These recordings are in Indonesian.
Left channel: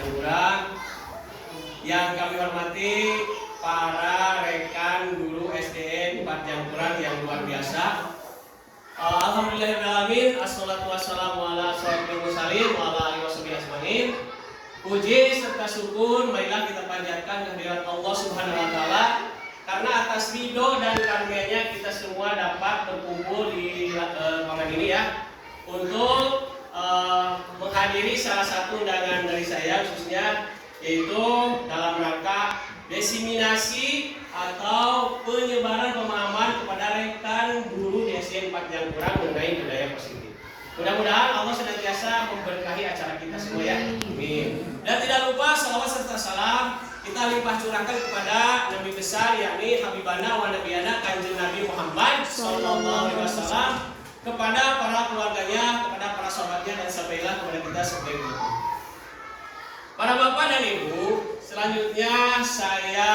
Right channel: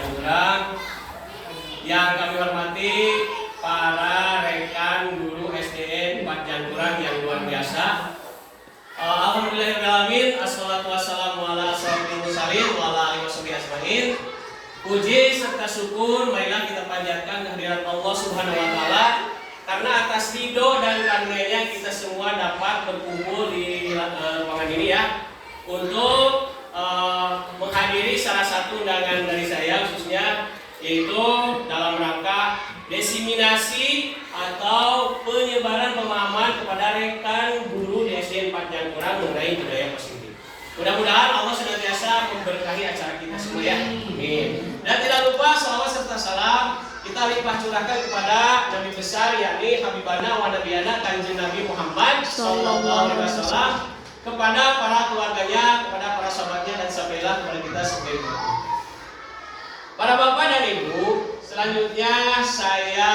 Jangkurang. Yang kami hormati para rekan guru SDN 4 Jangkurang yang luar biasa. Alhamdulillahirrahmanirrahim. Assalatu wassalamu ala asyrofil mursalin wa ala alihi washabihi ajmain. Puji serta syukur marilah kita panjatkan kehadirat Allah Subhanahu wa taala karena atas ridho dan karunia-Nya kita semua dapat berkumpul di ruangan ini ya untuk menghadiri salah satu undangan dari saya khususnya, yaitu dalam rangka diseminasi atau penyebaran pemahaman kepada rekan guru di SDN 4 Jangkurang mengenai budaya positif. Mudah-mudahan Allah senantiasa memberkahi acara kita semua ya. Amin. Dan tidak lupa salawat serta salam kita limpah curahkan kepada Nabi besar yakni Habibana wa Nabiyana Kanjeng Nabi Muhammad sallallahu alaihi wasallam, kepada para keluarganya, kepada para sahabatnya dan sampailah kepada kita sekalian. Para bapak dan ibu, selanjutnya saya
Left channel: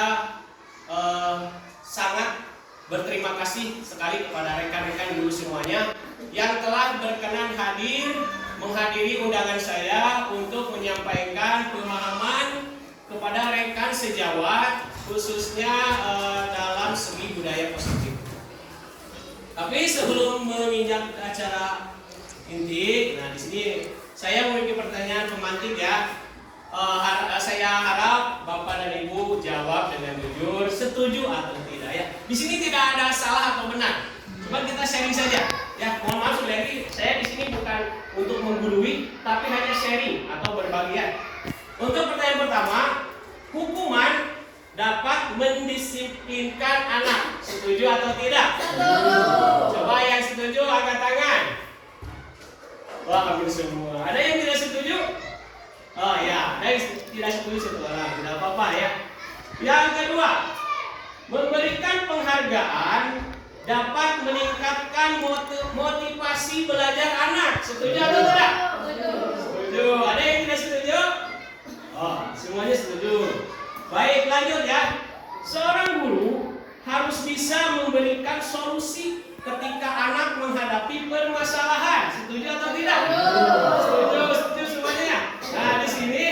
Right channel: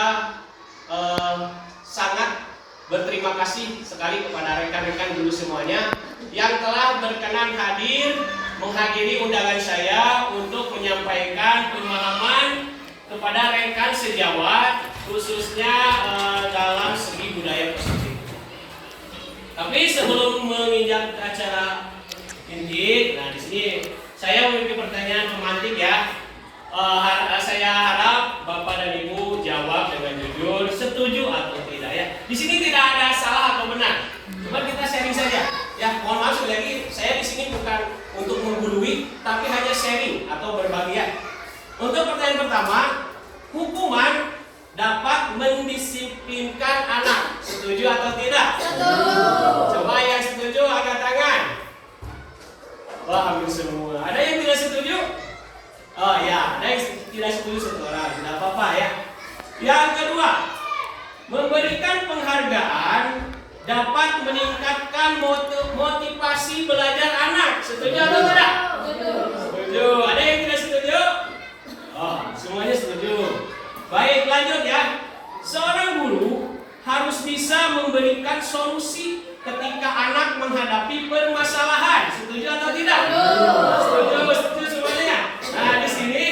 sangat berterima kasih sekali kepada rekan-rekan guru semuanya yang telah berkenan hadir menghadiri undangan saya untuk menyampaikan pemahaman kepada rekan sejawat khususnya dalam segi budaya positif. Tapi sebelum menginjak acara inti, nah di sini saya memiliki pertanyaan pemantik ya. Saya harap Bapak dan Ibu jawab dengan jujur, setuju atau tidak ya. Di sini tidak ada salah atau benar. Cuma kita sharing saja. Ya, mohon maaf sekali lagi, saya di sini bukan untuk menggurui, tapi hanya sharing atau berbagi ya. Untuk pertanyaan pertama, hukuman dapat mendisiplinkan anak. Setuju atau tidak? Setuju. Coba yang setuju angkat tangan. Wah, hampir semua. Ada yang tidak setuju? Oh ya, ada yang tidak setuju satu orang. Tidak apa-apa ya. Yang kedua, memberikan penghargaan dapat meningkatkan motivasi belajar anak. Setuju atau tidak? Setuju. Ada yang tidak setuju? Oh, semuanya setuju. Baik, lanjut ya. Seorang guru harus bisa memberikan solusi ketika anak menghadapi permasalahan. Setuju atau tidak? Setuju, setuju semuanya. Nah, di sini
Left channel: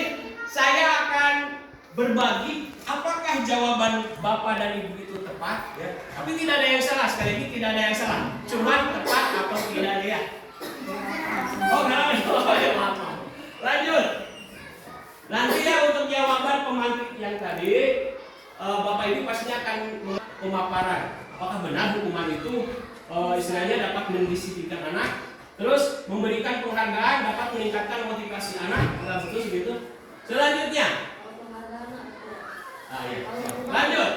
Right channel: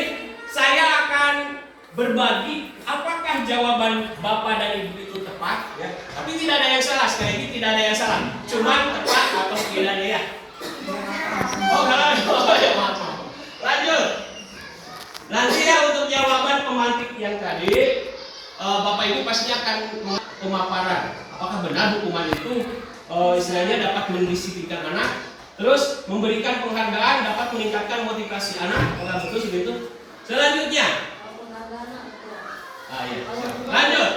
saya akan berbagi apakah jawaban Bapak dan Ibu itu tepat ya. Tapi tidak ada yang salah, sekali lagi tidak ada yang salah. Cuma tepat atau tidaknya ya. Oh, ya maaf. Lanjut. Nanti ya untuk jawaban pemantik yang tadi, Bapak Ibu pastinya akan pemaparan. Apakah benar hukuman itu istilahnya dapat mendisiplinkan anak, terus memberikan penghargaan dapat meningkatkan motivasi anak. Apakah betul segitu? Selanjutnya, lanjut.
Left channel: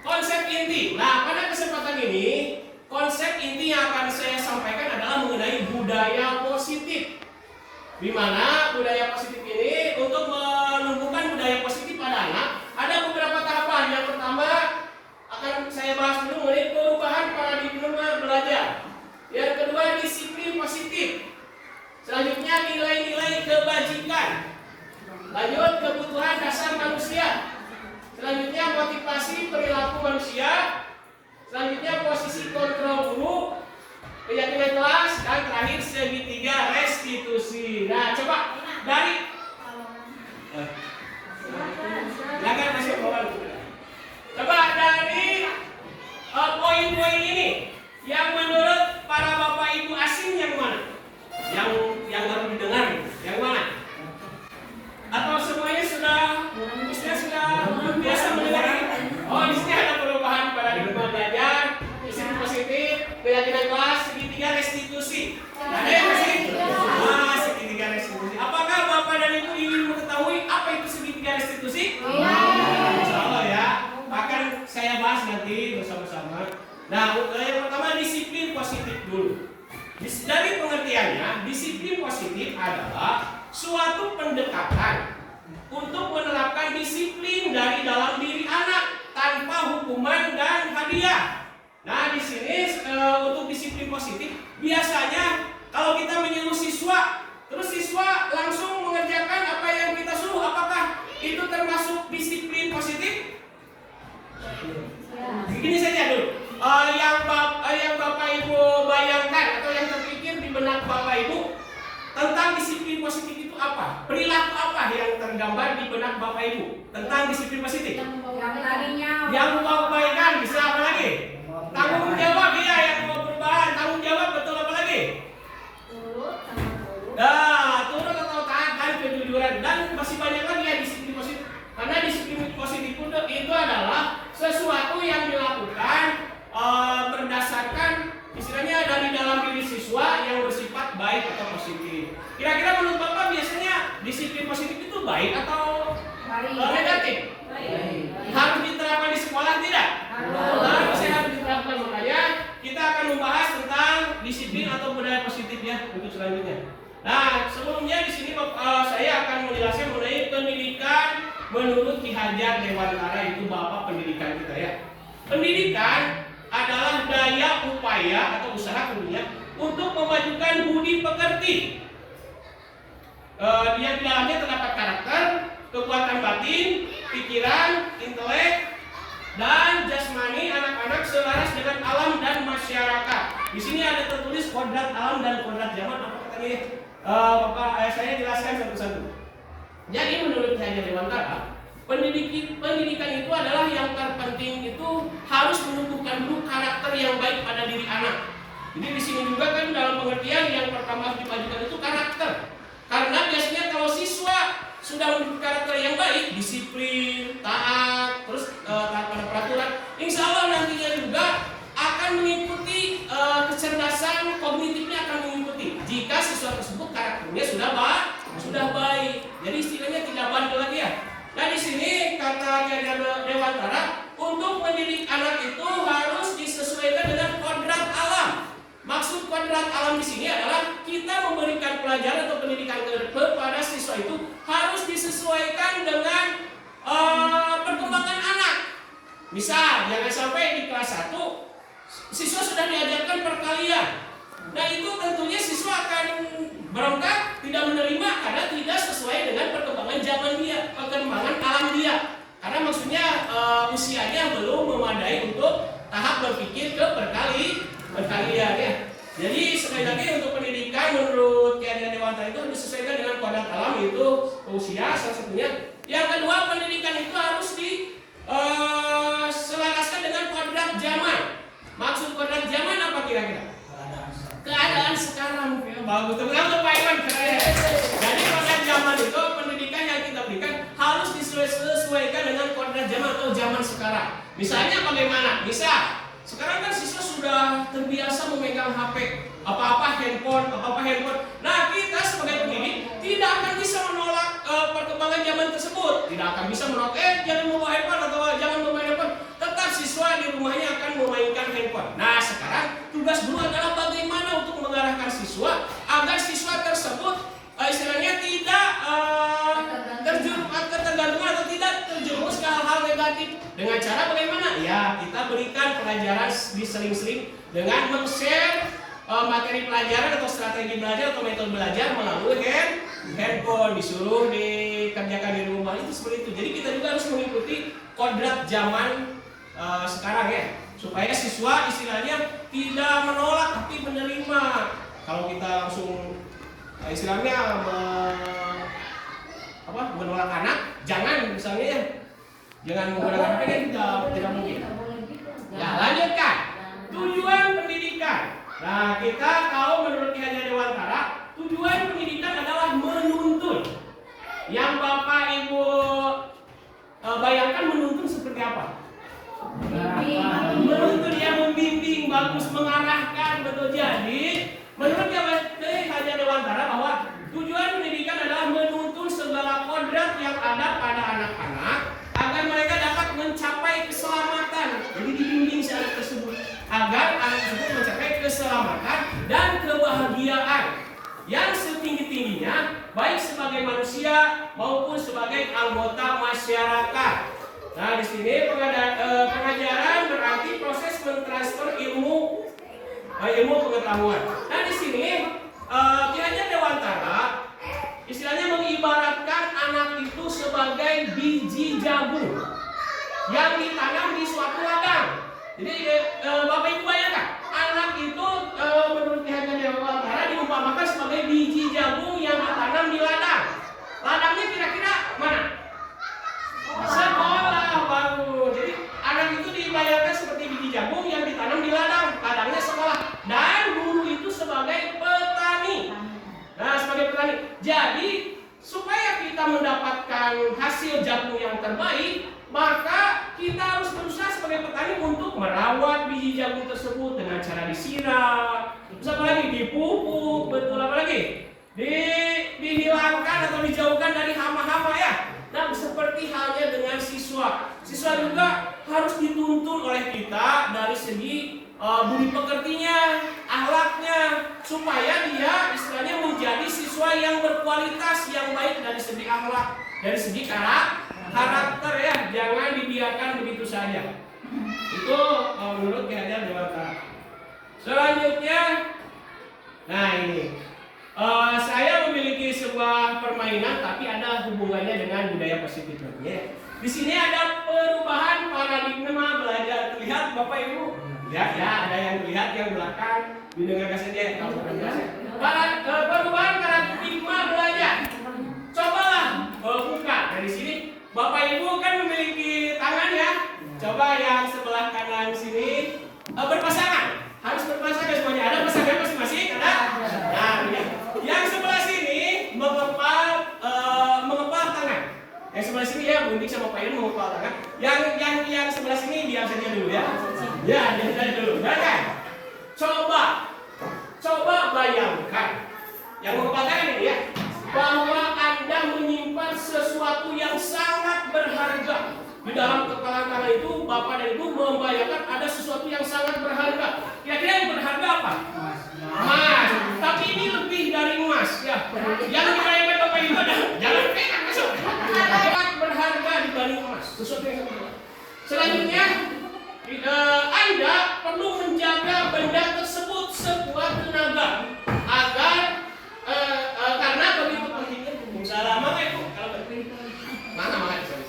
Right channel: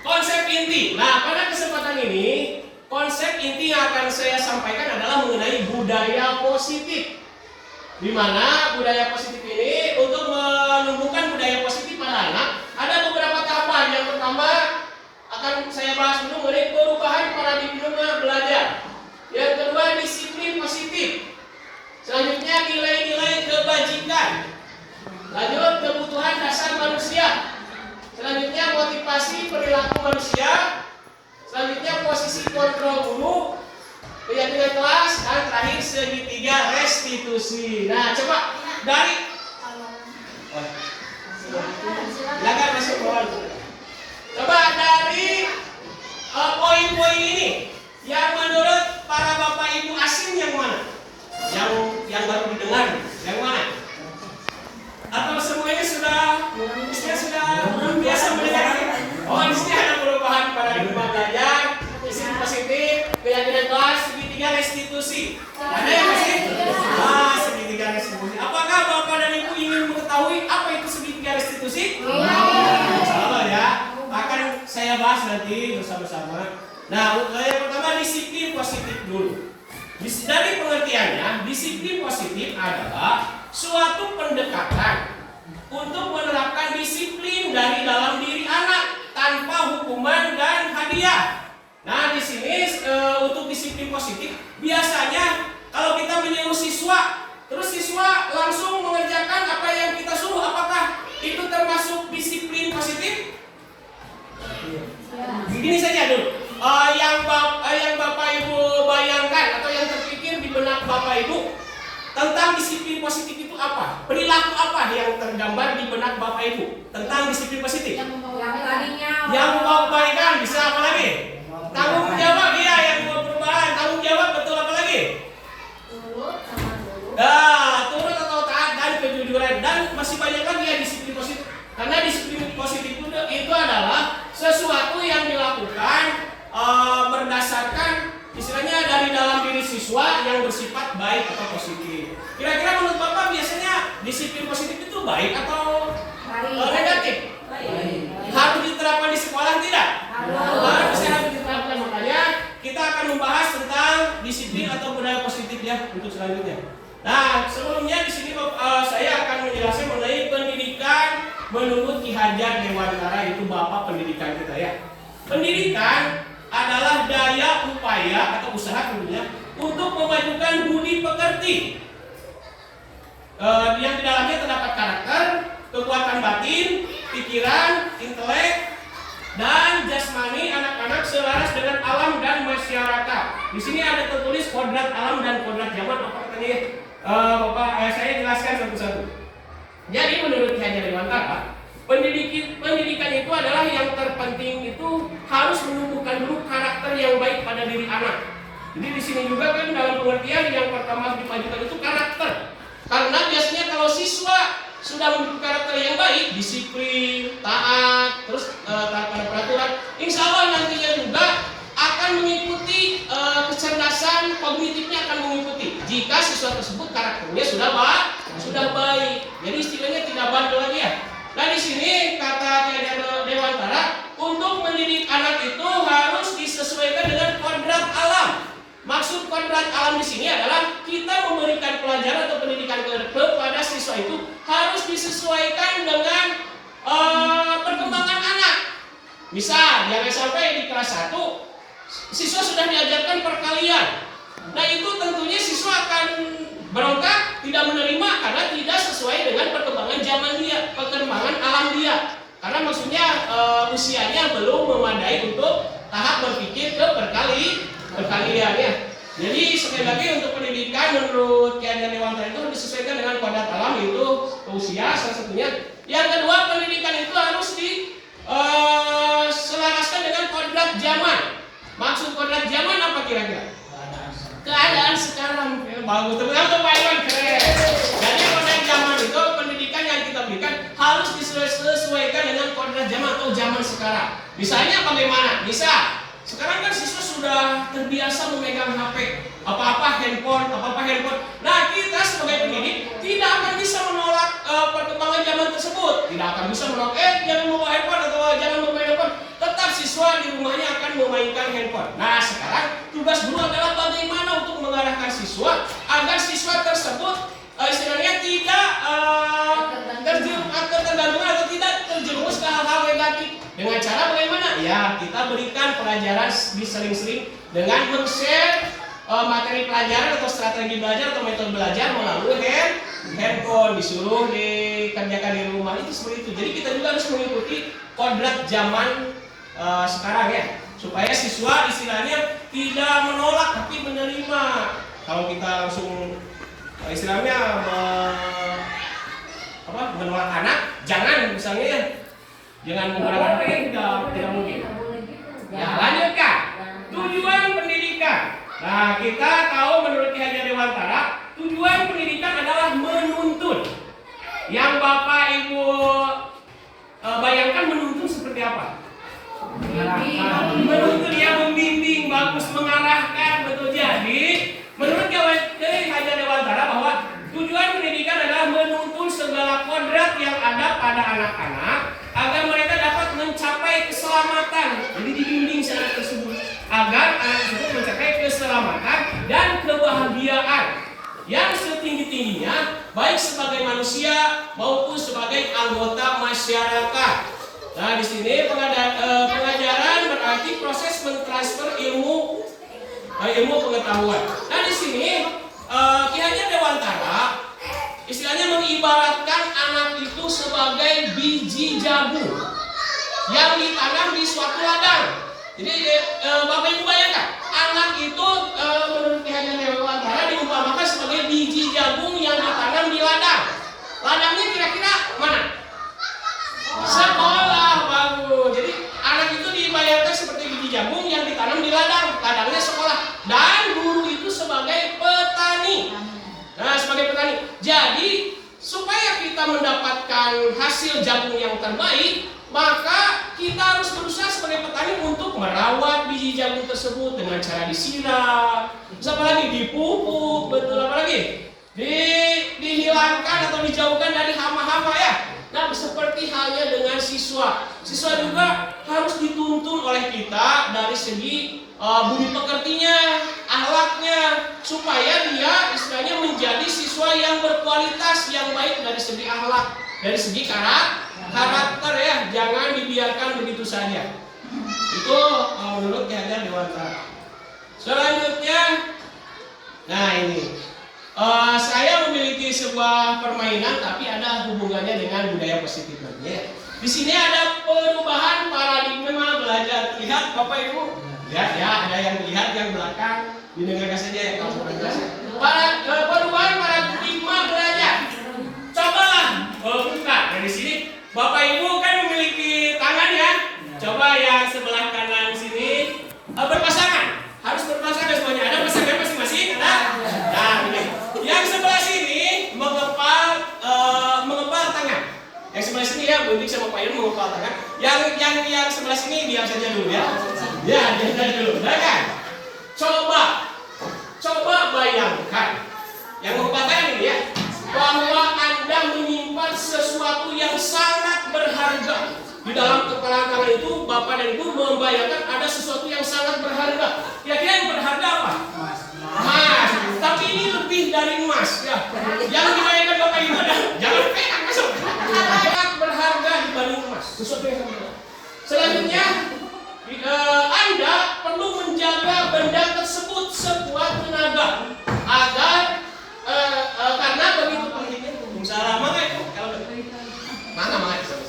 Konsep inti. Nah, pada kesempatan ini konsep inti yang akan saya sampaikan adalah mengenai budaya positif. Di mana budaya positif ini untuk menumbuhkan budaya positif pada anak ada beberapa tahapan. Yang pertama akan saya bahas dulu mengenai perubahan paradigma belajar. Yang kedua disiplin positif. Selanjutnya nilai-nilai kebajikan. Lanjut kebutuhan dasar manusia. Selanjutnya motivasi perilaku manusia. Selanjutnya posisi kontrol guru. Keyakinan kelas, dan terakhir segitiga restitusi. Nah, coba dari silakan masuk bawah. Coba dari poin-poin ini yang menurut para Bapak Ibu asing yang mana? Yang baru didengar, yang mana? Atau semuanya sudah biasa mendengar? Oh, di sini ada perubahan paradigma belajar, disiplin positif, keyakinan kelas, segitiga restitusi. Ada yang masih? Segitiga restitusi. Apakah Bapak dan Ibu ingin mengetahui apa itu segitiga restitusi? Insyaallah ya. Akan saya bahas nanti bersama-sama. Nah, yang pertama disiplin positif dulu. Dari pengertiannya, disiplin positif adalah suatu pendekatan untuk menerapkan disiplin dari dalam diri anak tanpa hukuman dan hadiah. Nah, di sini untuk disiplin positif biasanya kalau kita menyuruh siswa, terus siswa langsung mengerjakan apa yang kita suruh, apakah itu termasuk disiplin positif? Begini saja dulu. Yang Bapak Ibu bayangkan atau yang terpikir di benak Bapak Ibu tentang disiplin positif itu apa? Perilaku apa yang terdapat tergambar di benak Bapak Ibu tentang disiplin positif? Yang tadinya Yang membawa kebaikan, bisa apa lagi? Tanggung jawab, iya, yang membawa perubahan, tanggung jawab, betul, apa lagi? Turut atau taat dan kejujuran, dan masih banyak lagi ya disiplin positif. Karena disiplin positif itu adalah sesuatu yang dilakukan berdasarkan istilahnya dari dalam diri siswa yang bersifat baik atau positif. Kira-kira menurut Bapak biasanya disiplin positif itu baik atau negatif? Harus diterapkan di sekolah tidak? Harus diterapkan. Makanya kita akan membahas tentang disiplin atau budaya positif ya untuk selanjutnya. Nah, sebelumnya di sini saya akan menjelaskan mengenai pendidikan menurut Ki Hajar Dewantara, itu Bapak pendidikan kita ya. Pendidikan adalah daya upaya atau usaha tentunya untuk memajukan budi pekerti. Yang di dalamnya terdapat karakter, kekuatan batin, pikiran, intelek, dan jasmani anak-anak selaras dengan alam dan masyarakat. Di sini ada tertulis kodrat alam dan kodrat zaman. Apa katanya? Bapak, saya jelaskan satu-satu. Jadi menurut Ki Hajar Dewantara, pendidikan itu adalah yang terpenting itu harus menumbuhkan dulu karakter yang baik pada diri anak. Jadi di sini juga kan dalam pengertian yang pertama harus dimajukan itu karakter. Karena biasanya kalau siswa sudah memiliki karakter yang baik, disiplin, taat, terus taat pada peraturan, insya Allah nantinya juga akan mengikuti kecerdasan kognitifnya akan mengikuti. Jika siswa tersebut karakternya sudah baik, jadi istilahnya tidak bandel lagi ya. Nah di sini kata Ki Hajar Dewantara, untuk mendidik anak itu harus disesuaikan dengan kodrat alam. Maksud kodrat alam di sini adalah kita memberikan pelajaran atau pendidikan kepada siswa itu harus disesuaikan dengan perkembangan anak. Misal, jangan sampai di kelas 1 siswa sudah diajarkan perkalian. Nah itu tentunya siswa akan berontak, tidak menerima karena tidak sesuai dengan perkembangan zaman dia, perkembangan alam dia. Karena maksudnya usianya belum memadai untuk tahap berpikir ke perkalian ya. Jadi sekali lagi untuk pendidikan menurut Ki Hajar Dewantara itu harus disesuaikan dengan kodrat alam, yaitu usia salah satunya. Yang kedua, pendidikan itu harus diselaraskan dengan kodrat zaman. Maksud kodrat zaman apa kira-kira? Keadaan sekarang. Bagus, betul-betul Pak Iwan, keren. Jadi kodrat zaman itu pendidikan yang kita berikan harus disesuaikan dengan kodrat zaman atau zaman sekarang. Misalnya bagaimana? Misal sekarang kan siswa sudah terbiasa memegang HP, apa-apa handphone. Nah kita sebagai pendidik tidak akan bisa menolak perkembangan zaman tersebut. Tidak akan bisa menolak, jangan membawa handphone atau jangan memain handphone. Tetap siswa di rumahnya akan memainkan handphone. Nah sekarang tugas guru adalah bagaimana untuk mengarahkan siswa agar siswa tersebut istilahnya tidak ketergantungan atau tidak terjerumus ke hal-hal negatif. Dengan cara bagaimana? Ya kita berikan pelajaran diseling-seling dengan men-share materi pelajaran atau strategi belajar atau metode belajar melalui handphone, disuruh dikerjakan di rumah, itu seperti itu. Jadi kita juga harus mengikuti kodrat zaman sekarang ya, supaya siswa istilahnya tidak menolak tapi menerima. Kalau kita langsung istilahnya menolak anak, jangan misalnya ya, jangan menggunakan HP, tidak mungkin. Ya lanjutkan tujuan pendidikan. Nah kita tahu menurut Ki Hajar Dewantara tujuan pendidikan adalah menuntun. Yang Bapak Ibu bayangkan menuntun seperti apa? Menuntun, ya, membimbing, bagus, mengarahkan, betul. Jadi menurut Ki Hajar Dewantara bahwa tujuan pendidikan adalah menuntun segala kodrat yang ada pada anak-anak agar mereka dapat mencapai keselamatan. Jadi dibimbing secara tersebut agar anak tersebut mencapai keselamatan dan kebahagiaan yang setinggi-tingginya, baik sebagai manusia maupun sebagai anggota masyarakat. Nah, di sini pengajaran berarti proses mentransfer ilmu pengetahuan. Nah, di sini Ki Hajar Dewantara istilahnya mengibaratkan anak itu sebagai biji jagung yang ditanam di suatu ladang. Jadi Bapak Ibu bayangkan, anak itu menurut Ki Hajar Dewantara diumpamakan sebagai biji jagung yang ditanam di ladang. Ladangnya kira-kira mana? mendapatkan hasil jagung yang terbaik, maka kita harus berusaha sebagai petani untuk merawat biji jagung tersebut dengan cara disiram, terus apa lagi, dipupuk, betul, apa lagi, dihilangkan atau dijauhkan dari hama-hama ya. Nah, seperti halnya dengan siswa juga harus dituntun oleh kita dari segi budi pekertinya, akhlaknya, supaya dia istilahnya menjadi siswa yang berkualitas, yang baik dari segi akhlak, dari segi karakter ya, jangan dibiarkan begitu saja. Itu menurut Ki Hajar Dewantara. Selanjutnya, nah ini saya memiliki sebuah permainan, tapi ada hubungannya dengan budaya positif ya. Di sini ada perubahan paradigma belajar. Lihat Bapak Ibu, lihat ya, ada yang lihat yang belakang, didengarkan saja ya kalau orang jelas. Perubahan paradigma belajar. Cobalah buka dari sini. Bapak Ibu kan memiliki tangan ya. Coba yang sebelah kanan sini berpasangan. Harus berpasangan semuanya. Ada pasangan masing-masing? Ada? Nah, ini. Yang sebelah sini mengepal tangan. Yang sebelah sini ya, Buntik sama Pak Irun mengepal tangan. Yang sebelah sini diam saja dulu ya. Ya, diam saja dulu. Nah, kan? Coba bayangkan. Yang mengepal tangan ini ya, bahwa Anda menyimpan sesuatu yang sangat berharga. Di dalam kepala tangan itu, Bapak dan Ibu membayangkan ada sesuatu yang sangat berharga. Kira-kira yang berharga apa? Emas. Tapi ini lebih dari emas ya. Yang dibayangkan Bapak Ibu adalah jangan perak masuk. Sangat berharga dibanding emas. Sesuatu yang berharga. Selanjutnya, Anda perlu menjaga benda tersebut sekuat tenaga agar karena begitu pentingnya. Salah mana itu? Kalau mana itu?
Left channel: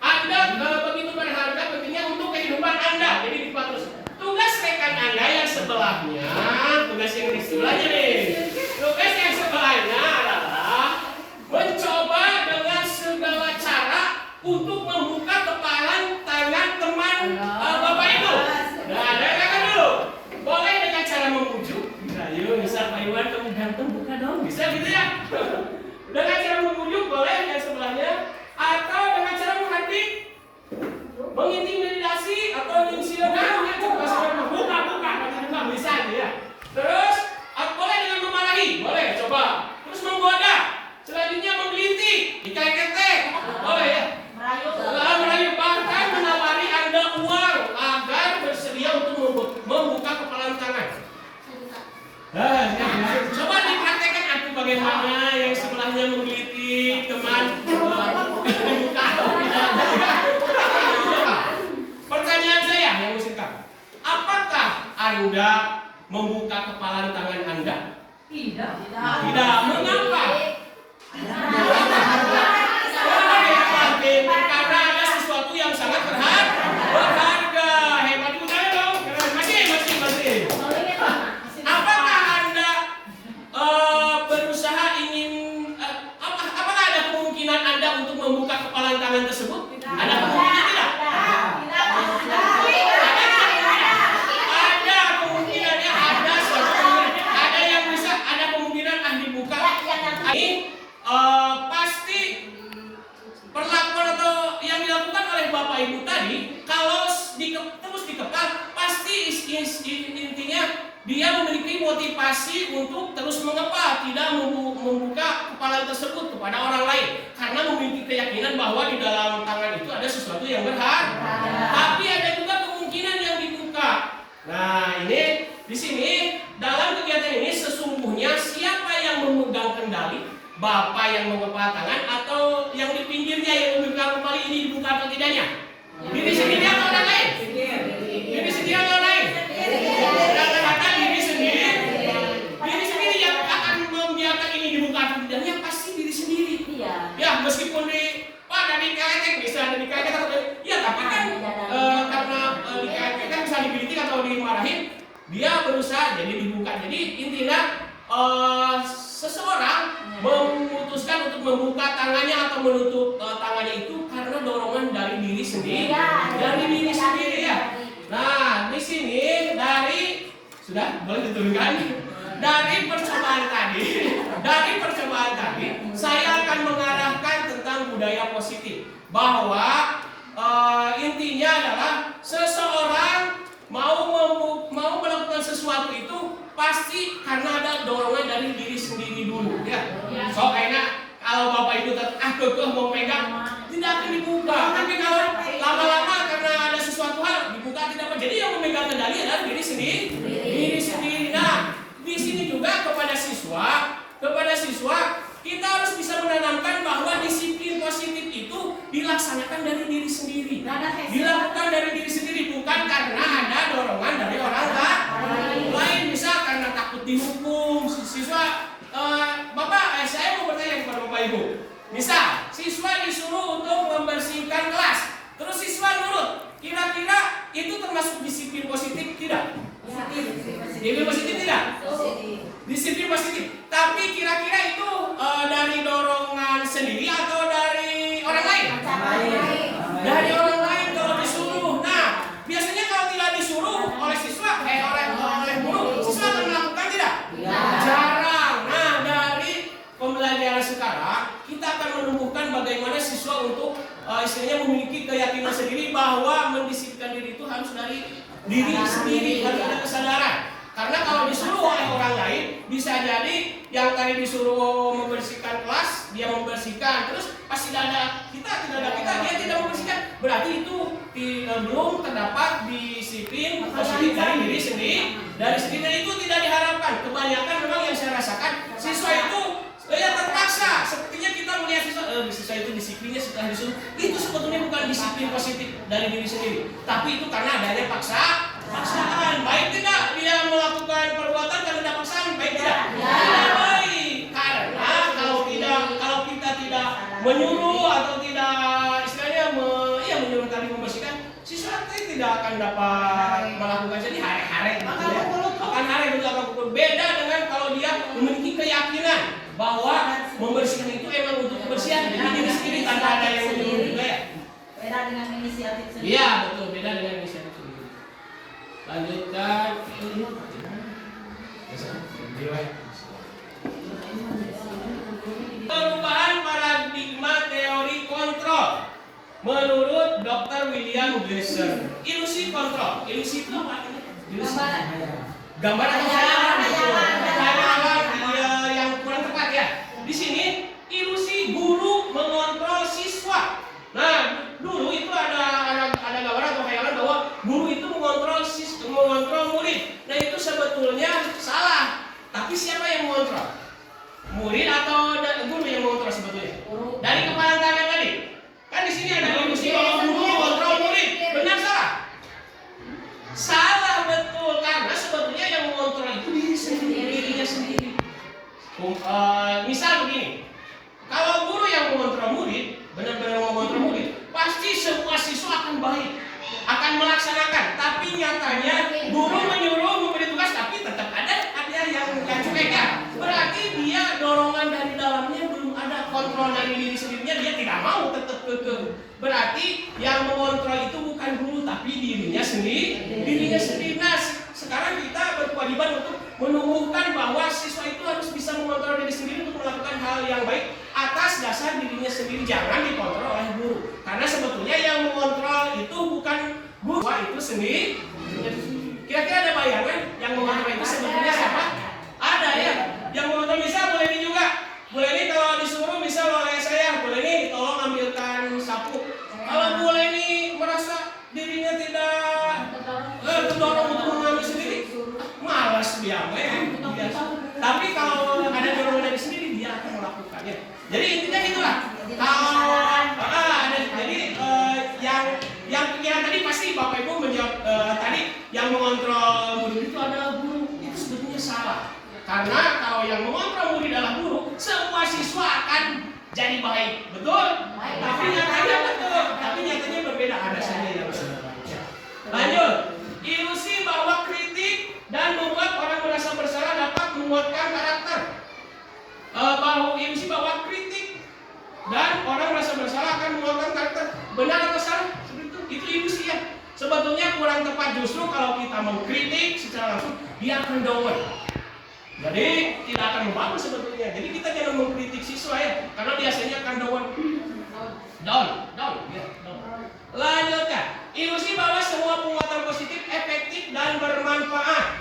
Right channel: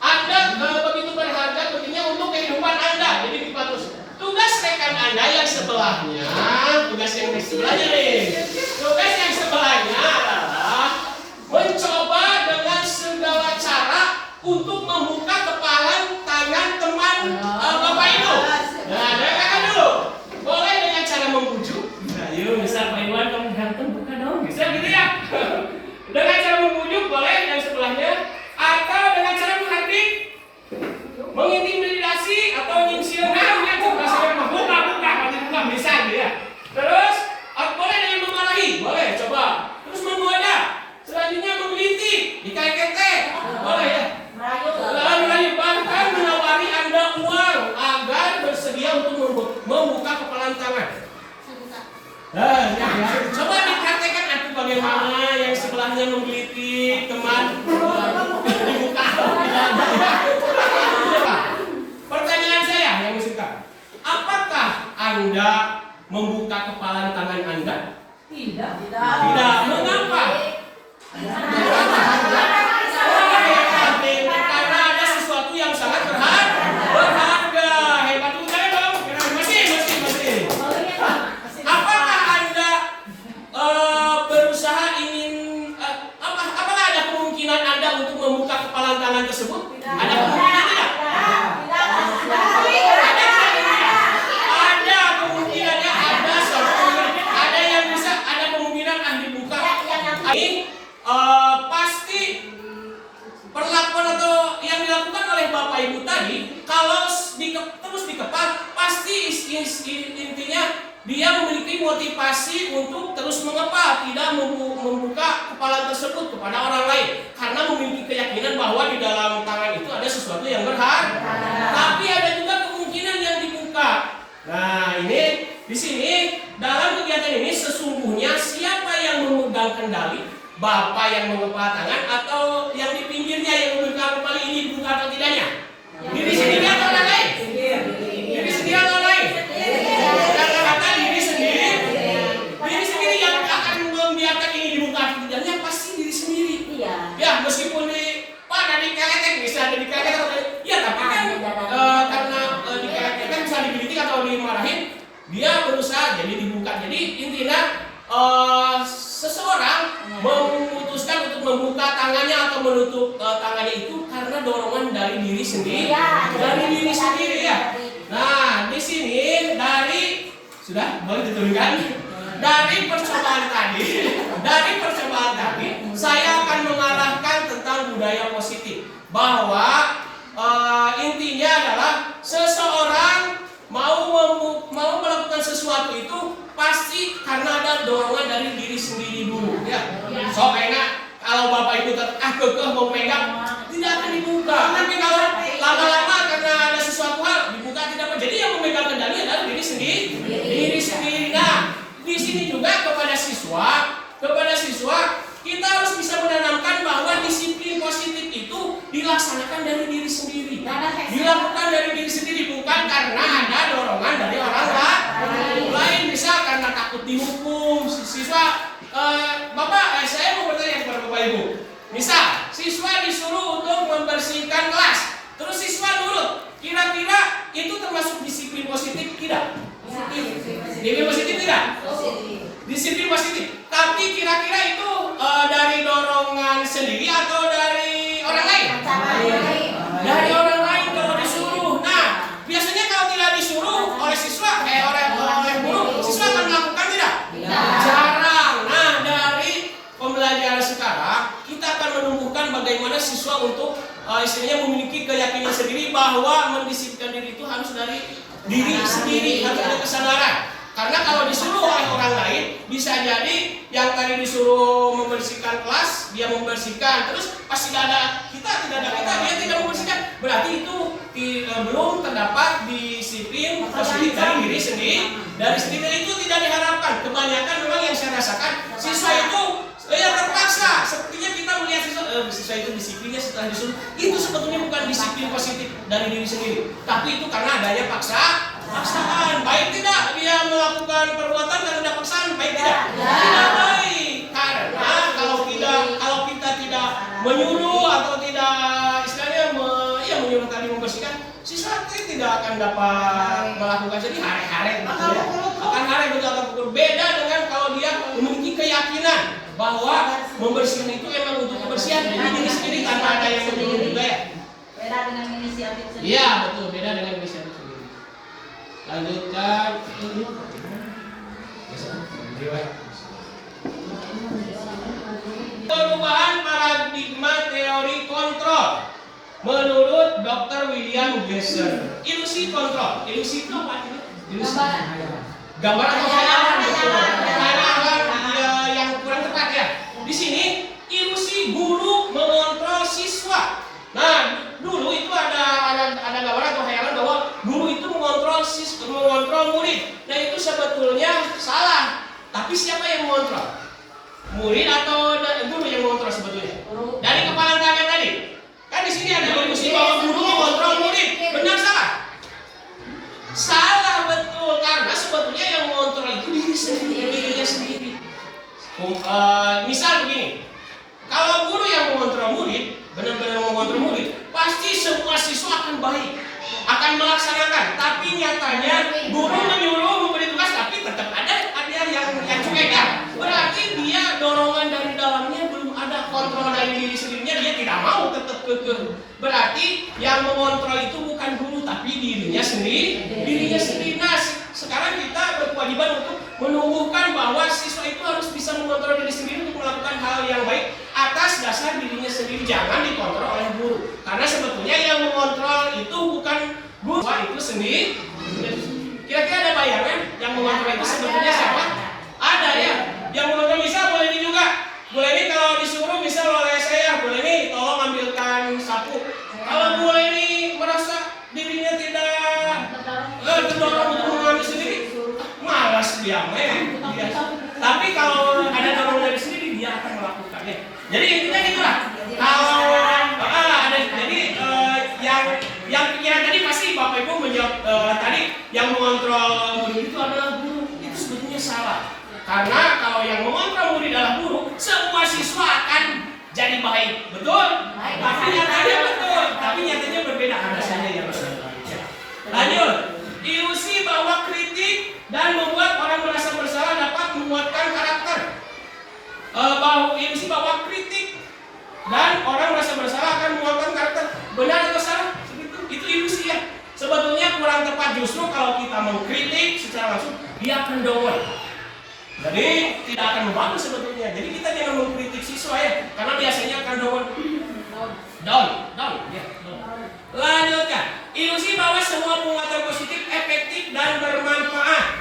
Anda begitu berharga pentingnya untuk kehidupan Anda. Jadi dipatus. Tugas rekan Anda yang sebelahnya, tugas yang di sebelahnya nih. Tugas yang sebelahnya adalah mencoba dengan segala cara untuk membuka kepalan tangan teman Bapak Ibu. Nah, dengarkan dulu. Boleh dengan cara membujuk. Nah, yuk, misal Pak Iwan kamu ganteng buka dong. Bisa gitu ya. Dengan cara membujuk boleh yang sebelahnya, atau dengan cara menghardik, mengintimidasi atau nyinsilkan kan rasanya buka bisa gitu ya. Terus boleh dengan memarahi, boleh coba. Terus menggoda, selanjutnya menggelitik, dikait-kait, boleh ya. Merayu, bahkan menawari Anda uang agar bersedia untuk membuka kepalan tangan. Coba dipraktekkan aku bagaimana yang sebelahnya menggelitik teman dibuka. Pertanyaan saya yang singkat, apakah Anda membuka kepalan tangan Anda? Tidak. Mengapa? Karena ada sesuatu yang sangat berharga. Hebat juga dong. Masih. Apakah Anda berusaha ingin apakah ada kemungkinan Anda untuk membuka kepalan tangan tersebut? Ada kemungkinan tidak? Ada kemungkinannya, ada yang bisa, ada kemungkinan dibuka. Ini pasti perlakuan atau yang dilakukan oleh Bapak Ibu tadi, kalau terus dikepal, pasti intinya dia memiliki motivasi untuk terus mengepal, tidak membuka kepalan tersebut kepada orang lain, karena memiliki keyakinan bahwa di dalam tangan itu ada sesuatu yang berharga. Tapi ada juga kemungkinan yang dibuka. Nah, ini di sini dalam kegiatan ini sesungguhnya siapa yang memegang kendali? Bapak yang mengepal tangan atau yang di pinggirnya yang memegang kembali ini dibuka atau tidaknya? Diri sendiri atau orang lain? Diri sendiri atau orang lain? Kata-kata diri sendiri yang akan membiarkan ini dibuka atau tidaknya pasti diri sendiri. Ya, meskipun ada dikeletek, bisa ada dikeletek, ya tapi kan karena dikeletek bisa digelitik atau dimarahin, dia berusaha jadi dibuka. Jadi intinya seseorang memutuskan untuk membuka tangannya atau menutup tangannya itu karena dorongan dari diri sendiri, ya. Nah, di sini dari sudah boleh diturunkan. dari percobaan tadi, saya akan mengarahkan tentang budaya positif, bahwa intinya adalah seseorang mau melakukan sesuatu itu pasti karena ada dorongan dari diri sendiri dulu, ya. So enak kalau bapak ibu kekeh mau pegang, tidak akan dibuka. Tapi kalau lama-lama karena ada sesuatu hal dibuka, tidak apa. Jadi yang memegang kendali adalah diri sendiri. Nah, di sini juga kepada siswa kita harus bisa menanamkan bahwa disiplin positif itu dilaksanakan dari diri sendiri, dilakukan dari diri sendiri, bukan karena ada dorongan dari orang lain. Misal karena takut dihukum, siswa, bapak, saya mau bertanya kepada bapak ibu. Misal siswa disuruh untuk membersihkan kelas, terus siswa nurut, kira-kira itu termasuk disiplin positif tidak? Disiplin positif tidak? Disiplin positif. Tapi kira-kira itu dari dorongan sendiri atau dari orang lain? Dari orang lain kalau disuruh. Nah, biasanya kalau tidak disuruh oleh siswa, oleh guru, siswa akan melakukan tidak? Jarang. Nah, dari pembelajaran sekarang kita akan menumbuhkan bagaimana siswa untuk istilahnya memiliki keyakinan sendiri bahwa mendisiplinkan diri itu harus dari diri sendiri, harus ada kesadaran. Karena kalau disuruh oleh orang lain, bisa jadi yang tadi disuruh membersihkan kelas, dia membersihkan, terus pas tidak ada kita, dia tidak membersihkan. Berarti itu belum terdapat disiplin positif dari diri sendiri. Dari sendiri itu tidak diharapkan. Kebanyakan memang yang saya rasakan, siswa itu terpaksa. Sepertinya kita melihat siswa itu disiplinnya setelah disuruh. Itu sebetulnya bukan disiplin positif dari diri sendiri, tapi itu karena adanya paksaan. Baik tidak dia melakukan perbuatan karena ada paksaan, baik tidak? Tidak baik. Karena kalau kita tidak menyuruh atau tidak istilahnya menyuruh tadi membersihkan, siswa tidak akan dapat melakukan. Jadi hare-hare akan pukul. Beda dengan kalau dia memiliki keyakinan bahwa membersihkan itu emang untuk kebersihan diri sendiri tanpa ada yang menyuruh juga, ya. Beda dengan inisiatif sendiri. Iya, betul, beda dengan inisiatif sendiri. Lanjutkan. Perubahan paradigma teori kontrol menurut Dr. William Glasser. Ilusi kontrol. Ilusi itu apa? Ilusi. Gambar atau khayalan? Khayalan yang kurang tepat, ya. Di sini ilusi guru mengontrol siswa. Nah, dulu itu ada gambar atau khayalan bahwa guru itu mengontrol murid. Nah, itu sebetulnya salah. Tapi siapa yang mengontrol? Murid atau guru yang mengontrol sebetulnya? Dari kepala tangan tadi. Kan di sini ada ilusi bahwa guru mengontrol murid. Benar salah? Salah, betul, karena sebetulnya yang mengontrol itu dirinya sendiri. Misal begini, kalau guru yang mengontrol murid, benar-benar mengontrol murid, pasti semua siswa akan baik, akan melaksanakan. Tapi nyatanya guru menyuruh memberi tugas, tapi tetap ada yang cuek, ya. Berarti dia dorongan dari dalamnya belum ada, kontrol dari diri sendirinya dia tidak mau, tetap kekeh. Berarti yang mengontrol itu bukan guru tapi dirinya sendiri. Nah, sekarang kita berkewajiban untuk menumbuhkan bahwa siswa itu harus bisa mengontrol diri sendiri untuk melakukan hal yang baik atas dasar dirinya sendiri, jangan dikontrol oleh guru. Karena sebetulnya yang mengontrol itu bukan guru, itu sendiri. Kira-kira ada bayangan yang mengontrol itu sebetulnya siapa? Ada, ya. Yang mengontrol misal boleh ini juga. Boleh ini kalau disuruh misal oleh saya, boleh ini tolong ambilkan sapu. Kalau boleh ini merasa dirinya tidak terdorong untuk mengambil sendiri, malas dia. Tapi kalau ada dorongan dari sendiri, dia akan melakukannya. Jadi intinya gitulah. Kalau ada, jadi yang pikiran tadi pasti Bapak Ibu menjawab tadi yang mengontrol murid itu adalah guru. Itu sebetulnya salah. Karena kalau yang mengontrol murid adalah guru, semua siswa akan jadi baik, betul? Tapi nyatanya betul. Tapi nyatanya berbeda, ada saja yang berbeda. Lanjut. Ilusi bahwa kritik dan membuat orang merasa bersalah dapat menguatkan karakter. Ilusi bahwa kritik dan orang merasa bersalah akan menguatkan karakter. Benar atau salah? Itu ilusi, ya. Sebetulnya kurang tepat, justru kalau kita mengkritik secara langsung, dia akan down. Jadi tidak akan membantu sebetulnya. Jadi kita jangan mengkritik siswa ya, karena biasanya akan down. Lanjutkan. Ilusi bahwa semua penguatan positif efektif dan bermanfaat.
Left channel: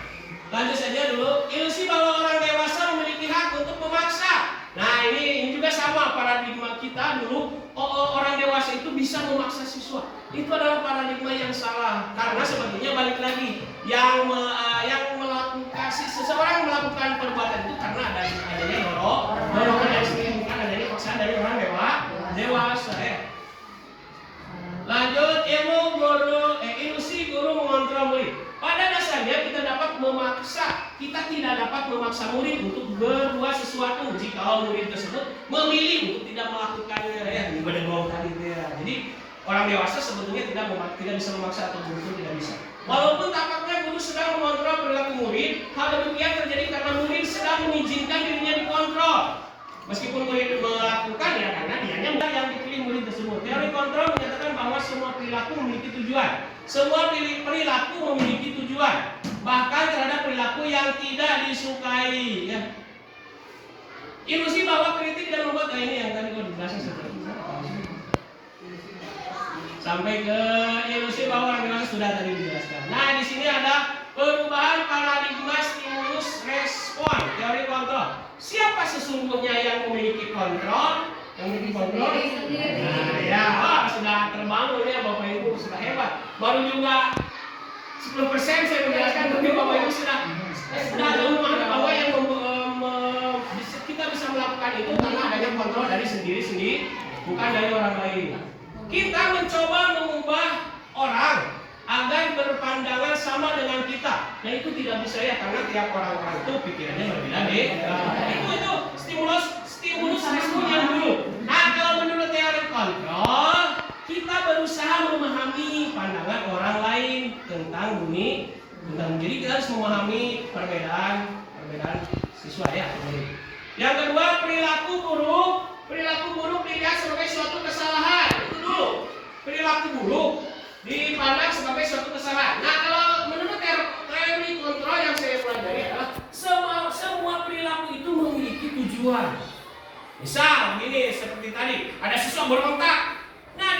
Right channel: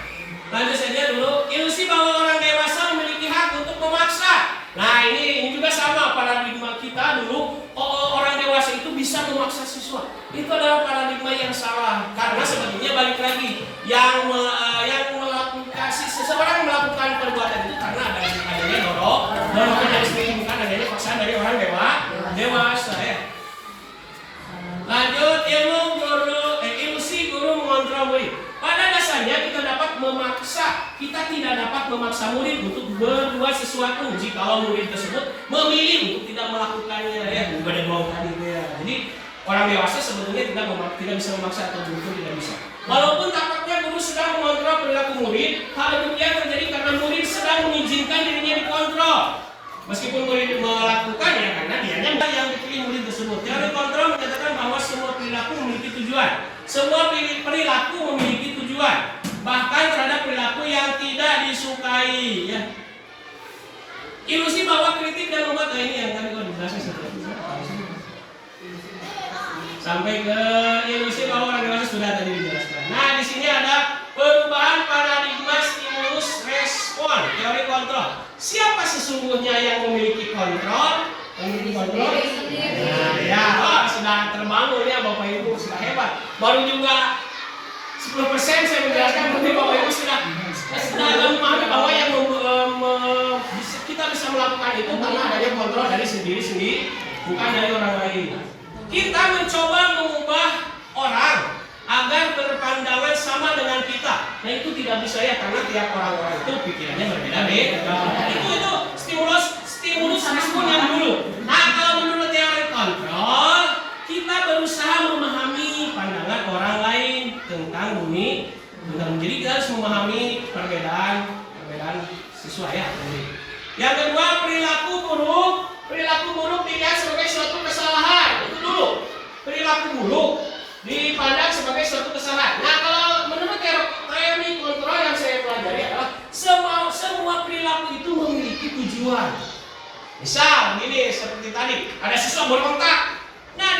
Lanjut saja dulu. Ilusi bahwa orang dewasa memiliki hak untuk memaksa. Nah ini juga sama paradigma kita dulu. Orang dewasa itu bisa memaksa siswa. Itu adalah paradigma yang salah. Karena sebetulnya balik lagi yang melakukan seseorang melakukan perbuatan itu karena adanya dorongan dari sendiri, bukan adanya paksaan dari orang dewasa ya. Lanjut, ilusi guru mengontrol murid. Pada dasarnya kita tidak dapat memaksa murid untuk berbuat sesuatu jika murid tersebut memilih untuk tidak melakukannya ya. Bukan doang tadi ya. Jadi orang dewasa sebetulnya tidak bisa memaksa atau guru tidak bisa. Walaupun tampaknya guru sedang mengontrol perilaku murid, hal demikian terjadi karena murid sedang mengizinkan dirinya dikontrol. Meskipun murid melakukan ya karena dianya yang dipilih murid tersebut. Teori kontrol menyatakan bahwa semua perilaku memiliki tujuan. Semua perilaku memiliki tujuan. Bahkan terhadap perilaku yang tidak disukai ya. Ilusi bahwa kritik dan membuat ini yang tadi kalau dibahas sampai ke ilusi bahwa orang dewasa sudah tadi dijelaskan. Nah, di sini ada perubahan paradigma stimulus respon, teori kontrol. Siapa sesungguhnya yang memiliki kontrol? Memiliki kontrol? Nah, ya, sudah terbangun ya Bapak Ibu, sudah hebat. Baru juga 10% saya menjelaskan, mungkin Bapak Ibu sudah memahami bahwa yang kita bisa melakukan itu karena adanya kontrol dari sendiri, bukan dari orang lain. Kita mencoba mengubah orang agar berpandangan sama dengan kita. Nah itu tidak bisa ya karena tiap orang itu pikirannya berbeda-beda. Itu stimulus respon yang dulu. Nah kalau menurut teori kontrol, kita berusaha memahami pandangan orang lain tentang bumi. Jadi kita harus memahami perbedaan siswa ya. Yang kedua, perilaku buruk dilihat sebagai suatu kesalahan. Itu dulu. Perilaku buruk dipandang sebagai suatu kesalahan. Nah, kalau menurut teori kontrol yang saya pelajari adalah semua perilaku itu memiliki tujuan. Misal, begini seperti tadi, ada siswa berontak. Nah,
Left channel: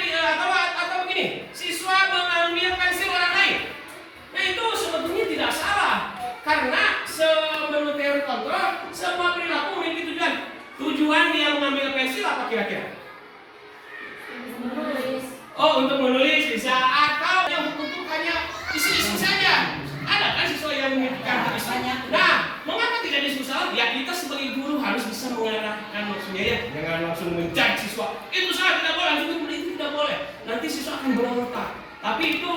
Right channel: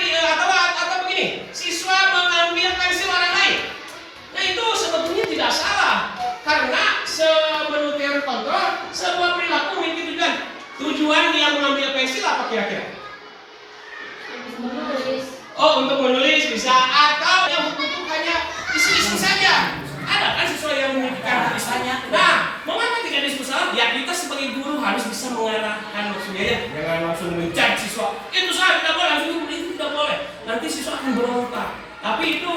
atau begini, siswa mengambil pensil orang lain. Nah, itu sebetulnya tidak salah. Karena menurut teori kontrol, semua perilaku memiliki tujuan. Tujuan dia mengambil pensil apa kira-kira? Menulis. Oh, untuk menulis bisa. Atau yang untuk hanya isi-isi saja. Ada kan siswa yang memikirkan tulisannya. Nah, mengapa tidak diskusi? Ya kita sebagai guru harus bisa mengarahkan maksudnya ya. Jangan langsung menjudge siswa. Itu salah, tidak boleh. Itu tidak boleh. Nanti siswa akan berontak. Tapi itu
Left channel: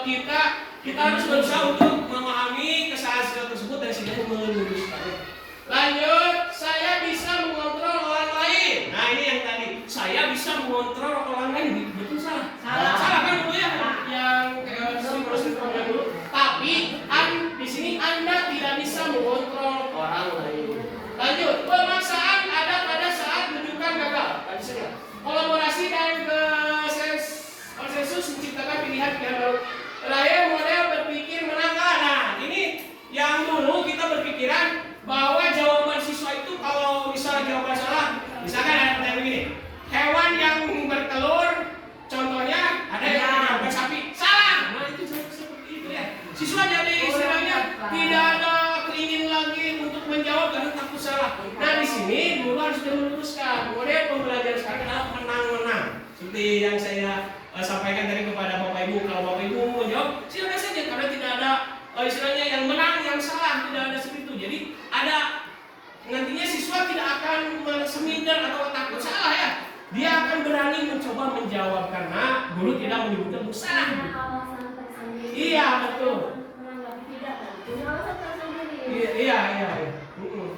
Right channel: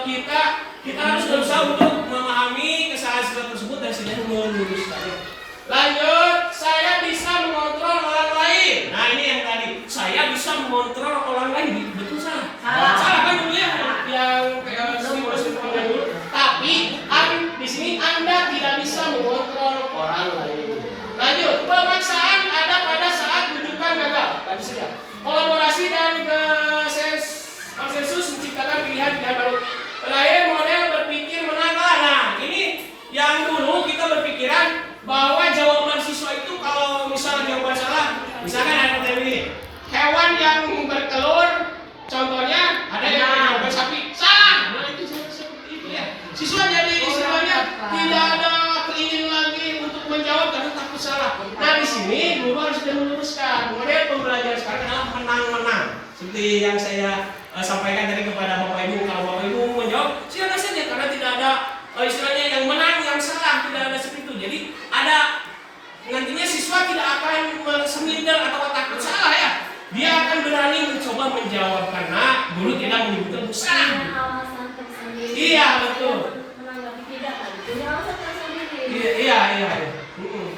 kita harus berusaha untuk memahami kesalahan siswa tersebut dan setidaknya meluruskannya. Lanjut, saya bisa mengontrol orang lain. Nah ini yang tadi, saya bisa mengontrol orang lain. Betul salah? Salah kan dulu ya? Yang stimulus dulu. Tapi di sini Anda tidak bisa mengontrol orang lain. Lanjut, pemaksaan ada pada saat rujukan gagal. Tadi sudah. Kolaborasi dan konsensus menciptakan pilihan baru. Terakhir, model berpikir menakar. Nah ini yang dulu kita berpikiran bahwa jawaban siswa itu kalau misalnya jawaban salah, misalkan ada pertanyaan begini, hewan yang bertelur, contohnya ada yang jawaban sapi, salah. Nah itu seperti itu ya. Siswa jadi istilahnya tidak ada keinginan lagi untuk menjawab karena takut salah. Nah di sini guru harus meluruskan model pembelajaran sekarang adalah menang-menang. Seperti yang saya sampaikan tadi kepada Bapak Ibu, kalau Bapak Ibu menjawab silakan saja karena tidak ada istilahnya yang menang, yang salah, tidak ada seperti itu. Jadi ada nantinya siswa tidak akan seminder atau takut salah ya. Dia akan berani mencoba menjawab karena guru tidak menyebutkan salah. Iya betul. Iya.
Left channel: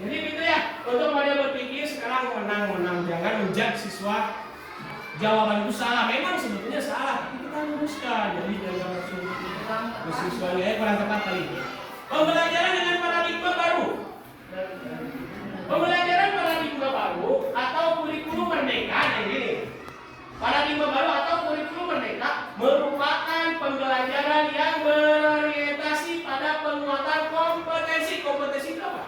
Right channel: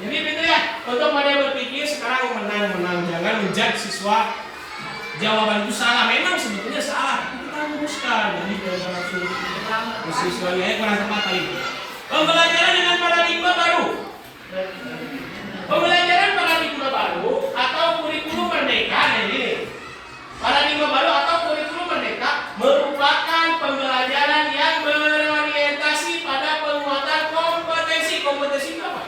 Jadi itu ya. Untuk pada berpikir sekarang menang, jangan menjudge siswa jawaban itu salah. Memang sebetulnya salah. Kita luruskan. Jadi jangan langsung siswanya kurang tepat kali. Pembelajaran dengan paradigma baru. Pembelajaran paradigma baru atau kurikulum merdeka ini. Paradigma baru atau kurikulum merdeka merupakan pembelajaran yang berorientasi pada penguatan kompetensi. Kompetensi itu apa?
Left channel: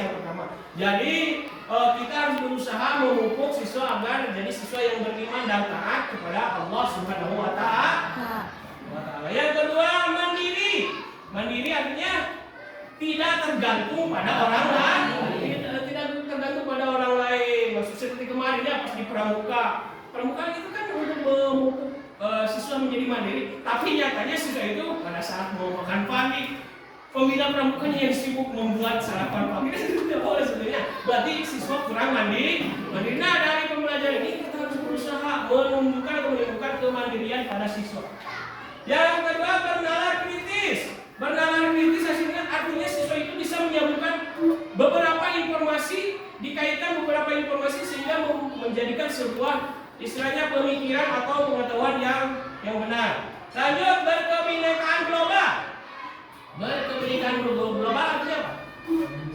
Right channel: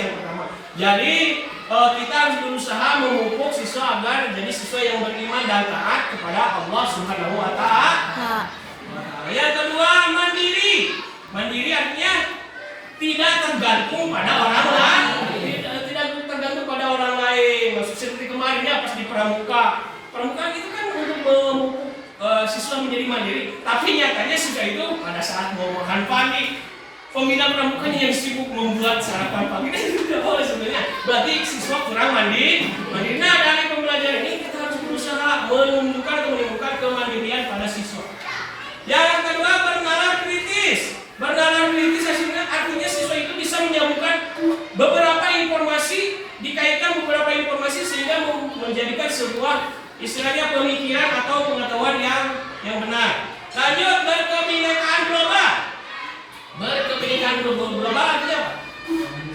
yang pertama. Jadi kita harus berusaha memupuk siswa agar jadi siswa yang beriman dan taat kepada Allah Subhanahu wa Ta'ala. Yang kedua, mandiri. Mandiri artinya tidak tergantung pada orang lain. Tidak tergantung pada orang lain. Maksud seperti kemarin ya pas di pramuka. Pramuka itu kan untuk memupuk siswa menjadi mandiri. Tapi nyatanya siswa itu pada saat mau makan pagi, pembina pramukanya yang sibuk membuat sarapan pagi kan itu tidak boleh sebenarnya. Berarti siswa kurang mandiri. Nah, dari pembelajaran ini kita harus berusaha menunjukkan atau menimbulkan kemandirian pada siswa. Yang kedua, bernalar kritis. Bernalar kritis artinya siswa itu bisa menyambungkan beberapa informasi, dikaitkan beberapa informasi sehingga menjadikan sebuah istilahnya pemikiran atau pengetahuan yang benar. Lanjut, berkebinekaan global. Berkebinekaan global artinya apa?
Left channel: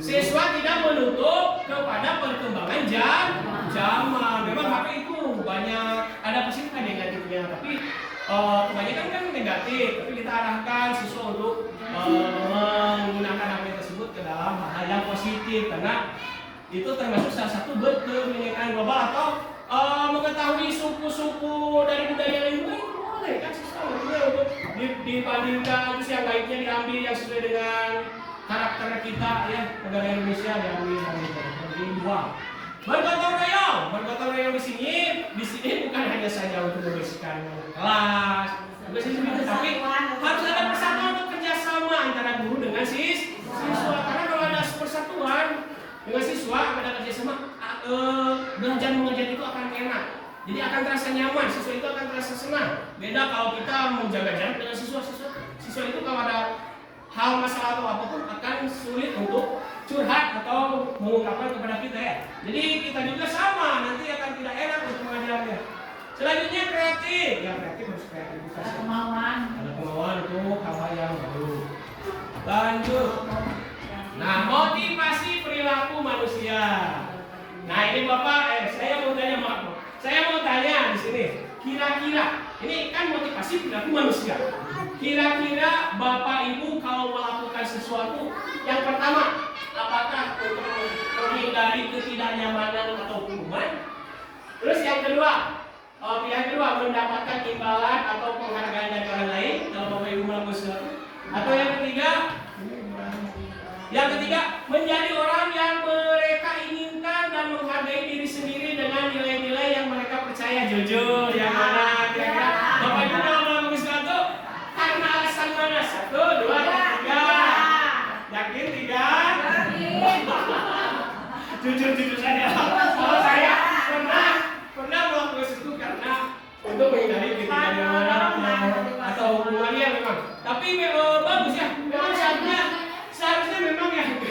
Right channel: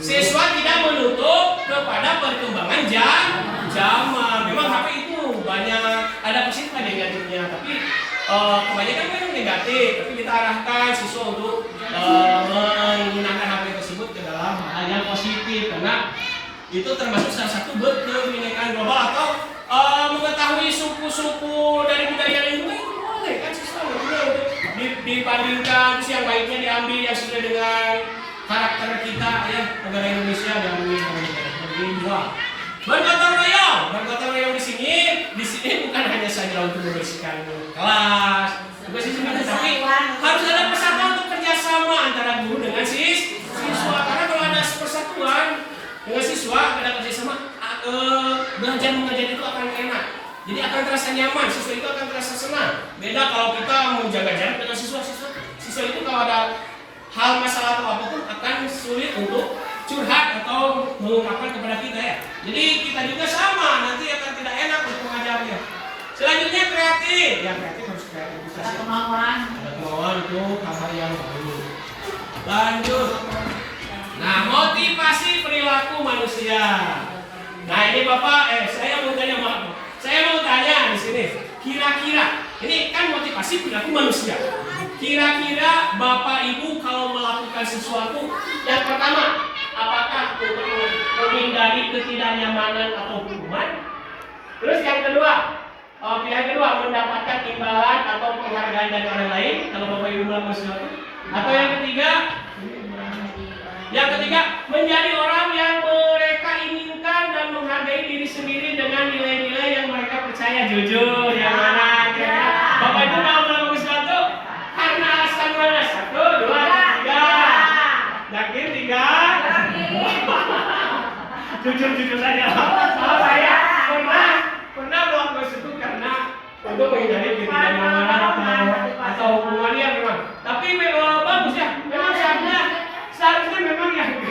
Siswa tidak menutup kepada perkembangan zaman. Memang HP itu banyak ada positif ada negatifnya, tapi kebanyakan kan negatif. Tapi kita arahkan siswa untuk menggunakan HP tersebut ke dalam hal yang positif, karena itu termasuk salah satu berkebinekaan global atau mengetahui suku-suku dari budaya lain juga itu boleh kan siswa untuk dibandingkan terus yang baiknya diambil yang sesuai dengan karakter kita ya negara Indonesia diambil dari dua. Bergotong royong di sini bukan hanya saja untuk membersihkan kelas, tapi harus ada persatuan untuk kerjasama antara guru dengan siswa. Karena kalau ada persatuan dengan siswa, ada kerjasama, belajar mengajar itu akan enak. Jadi akan terasa nyaman, siswa itu akan terasa senang. Beda kalau kita menjaga jarak dengan siswa itu kalau ada hal masalah atau apapun akan sulit untuk curhat atau mengungkapkan kepada kita ya. Jadi kita juga sama, nanti akan tidak enak untuk mengajarnya. Selanjutnya kreatif, ya kreatif harus kreativitas. Ada kemauan untuk hal-hal yang baru. Lanjut. Nah, motivasi perilaku manusia. Nah, ini Bapak, saya mau tanya di sini. Kira-kira, ini kan motivasi perilaku manusia. Kira-kira Bapak Ibu kalau melakukan sesuatu, yang pertama, apakah untuk menghindari ketidaknyamanan atau hukuman? Terus yang kedua, pilihan kedua, mendapatkan imbalan atau penghargaan dari orang lain kalau Bapak Ibu melakukan sesuatu. Atau yang ketiga, menjadi orang yang mereka inginkan dan menghargai diri sendiri dengan nilai-nilai yang mereka percaya. Jujur, yang mana kira-kira Bapak Ibu mau melakukan sesuatu karena alasan mana? 1, 2, 3. Yakin 3? Jujur saja. Kalau saya pernah melakukan sesuatu karena untuk menghindari ketidaknyamanan atau hukumannya memang. Tapi bagus ya. Memang seharusnya memang yang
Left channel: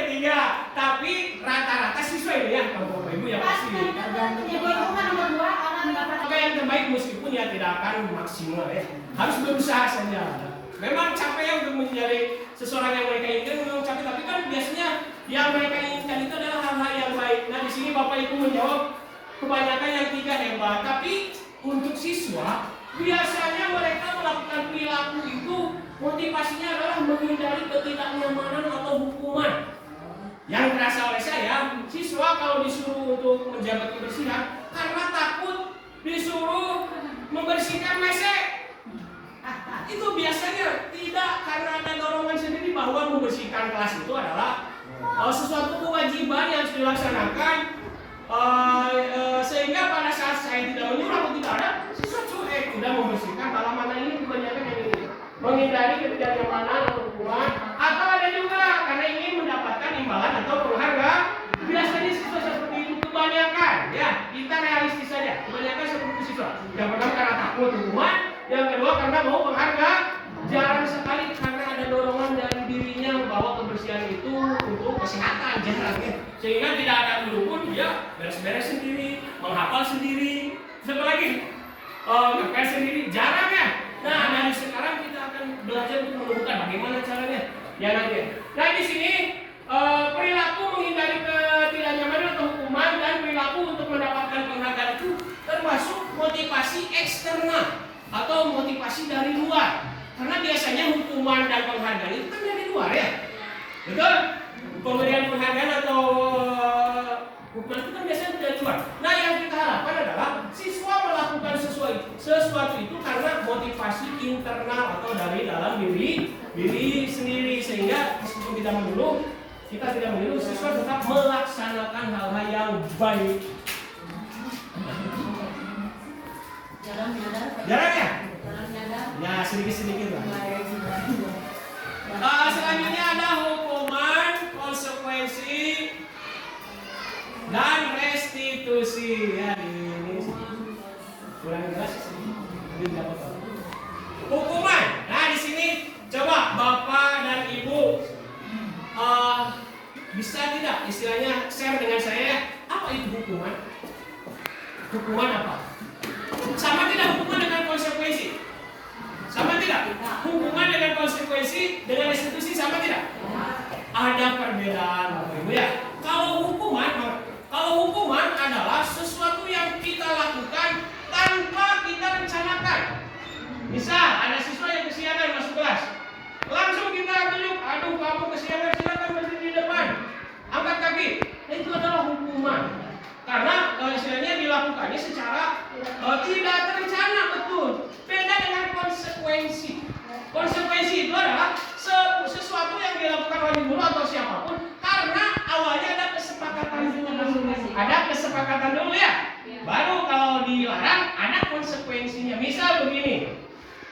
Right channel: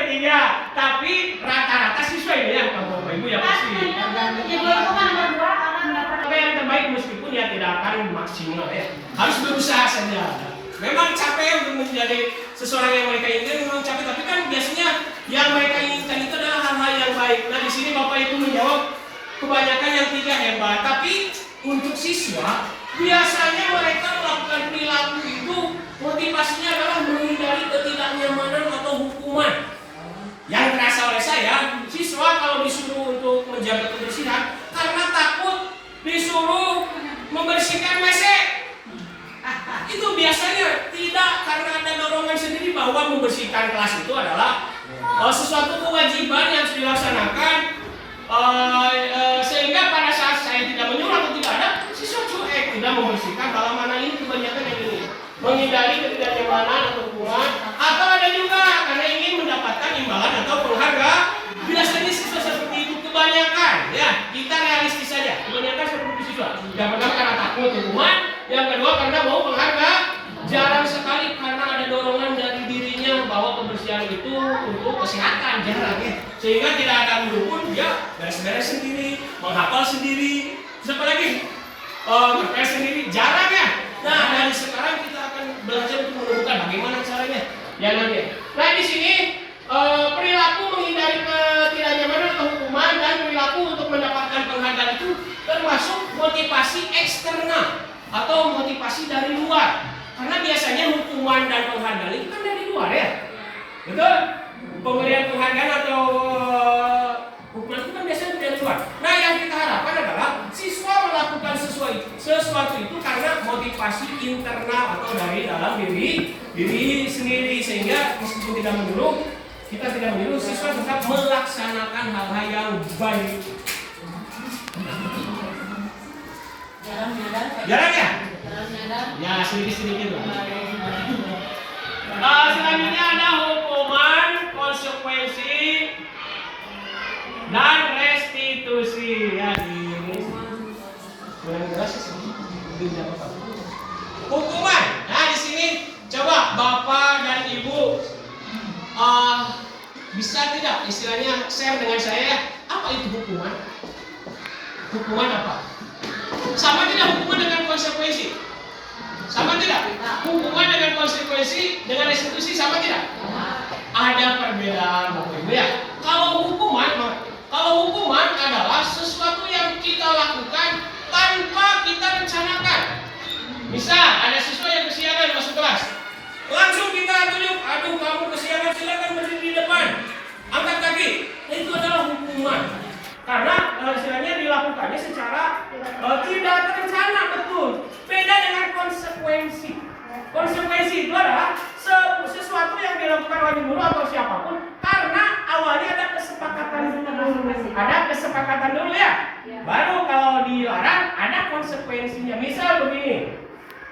ketiga. Tapi rata-rata siswa ini ya, kalau Bapak Ibu ya pasti. Tapi yang terbaik meskipun ya tidak akan maksimal ya. Harus berusaha saja. Memang capek untuk menjadi seseorang yang mereka inginkan, memang capek. Tapi kan biasanya yang mereka inginkan itu adalah hal-hal yang baik. Nah di sini Bapak Ibu menjawab kebanyakan yang tidak hebat. Tapi untuk siswa biasanya mereka melakukan perilaku itu motivasinya adalah menghindari ketidaknyamanan atau hukuman. Yang terasa oleh saya, siswa kalau disuruh untuk menjaga kebersihan karena takut disuruh membersihkan WC. Itu biasanya tidak karena ada dorongan sendiri bahwa membersihkan kelas itu adalah sesuatu kewajiban yang harus dilaksanakan. Sehingga pada saat saya tidak menyuruh atau tidak ada, siswa cuek tidak membersihkan halaman ini kebanyakan yang ini menghindari ketidaknyamanan atau hukuman, atau ada juga karena ingin mendapatkan imbalan atau penghargaan. Biasanya siswa seperti itu kebanyakan ya, kita realistis saja, kebanyakan seperti siswa. Yang pertama karena takut hukuman, yang kedua karena mau penghargaan. Jarang sekali karena ada dorongan dari dirinya bahwa kebersihan itu untuk kesehatan, jarang ya. Sehingga tidak ada guru pun dia beres-beres sendiri, menghafal sendiri, siapa lagi? Ngepel sendiri, jarang ya. Nah dari sekarang kita akan belajar untuk menemukan bagaimana caranya. Ya nanti. Nah di sini perilaku menghindari ketidaknyamanan atau hukuman dan perilaku untuk mendapatkan penghargaan itu termasuk motivasi eksternal atau motivasi dari luar. Karena biasanya hukuman dan penghargaan itu kan dari luar ya. Betul? Pemberian penghargaan atau hukuman itu kan biasanya dari luar. Nah, yang kita harapkan adalah siswa melakukan sesuatu itu karena motivasi internal atau dari dalam diri sendiri, sehingga meskipun tidak menyuruh, kita tidak menyuruh, siswa tetap melaksanakan hal-hal yang baik. Jarang ya? Ya, sedikit-sedikit lah. Selanjutnya ada hukuman, konsekuensi, dan restitusi. Ya, ini kurang jelas sih. Hukuman. Nah, di sini coba Bapak dan Ibu bisa tidak istilahnya share dengan saya apa itu hukuman? Hukuman apa? Sama tidak hukuman dengan konsekuensi? Sama tidak? Hukuman dengan konsekuensi dengan restitusi sama tidak? Ada perbedaan Bapak Ibu ya. Kalau hukuman adalah sesuatu yang kita lakukan tanpa kita rencanakan. Misal ada siswa yang kesiangan masuk kelas, langsung kita tunjuk, aduh kamu kesiangan, silakan berdiri di depan, angkat kaki. Nah, itu adalah hukuman. Karena istilahnya dilakukannya secara tidak terencana, betul. Beda dengan konsekuensi. Konsekuensi itu adalah sesuatu yang dilakukan oleh guru atau siapapun karena awalnya ada kesepakatan dulu. Ada kesepakatan dulu ya. Baru kalau dilarang ada konsekuensinya. Misal begini,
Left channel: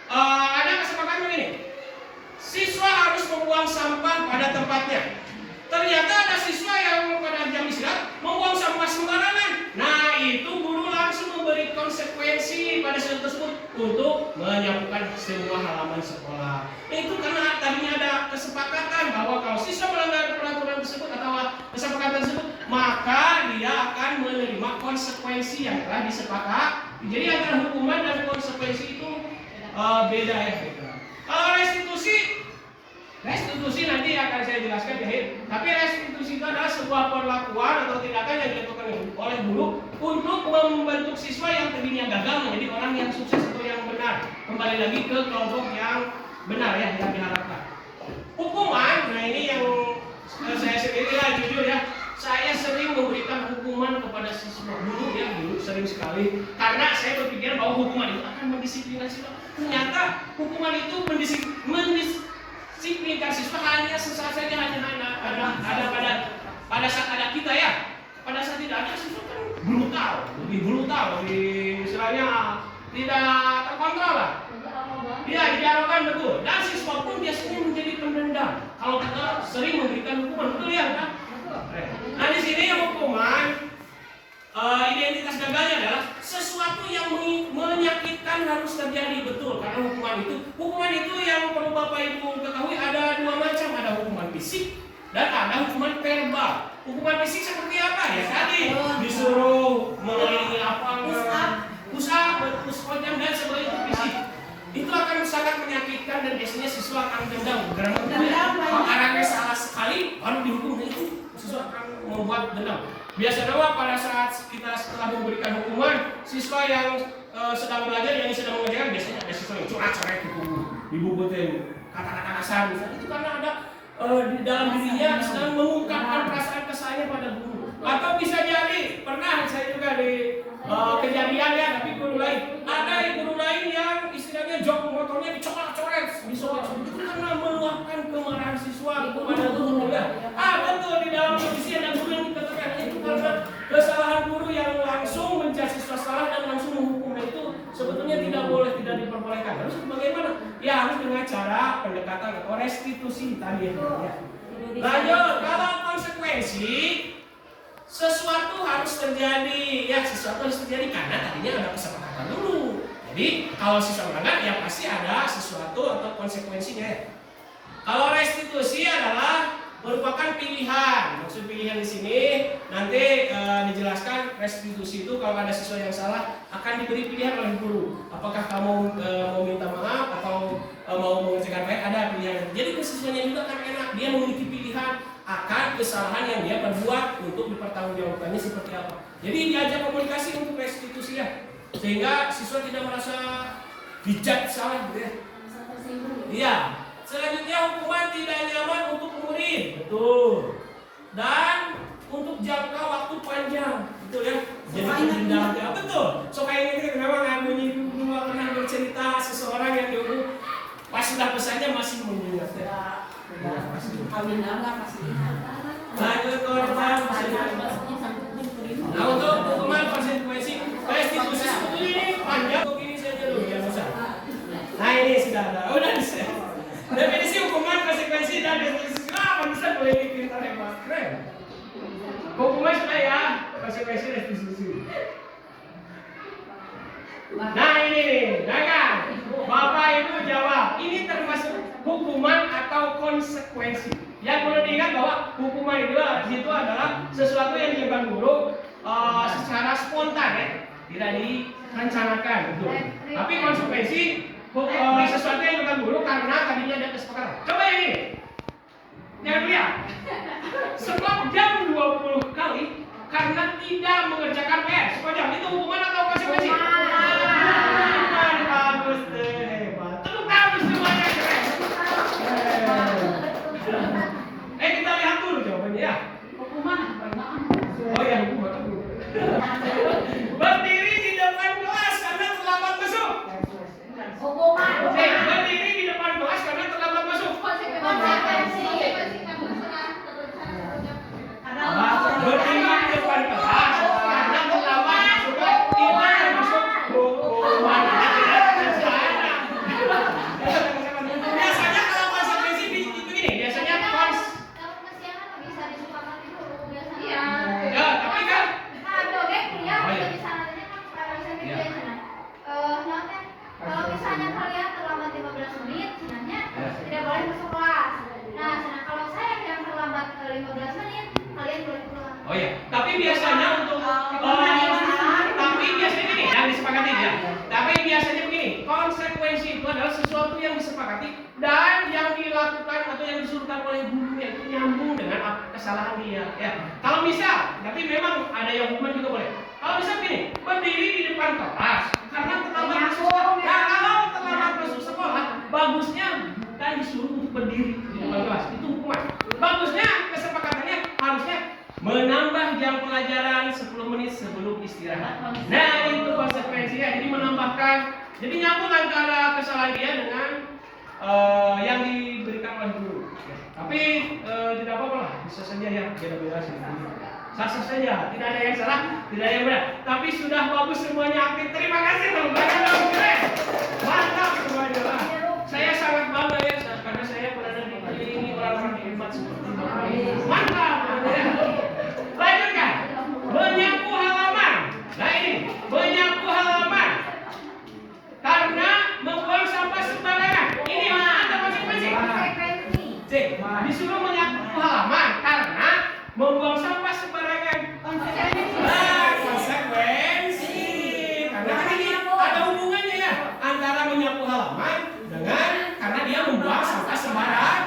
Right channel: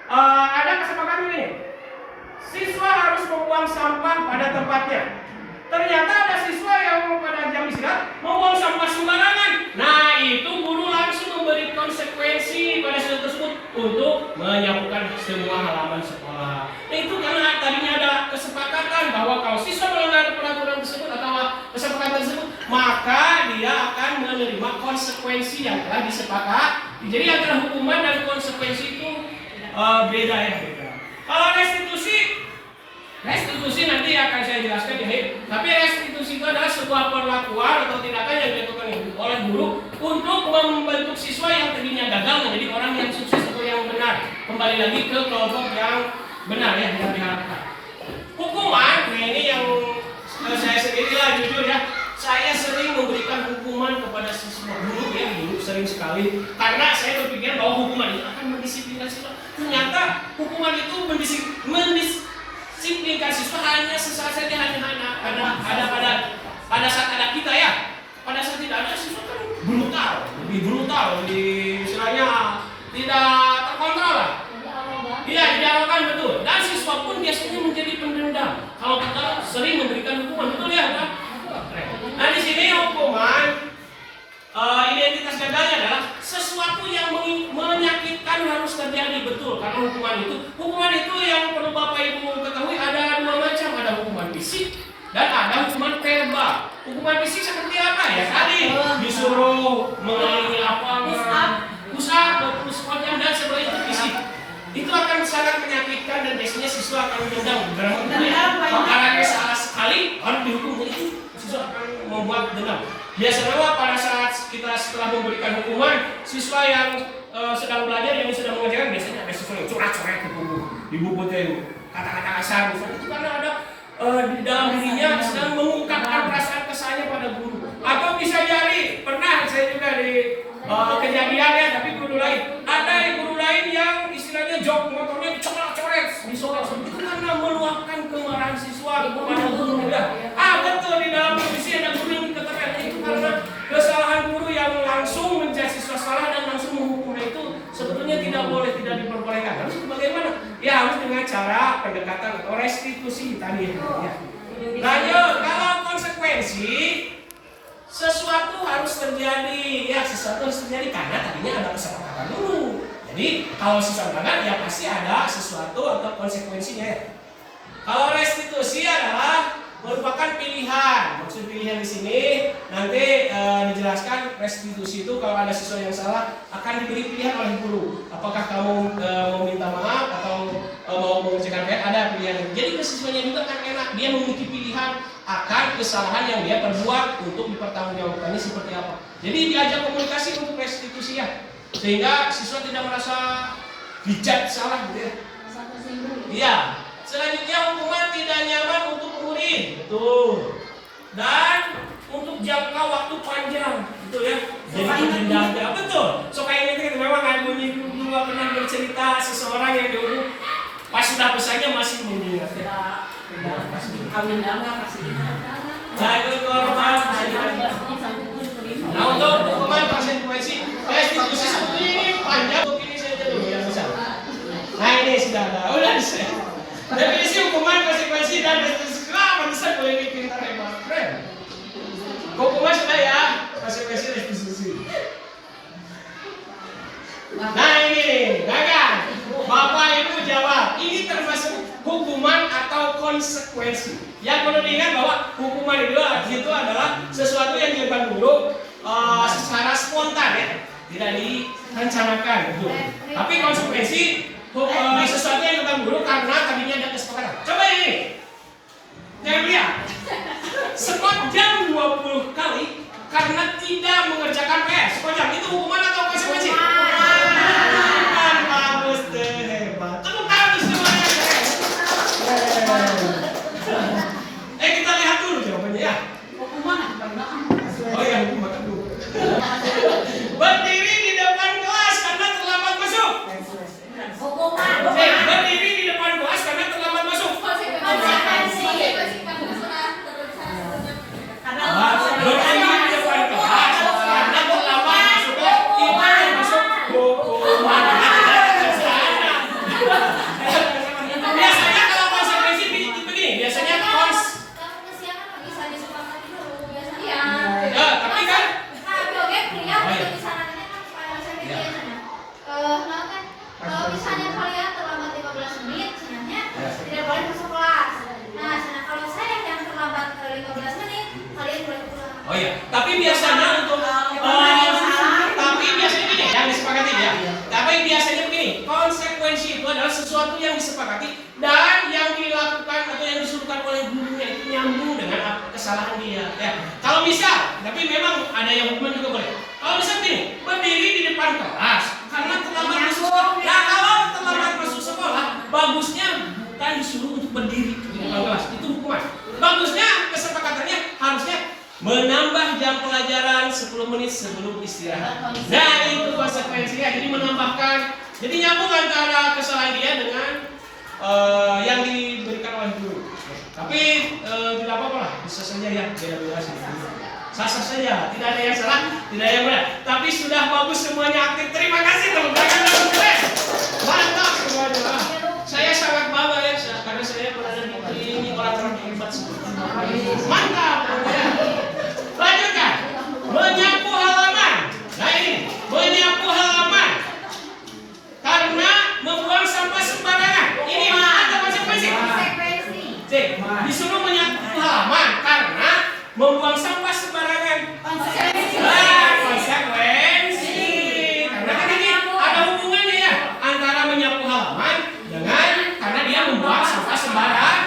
ada kesepakatan begini. Siswa harus membuang sampah pada tempatnya. Ternyata ada siswa yang pada jam istirahat membuang sampah sembarangan. Nah, itu guru langsung memberi konsekuensi pada siswa tersebut untuk menyapukan semua halaman sekolah. Nah, itu karena tadinya ada kesepakatan bahwa kalau siswa melanggar peraturan tersebut atau kesepakatan tersebut, maka dia akan menerima konsekuensi yang telah disepakati. Jadi antara hukuman dan konsekuensi itu beda ya. Kalau restitusi nanti akan saya jelaskan di akhir. Tapi restitusi itu adalah sebuah perlakuan atau tindakan yang dilakukan oleh guru untuk membentuk siswa yang tadinya gagal menjadi orang yang sukses atau yang benar. Kembali lagi ke kelompok yang benar ya, yang diharapkan. Hukuman, nah ini yang saya sendirilah jujur ya, saya sering memberikan hukuman kepada siswa guru ya, dulu sering sekali. Karena saya berpikir bahwa hukuman itu akan mendisiplinkan siswa. Ternyata hukuman itu mendisiplinkan siswa hanya sesaat saja, hanya ada pada saat ada kita ya. Pada saat tidak ada siswa kan lebih brutal, lebih istilahnya tidak terkontrol lah. Iya, diarahkan betul. Dan siswa pun biasanya menjadi pendendam. Kalau kita sering memberikan hukuman, betul ya kan? Nah, di sini hukuman identitas gagalnya adalah sesuatu yang menyakitkan harus terjadi, betul. Karena hukuman itu yang perlu Bapak Ibu ketahui ada dua macam, ada hukuman fisik dan ada hukuman verbal. Hukuman fisik seperti apa ya? Tadi disuruh mengalami push up dan sebagainya, itu fisik. Itu akan sangat menyakitkan dan biasanya siswa akan dendam. Karena salah sekali harus dihukum, itu siswa akan membuat dendam. Biasanya pada saat kita setelah memberikan hukuman, siswa yang sedang belajar, yang sedang mengerjakan, biasanya ada siswa yang curhat-curhat ke guru, dibubutin kata-kata kasar misalnya. Itu karena ada di dalam dirinya sedang mengungkapkan perasaan kesannya pada guru. Atau bisa jadi, pernah saya juga di kejadian ya, tapi guru lain. Ada guru lain yang istilahnya jok motornya dicoret-coret, disobek-sobek. Itu karena meluapkan kemarahan siswa kepada guru ya. Betul, di dalam kondisi ada guru yang keterangan itu karena kesalahan guru yang langsung menjudge siswa salah dan langsung menghukumnya, itu sebetulnya tidak boleh, tidak diperbolehkan. Harus bagaimana? Ya harus dengan cara pendekatan atau restitusi tadi ya. Lanjut, kalau konsekuensi, sesuatu harus terjadi ya, sesuatu harus terjadi karena tadinya ada kesepakatan dulu. Jadi kalau siswa melanggar ya pasti ada sesuatu atau konsekuensinya ya. Kalau restitusi adalah merupakan pilihan. Maksud pilihan di sini nanti dijelaskan restitusi itu kalau ada siswa yang salah akan diberi pilihan oleh guru. Apakah kamu mau minta maaf atau mau mengerjakan PR, ada pilihan. Jadi ke siswanya juga kan enak, dia memiliki pilihan akan kesalahan yang dia perbuat untuk dipertanggungjawabkannya seperti apa. Jadi diajak komunikasi untuk restitusi ya, sehingga siswa tidak merasa dijudge salah gitu ya. Iya. Selanjutnya hukuman tidak nyaman untuk murid. mungkin, betul. Dan untuk jangka waktu panjang, betul ya. Jadi menjaga, betul. So kayak ini memang aku dua pernah bercerita seseorang yang dulu pas sudah pesannya masih mengingat. Kawin lama pasti. Nah itu korban. Nah untuk hukuman konsekuensi restitusi sebetulnya ini panjang. Untuk ini saja dulu yang besar. Nah ini sudah ada, udah selesai. Definisi hukuman konsekuensi dan restitusi. Pantesan boleh bikin hebat, keren. Hukuman sudah ya, konsekuensi restitusi. Nah ini, dagang. Bapak Ibu jawab, ini termasuk hukuman atau konsekuensi. Yang perlu diingat bahwa hukuman itu adalah sesuatu yang dilakukan dulu secara spontan ya, tidak direncanakan, betul. Tapi konsekuensi sesuatu yang dilakukan dulu karena tadinya ada kesepakatan. Coba ini, jangan lihat. Sepanjang 20 kali karena tidak mengerjakan PR. Sepanjang itu hukuman atau konsekuensi? Bagus deh, hebat. Tepuk tangan semuanya. Kita lihat dulu jawabannya ya. Hukuman Oh ya, hukuman dulu. Berdiri di depan kelas karena terlambat masuk. hukuman. Berdiri di depan kelas karena terlambat masuk. Konsekuensi. Berdiri di depan kelas karena terlambat masuk. Itu masuk hukuman. Biasanya kalau konsekuensi begini, biasanya ya, tapi kan kalau misalnya kalian terlambat 15 menit, sebenarnya tidak boleh masuk kelas. Nah, kalau saya yang terlambat 15 menit, kalian boleh pulang. oh iya, tapi biasanya untuk tapi biasanya begini yang disepakati ya. Tapi biasanya begini, konsekuensi itu adalah sesuatu yang disepakati dan yang dilakukan atau yang disuruhkan oleh gurunya itu nyambung dengan kesalahan dia. Ya, kalau misal, tapi memang ada yang hukuman juga boleh. Kalau misal begini, berdiri di depan kelas karena terlambat masuk sekolah. Nah, kalau terlambat masuk sekolah, bagusnya bukan disuruh untuk berdiri di depan kelas, itu hukuman. Bagusnya kesepakatannya harusnya menambah jam pelajaran 10 menit sebelum istirahat. Nah itu konsekuensinya, jadi menambahkan, jadi nyambung antara kesalahan dia dengan yang diberikan oleh guru. Tapi tidak apa-apa lah, bisa saja ya, beda-beda sih. Sah-sah saja, tidak ada yang salah, tidak ada yang benar. Tapi sudah bagus semuanya aktif. Terima kasih teman-teman. Mantap semuanya. Saya sangat bangga ya, karena saya berada di ini orang-orang hebat seperti ini. Mantap. Lanjutkan. Menyapu halaman. Nah ini, menyapu halaman karena membuang sampah sembarangan. Ini ada konsekuensi. C. Disuruh menyapu halaman karena membuang sampah sembarangan. Konsekuensi. Karena ini ada hubungannya ya antara menyapu halaman dengan karena dia membuang sampah sembarangan.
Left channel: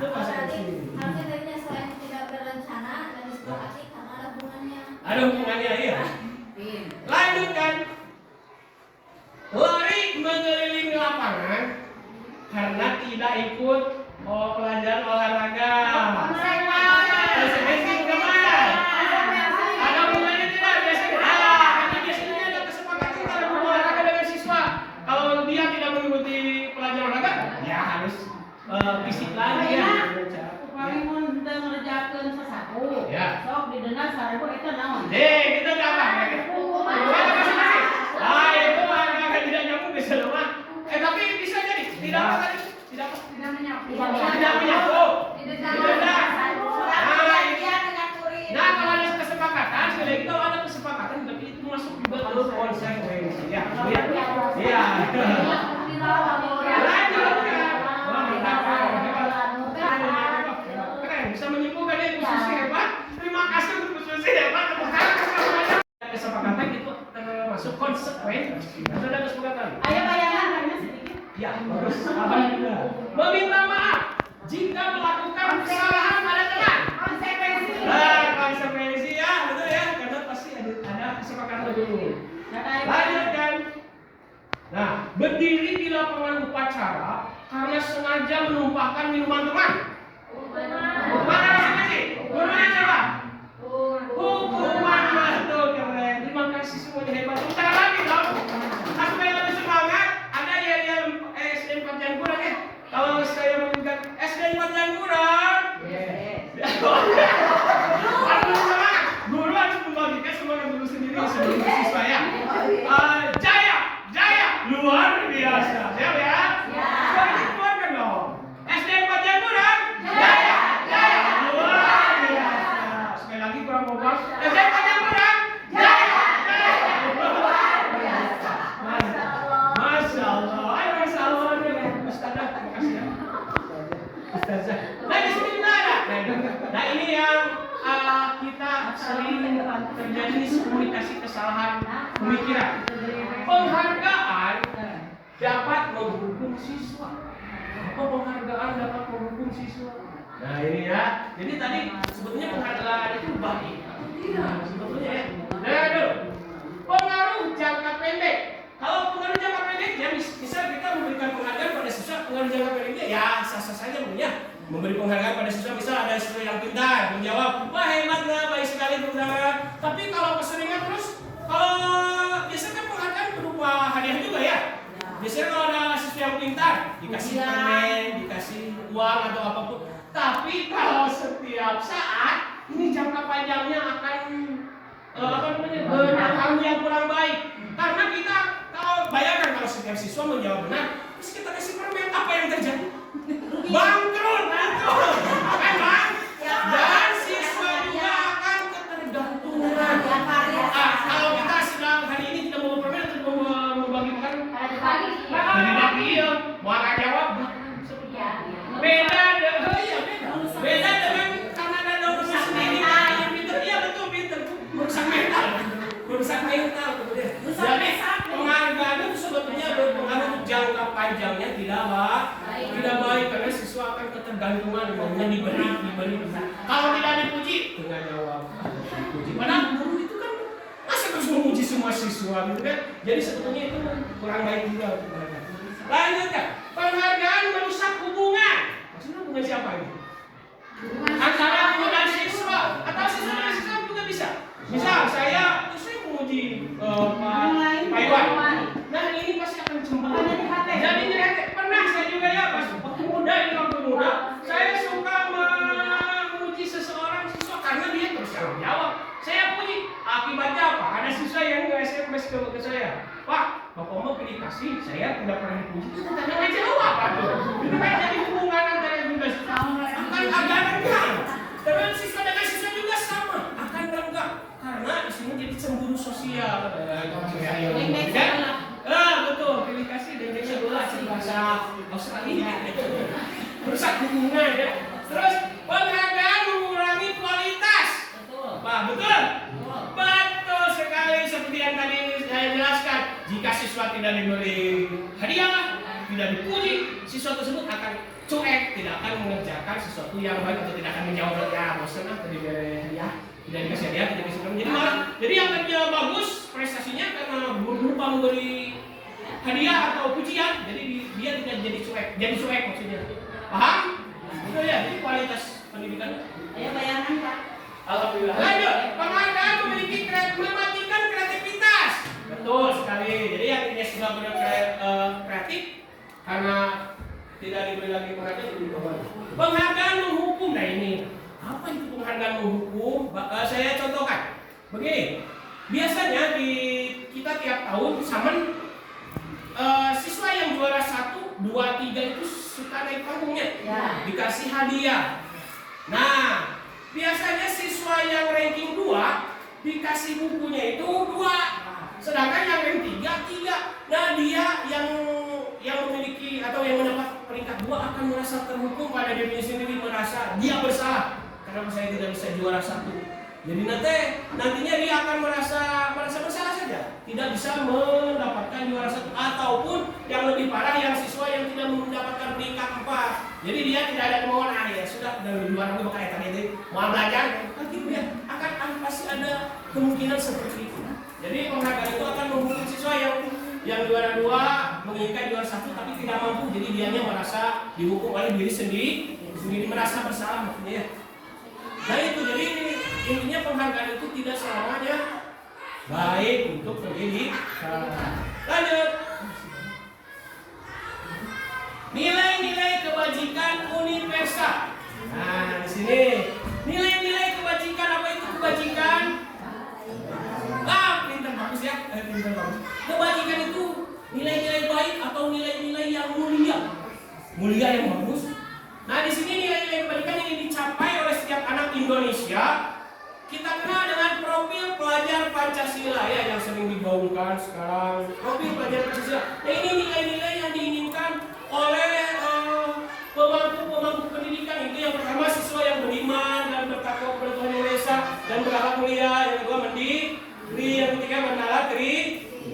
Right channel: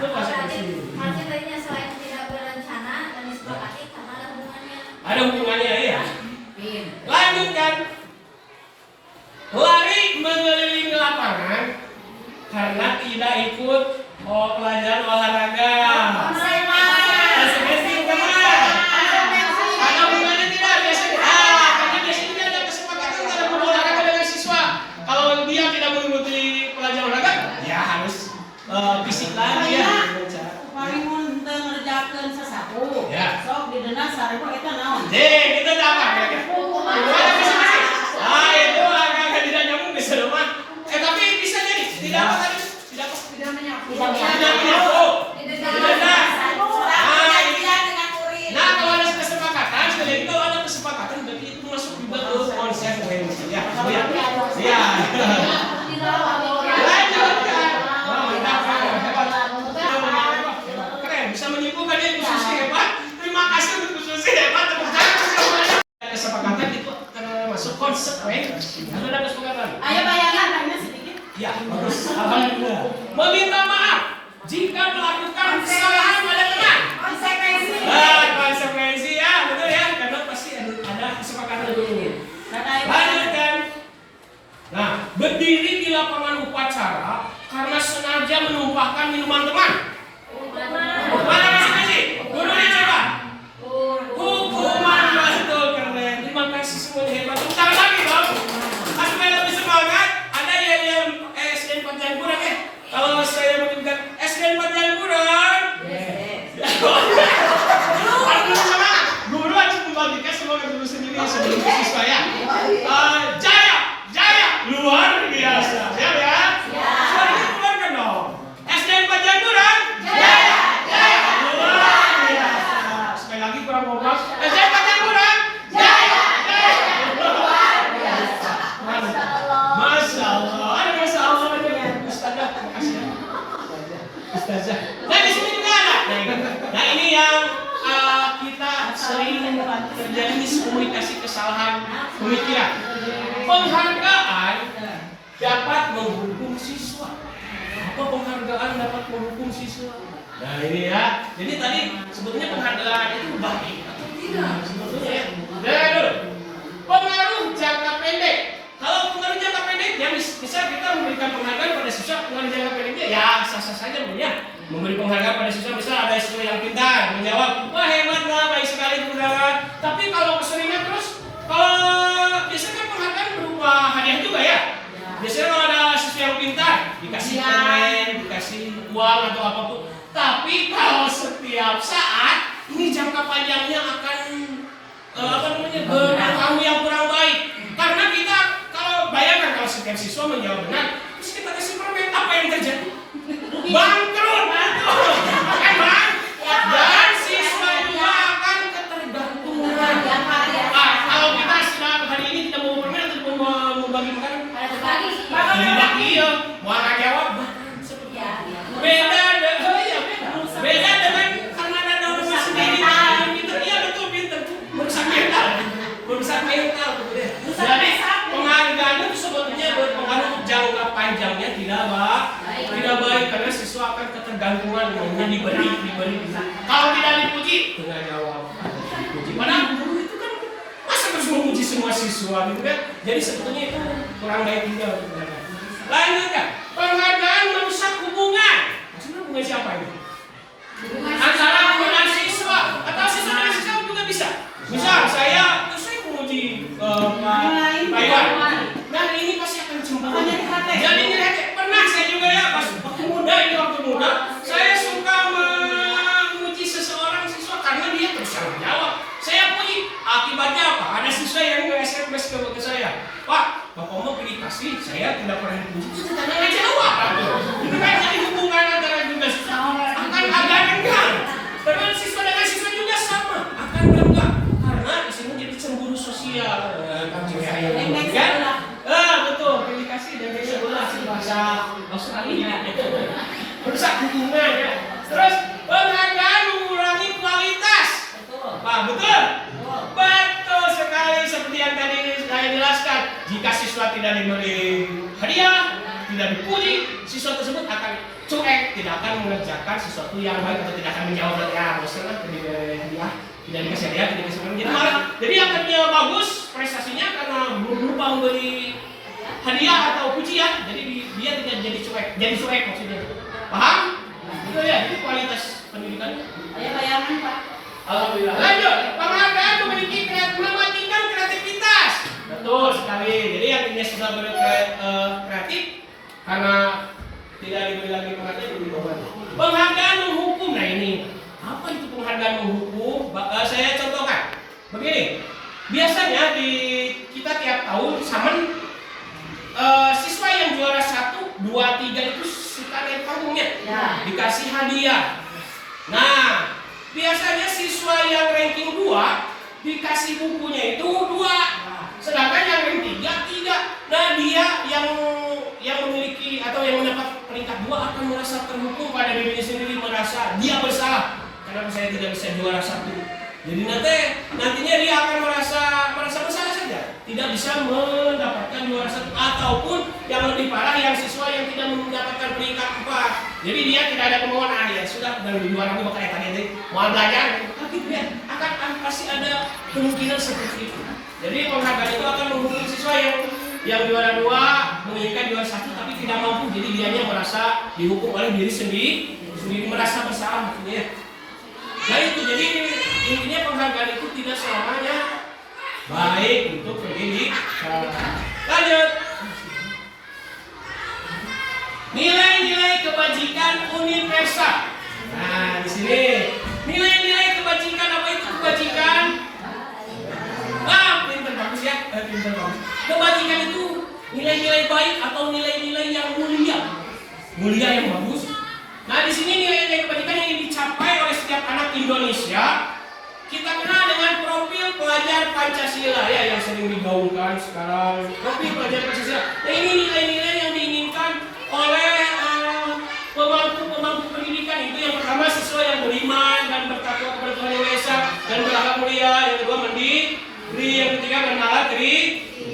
Itu konsekuensi. Harusnya tadinya selain tidak berencana dan disepakati karena ada hubungannya. Ada hubungannya ya. Lanjutkan. Lari mengelilingi lapangan karena tidak ikut pelajaran olahraga. Konsekuensi teman. Ada hubungannya tidak biasanya? Karena biasanya ada kesepakatan antara guru olahraga dengan siswa. Kalau dia tidak mengikuti pelajaran olahraga, ya harus fisik lagi ya. Paling mun teu ngerjakeun sasapu. Ya. Sok didenda 1000 eta naon? Itu dapat mereka. Ada konsekuensi. Itu agak tidak nyambung bisa rumah. Tapi bisa jadi tidak apa tadi? Tidak menyapu. Nah, kalau ada kesepakatan, sekali lagi kalau ada kesepakatan berarti itu masuk juga ke konsekuensi ya. Iya. Lanjutkan. Keren, bisa menyimpulkan ya Bu Susi hebat. Terima kasih untuk Bu Susi hebat. Kesepakatan itu termasuk konsekuensi. Ada kesepakatan. Ayo bayangan hanya sedikit. Ya, bagus. Alhamdulillah. Meminta maaf jika melakukan kesalahan pada teman. Konsekuensi. Konsekuensi ya, betul ya, karena pasti ada kesepakatan dulu. Lanjutkan. Nah, berdiri di lapangan upacara karena sengaja menumpahkan minuman teman. pemikiran. Penghargaan dapat menghukum siswa. Apa penghargaan dapat menghukum siswa? Nah ini ya. Jadi tadi sebetulnya penghargaan itu baik atau tidak sebetulnya ya. Nah dulu. Pengaruh jangka pendek. Kalau pengaruh jangka pendek ya bisa kita memberikan penghargaan pada siswa. Pengaruh jangka pendeknya ya sah-sah saja punya. Memberi penghargaan pada siswa, misal ada siswa yang pintar menjawab, wah hebat lah, baik sekali penghargaan. Tapi kalau keseringan terus, kalau biasanya kan penghargaan berupa hadiah juga ya. Biasanya kalau ada siswa yang pintar dikasih permen, dikasih uang atau apapun. Tapi kalau setiap saat ini jangka panjangnya akan berpengaruh yang kurang baik. Karena kita kalau bayangkan kalau setiap siswa menjawab benar, terus kita kasih permen, apa yang terjadi? Bangkrut, kan bang? Dan siswa juga akan ketergantungan. Kalau kita sedang hari ini tidak mau permen atau mau bagi makan, bagi ya, mau jawab seperti beda dengan karena ada orang sendiri. Pintar, iya betul pintar, merusak mental kemudian. Jadi penghargaan itu sebetulnya berpengaruh jangka panjangnya tidak baik karena siswa akan ketergantungan maunya diberi. Kalau tidak dipuji, tengah jawab. Padahal guru itu kan masa terus memuji semua siswa gitu kan? Jadi sebetulnya itu kurang baik juga. Lanjutkan, penghargaan merusak hubungan. Maksudnya hubungan siapa ini? Antara guru dan siswa atau siswa dan siswa juga bisa. Misal saya memuji Pak Iwan. Nah ini pasti akan cemburu. Jadi ini pernah saya juga ya pas waktu muda saya suka memuji seseorang siswa karena dia terus jawab. Saya puji. Akibatnya apa? Ada siswa yang SMS ke saya, Pak, Bapak mau pilih kasih, saya tidak pernah dipuji. Itu tidak jawab. Itu kan jadi hubungan antara juga siswa akan agak renggang. Dengan siswa dengan siswa juga sama akan renggang karena di sini jadi cemburu sosial. Betul. Pilih kasih dan bahasa Australia itu merusak hubungan ya. Terus penghargaan mengurangi kualitas. Pak, betul? Betul sekali seperti yang tadi saya jelaskan. Jika siswa tidak diberi hadiah, tidak dipuji, siswa tersebut akan cuek, tidak akan mengerjakan sesuatu yang baik atau tidak akan menjawab bosan lah diberi hadiah, tidak dikasih hadiah, tidak dikasih hadiah. Jadi malah, jadi yang kerja bagus prestasinya karena lupa memberi hadiah atau pujian, jadi dia tidak jadi cuek maksudnya. Paham? Betul ya, jadi kualitas pendidikan. Saya bayangkan Pak. Alhamdulillah. Lanjut, penghargaan mematikan kreativitas. Betul sekali. Jadi yang ini sudah kreatif karena tidak diberi lagi penghargaan jadi korban. Penghargaan menghukum. Nah ini apa itu penghargaan menghukum? Saya contohkan. Begini, biasanya di kita tiap tahun samen siswa yang juara 1, 2, 3 itu suka naik panggungnya, dikasih hadiah. Nah, biasanya siswa yang ranking 2 dikasih bukunya itu 2, sedangkan yang ranking 3. Nah, dia yang memiliki atau yang mendapat peringkat 2 akan merasa terhukum pada dirinya sendiri, merasa dia bersalah. Kenapa saya tidak bisa juara 1? Jadi nantinya dia akan merasa bersalah saja, tidak bisa mendapatkan juara 1, ataupun yang lebih parah yang siswa yang tidak mendapatkan peringkat 4. Jadi dia tidak ada kemauan, ya sudah dan juara ini bakal tadi mau belajar, gitu ya. Akan pasti ada kemungkinan seperti itu. Jadi penghargaan itu akan menghukum siswa yang juara 2 menginginkan juara 1 tapi tidak mampu, jadi dianya merasa dihukum oleh diri sendiri merasa bersalah maksudnya. Nah itu jadi intinya penghargaan itu tidak selamanya baik untuk pendidik. Lanjut. Nilai-nilai kebajikan universal. Nah di sini nilai-nilai kebajikan, apa itu kebajikan? Pintar bagus ya, pintar bagus. Kebajikan itu nilai-nilai baik atau nilai-nilai yang mulia yang bagus. Nah di sini nilai-nilai kebajikan yang dicapai oleh setiap anak Indonesia kita kenal dengan profil pelajar Pancasila ya, yang sering digaungkan sekarang, profil pelajar Pancasila. Nah ini nilai-nilai yang diinginkan oleh pemangku pendidikan. Itu yang pertama, siswa yang beriman dan bertakwa kepada Tuhan Yang Maha Esa dan berakhlak mulia. Yang kedua, mandiri. Yang ketiga, bernalar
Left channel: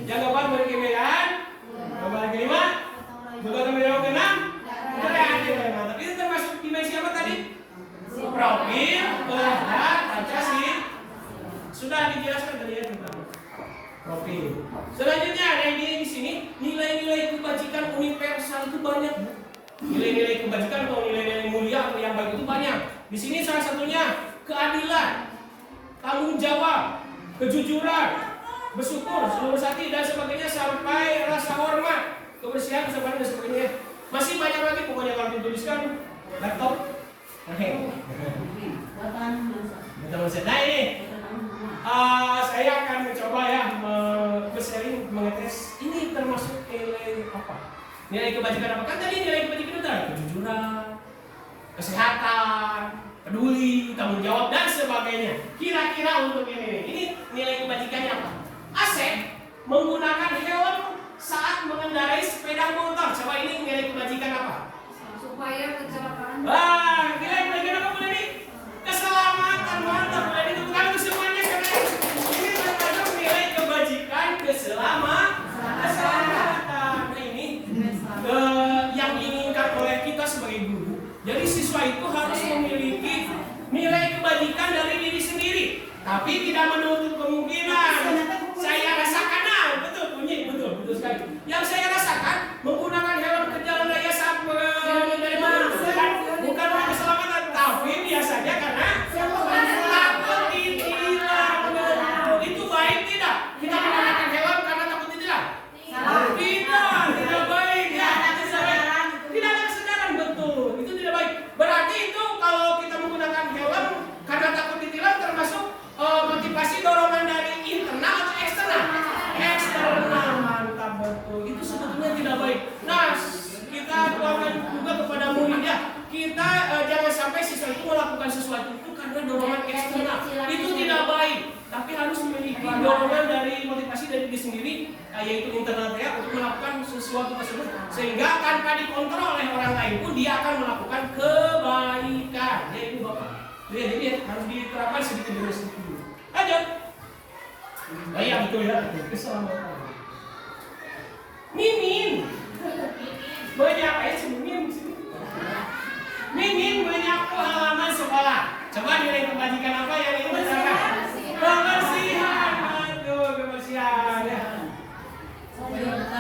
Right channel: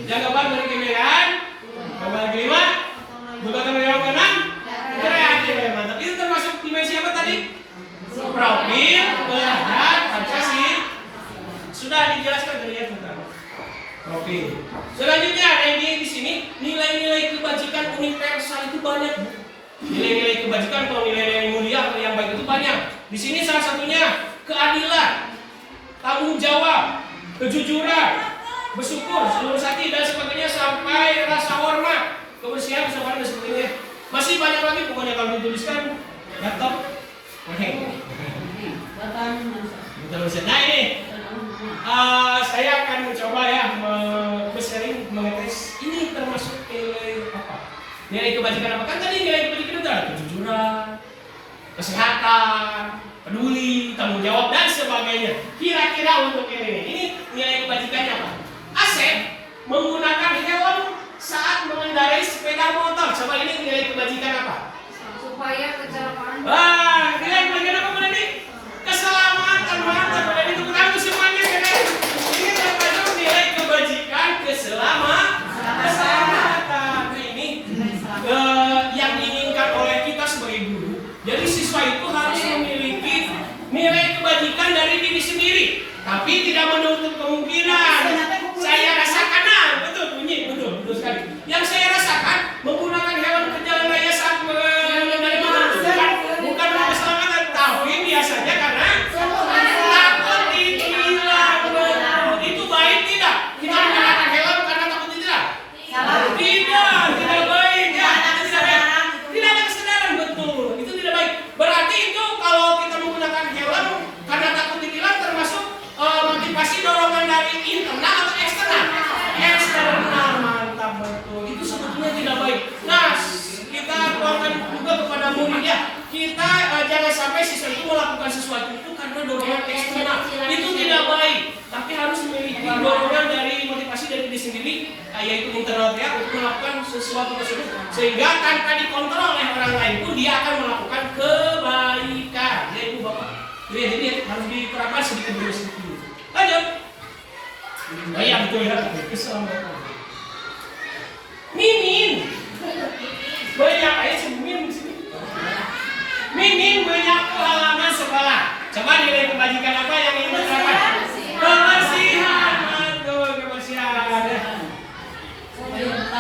Jaga bahan dari kemerdekaan. Yang kelima, bukan tanggung jawab keenam, kreatif. Mantap. Itu termasuk dimensi apa tadi? Profil, berat, Pancasila. Sudah dijelaskan tadi ya tentang profil. Selanjutnya ada ini di sini nilai-nilai kebajikan universal itu banyak, Bu. Nilai-nilai kebajikan atau nilai-nilai mulia atau yang baik itu banyak. Di sini salah satunya keadilan, tanggung jawab, kejujuran, bersyukur, seluruh hati dan sebagainya sampai rasa hormat, kebersihan, kesabaran dan sebagainya. Masih banyak lagi pokoknya kalau dituliskan laptop. Oke. Nah ini saya akan mencoba ya sharing mengetes ini termasuk nilai apa? Nilai kebajikan apa? Kan tadi nilai kebajikan itu adalah kejujuran, kesehatan, peduli, tanggung jawab dan sebagainya. Kira-kira untuk ini nilai kebajikannya apa? Asep menggunakan hewan saat mengendarai sepeda motor. Coba ini nilai kebajikan apa? Supaya kecelakaan. Wah, nilai kebajikan apa pada ini? Keselamatan, mantap pada ini. Tepuk tangan semuanya karena ini termasuk nilai kebajikan keselamatan. Ini yang diinginkan oleh kita sebagai guru. Jadi siswa itu harus memiliki nilai kebajikan dari diri sendiri, tapi tidak menutup kemungkinan. Saya rasakan, betul bunyi, betul sekali. Yang saya rasakan menggunakan hewan ke jalan raya saat mengendarai motor bukan keselamatan, tapi biasanya karena takut ditilang. Itu baik tidak? Kita menggunakan hewan karena takut ditilang? Tidak baik ya. Tidak ada kesadaran, betul. Itu tidak baik. Berarti itu kalau kita menggunakan helm karena takut ditilang termasuk motivasi dorongan dari internal atau eksternal? Eksternal, mantap betul. Itu sebetulnya tidak baik. Nah, kita tuangkan juga kepada murid ya. Kita jangan sampai siswa itu melakukan sesuatu itu karena dorongan eksternal. Itu tidak baik. Tapi harus memiliki dorongan dari motivasi dari diri sendiri, yaitu internal ya, untuk melakukan sesuatu tersebut. Sehingga tanpa dikontrol oleh orang lain pun dia akan melakukan kebaikan. Ya Ibu Bapak. Jadi harus diterapkan sedikit demi sedikit. Lanjut. Iya betul ya. Keselamatan. Mimin. Banyak aja sih Mimin di sini. Mimin menyapu halaman sekolah. Coba nilai kebajikan apa yang ingin diterapkan? Kebersihan. Betul, kebersihan.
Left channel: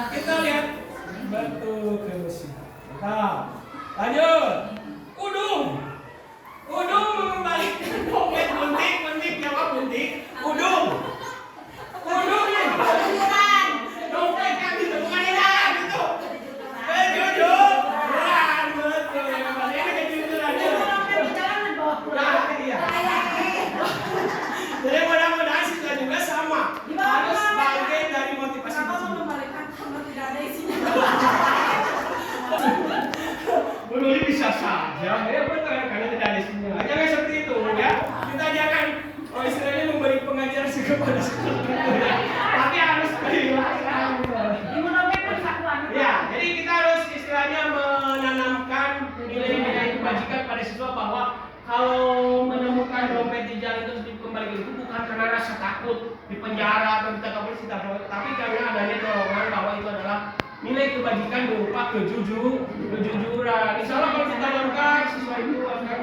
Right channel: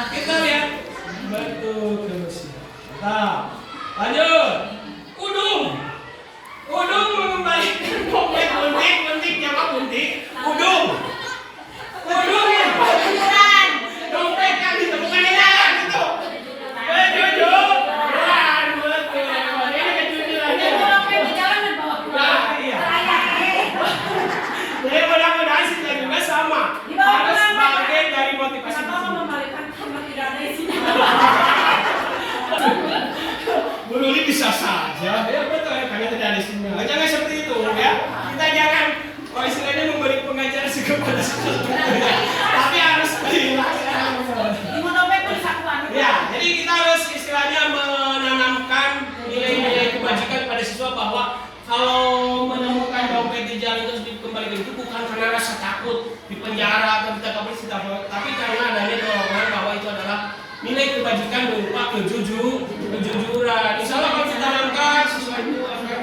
Kita lihat. Betul, kebersihan. Nah, lanjut. Udung mengembalikan dompet buntik nyawa buntik. Udung kejujuran. Dompet kan ditemukan di jalan gitu. Kejujuran, betul. Ini kejujurannya. Dompet di jalan dan bawa pulang. Nah, iya. Jadi mudah-mudahan kita juga sama. Harus bagian dari motivasi. Kenapa mengembalikan kamar tidak ada isinya? Menurut bisa saja, ya betul ya, karena tidak ada isinya. Jangan seperti itu ya. Kita jangan, istilahnya memberi pengajaran kepada siswa, tapi harus dilaksanakan. Lima dompet pun sakuan. Ya, jadi kita harus istilahnya menanamkan nilai-nilai kebajikan pada siswa bahwa kalau menemukan dompet di jalan terus dikembalikan itu bukan karena rasa takut di penjara atau ditangkap polisi, tapi karena adanya dorongan bahwa itu adalah nilai kebajikan berupa kejujuran. Insya Allah kalau kita tanamkan siswa itu akan